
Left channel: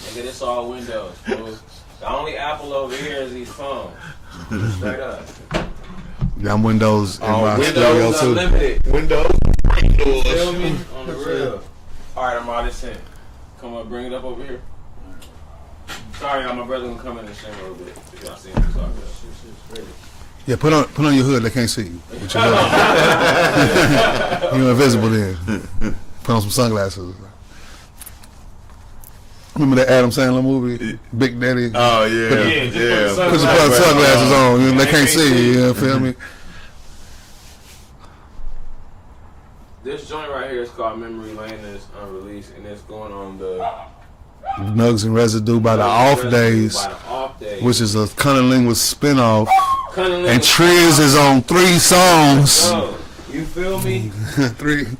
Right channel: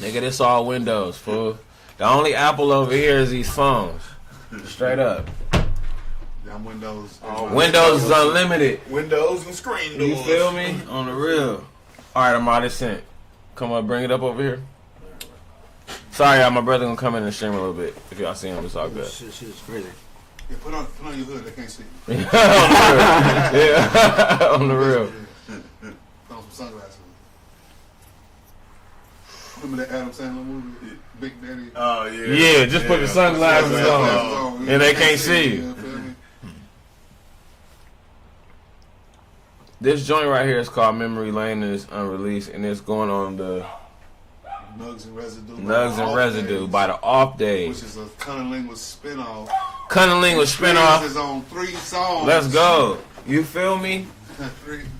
Nigga, this all Windows, fool. The only Apple over here is these phones. Straight up. Yeah, I'm Windows. in my Windows studio, is too. unlimited. Windows and screen You doors. feel me? On the real. Alright, I'm out of sent. Come on, bring it up over here. Sorry, y'all, my brother gonna come in and stream a little bit. If y'all see him, it's all good. Shit is crazy. Yeah, put on your hood. They can't see you. Yeah. You're invisible then. Put on some sunglasses. Remember that Adam Sandler movie, Big Daddy? Oh yeah. Yeah, just put the Put sunglasses some sunglasses on. And they can't see you. Yeah, feel me? This joint right here is called Memory Lane and it's unreleased and it's going on the Nugs and Residue by the Nugs and Off Residue Days, by the Off Days. which is a CunninLynguists spinoff. CunninLynguists And Triz is on 3 songs. Let's go. You feel me?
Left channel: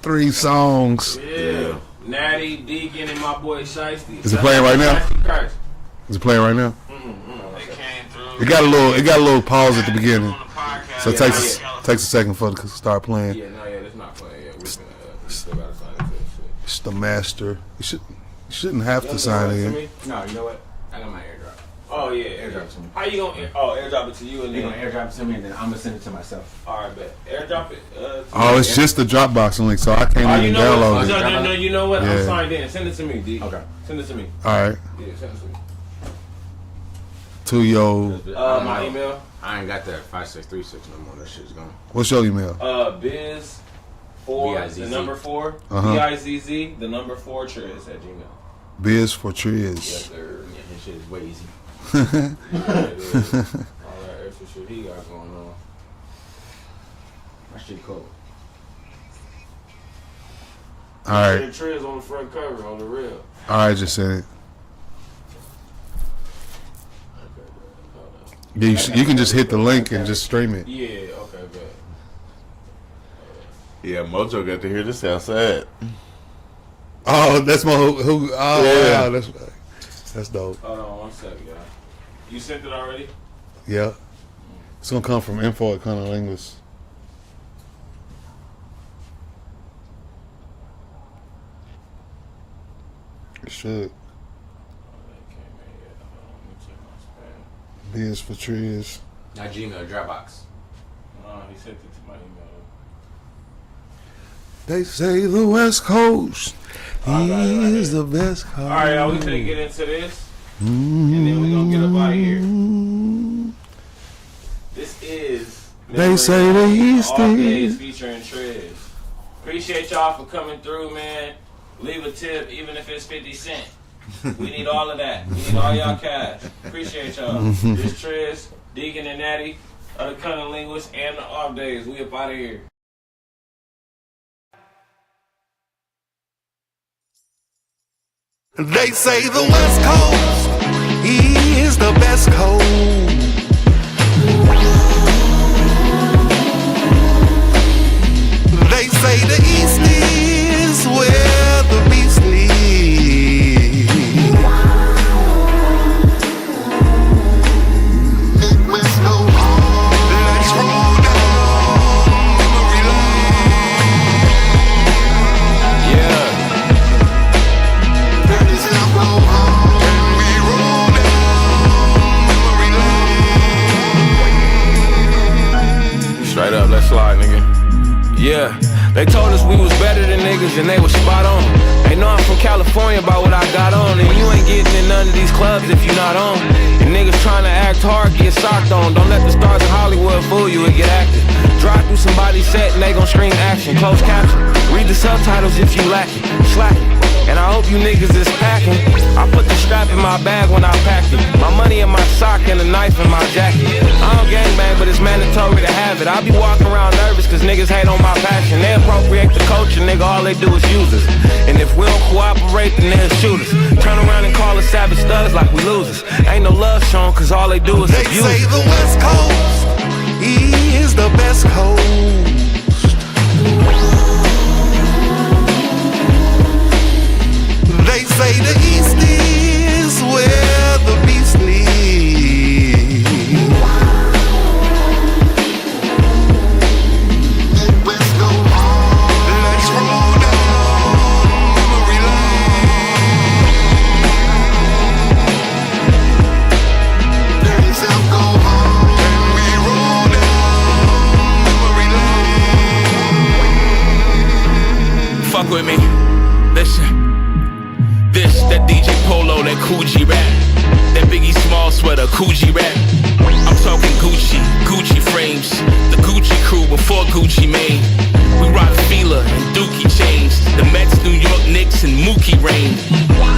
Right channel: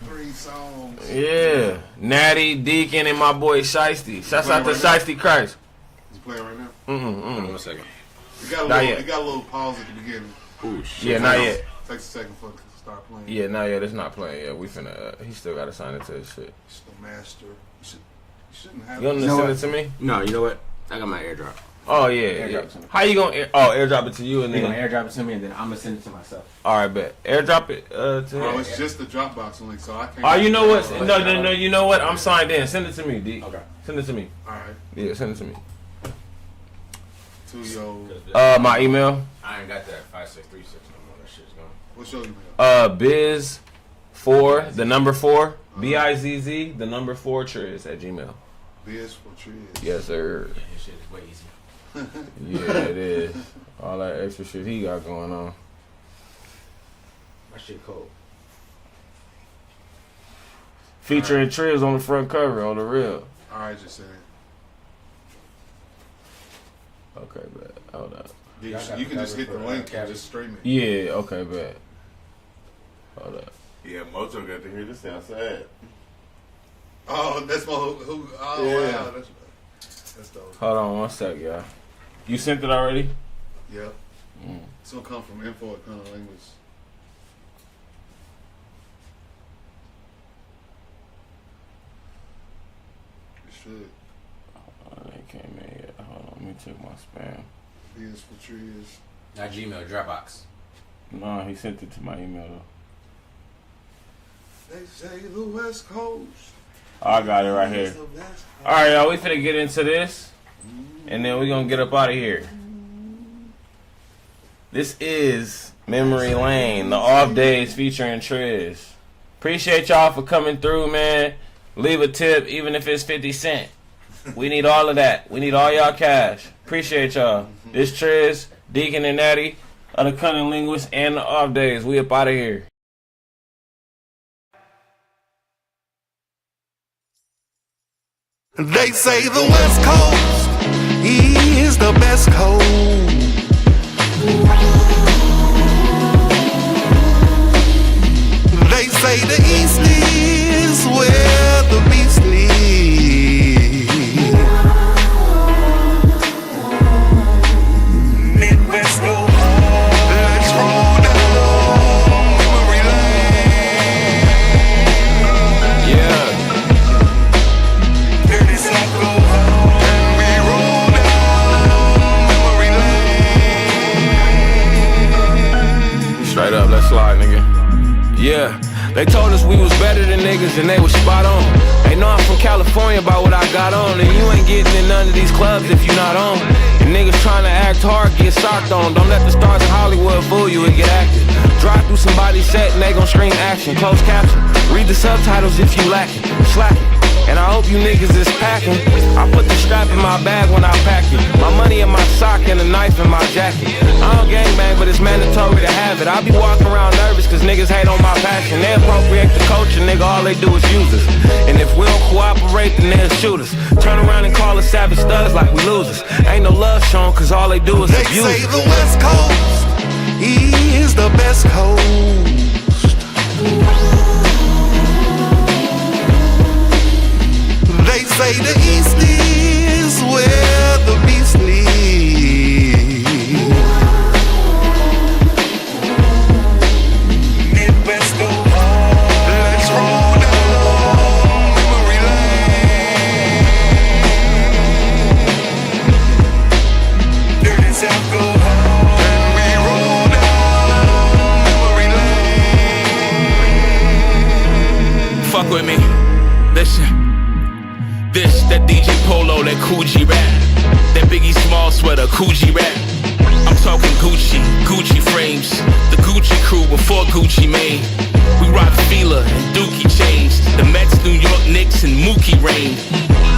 three songs. Yeah. Natti, Deacon, and my boy Shiesty. Is it playing right now? Shiesty Christ. Is it playing right now? It got a little pause at the beginning, so it Yeah, takes a second for it to start playing. Yeah, not yet. It's not playing yet. We finna. He still gotta sign into this shit. It's the master. You should. shouldn't have You to send sign it to in. me? No, you know what? I got my airdrop. Oh yeah. Airdrop it to me. How you gonna? Airdrop it to you and They're then. gonna airdrop it to me, and then I'm gonna send it to myself. All right, bet. Airdrop it. To Oh, it's just the Dropbox link, so I can't Oh, even you know what? download No, it. no, no. You know what? I'm Yeah. signed in. Send it to me, D. Okay. Send it to me. All right, Yeah, send it to me. to your My email. I ain't got that 5636 no more. That shit's gone. what's your email? Biz 4 the number 4 Uh-huh. BIZZ the number 4 Triz at Gmail. Biz for Triz. Yes, sir. Yeah, this shit is way easy. Yeah, it is. All that extra shit he got going on. That shit cold. Featuring Triz on the front cover on the real. All right, just said it. Okay, bet. Hold up. Yeah, you can just hit the link and just stream it. Yeah. Okay, bet. Hold up. Yeah, Mojo got to hear this outside. Oh, that's my who. Oh, Yeah. wow, that's dope. Hold on 1 sec, y'all. You sent it already? Yeah, it's gonna come from info at CunninLynguists. It should. Oh, it came in yet. Hold on, let me check my spam. Biz for Triz. Not Gmail, Dropbox. No, he sent it to my email. They say the West Coast I got it right is here. the best coast. All right, now we finna get into this, and then we gonna get up out of here. This is Memory say Lane, the he's off the- days featuring Triz. Appreciate y'all for coming through, man. Leave a tip, even if it's 50 cents. We need all of that. We need all y'all cash. Appreciate y'all. This Triz, Deacon, and Natti of the CunninLynguists and the off days. We up out of here. They say the West Coast is the best coast. They say the East is where the beast lives. Midwest go hard. Let's roll down memory lane. Yeah. Dirty South go hard. And we roll down memory lane. Straight up, let's slide, nigga. Yeah, they told us we was better than niggas and they was spot on. They know I'm from California by what I got on, and you ain't getting in none of these clubs if you not on. And niggas trying to act hard, get socked on. Don't let the stars of Hollywood fool you and get active. Drive through somebody's set and they gon' scream action, closed caption. Read the subtitles if you lacking, slacking. And I hope you niggas is packing. I put the strap in my bag when I packed it. My money in my sock and a knife in my jacket. I don't gangbang, but it's mandatory to have it. I be walking around nervous cause niggas hate on my passion. They appropriate the culture, nigga, all they do is use us. And if we don't cooperate, then they'll shoot us. Turn around and call us savage thugs like we losers. Ain't no love shown cause all they do is They abuse say us. the West Coast is the best coast. They say the East is where the beast lives. Midwest go hard. Let's roll down memory lane. Dirty South go hard. And we roll down memory lane. Fuck with me. Listen. This, that DJ Polo, that Coogee rap. That Biggie Small sweater, Coogee rap. I'm talking Gucci, Gucci frames. The Gucci crew before Gucci Mane. We rock Fila and Dookie chains. The Mets, New York Knicks, and Mookie reign.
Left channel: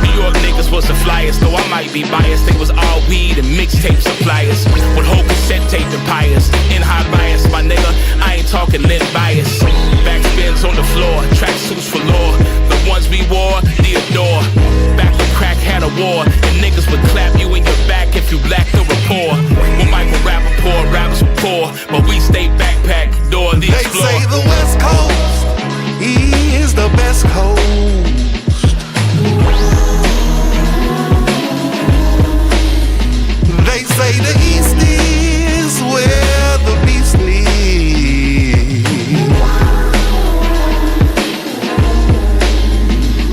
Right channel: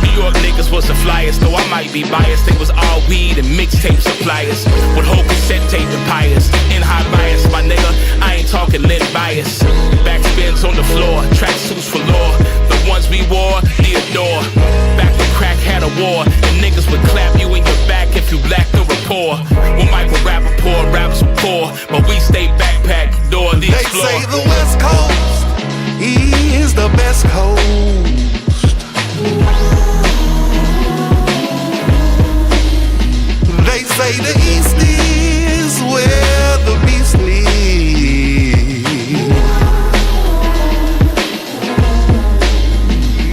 New York niggas was the flyers, though I might be biased. They was all weed and mixtape suppliers. With whole cassette tape empires. In high bias, my nigga, I ain't talking Lynn bias. Backspins on the floor, tracksuits for law. The ones we wore, Theodore. Back when crack had a war, and niggas would clap you in your back if you lacked the rapport. When Michael Rappaport, rappers were poor, but we stay backpack, door the They explore. say the West Coast is the best coast. They say the East is where the beast lives.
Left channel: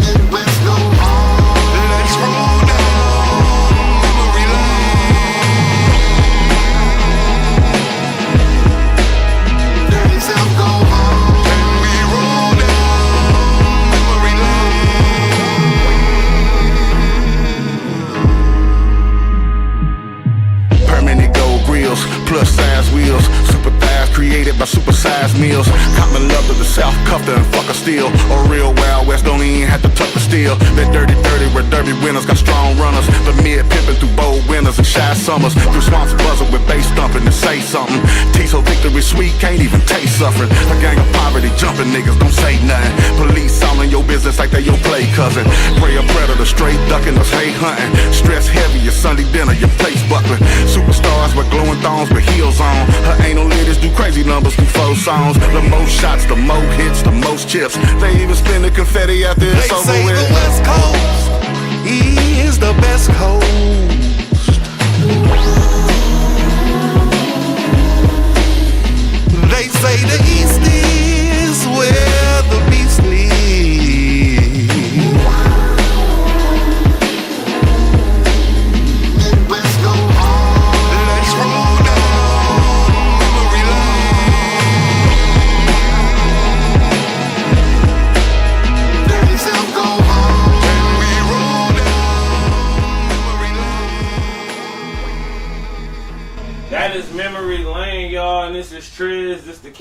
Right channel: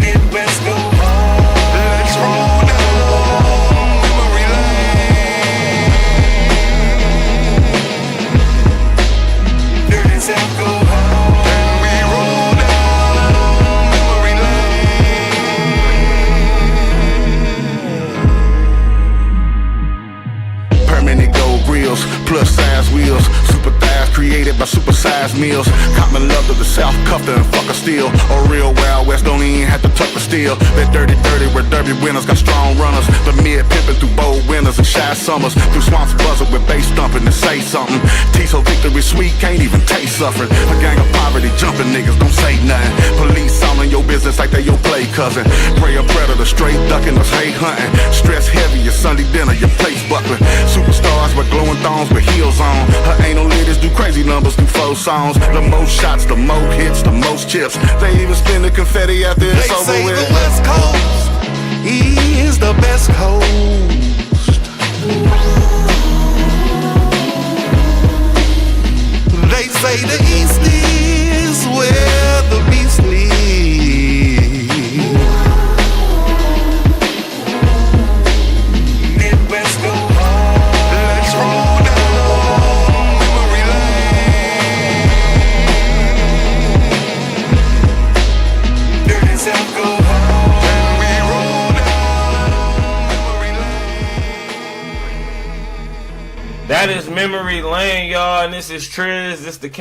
Midwest go hard. size meals. Common love to the South, cuffed her and fuck her still. A real Wild West, don't even have to tuck the steel. That dirty where derby winners got strong runners. The mid pimping through bold winters and shy summers. Through swamps buzzing with bass thumping to say something. Tiso victory sweet, can't even taste suffering. A gang of poverty jumping niggas, don't say nothing. Police all in your business like they your play cousin. Prey a predator, straight ducking us, hate hunting. Stress heavy, your Sunday dinner, your plates buckling. Superstars with glowing thongs with heels on. Her anal ladies do crazy numbers through 4 songs. The most shots, the most hits, the most chips. They even spin the confetti after it's over They say with. the West Coast is the best coast. They say the East is where the beast lives. Midwest go on. Let's roll down memory lane. Dirty South go on. And we roll down memory lane. That is Memory Lane, y'all, and this is Triz. This the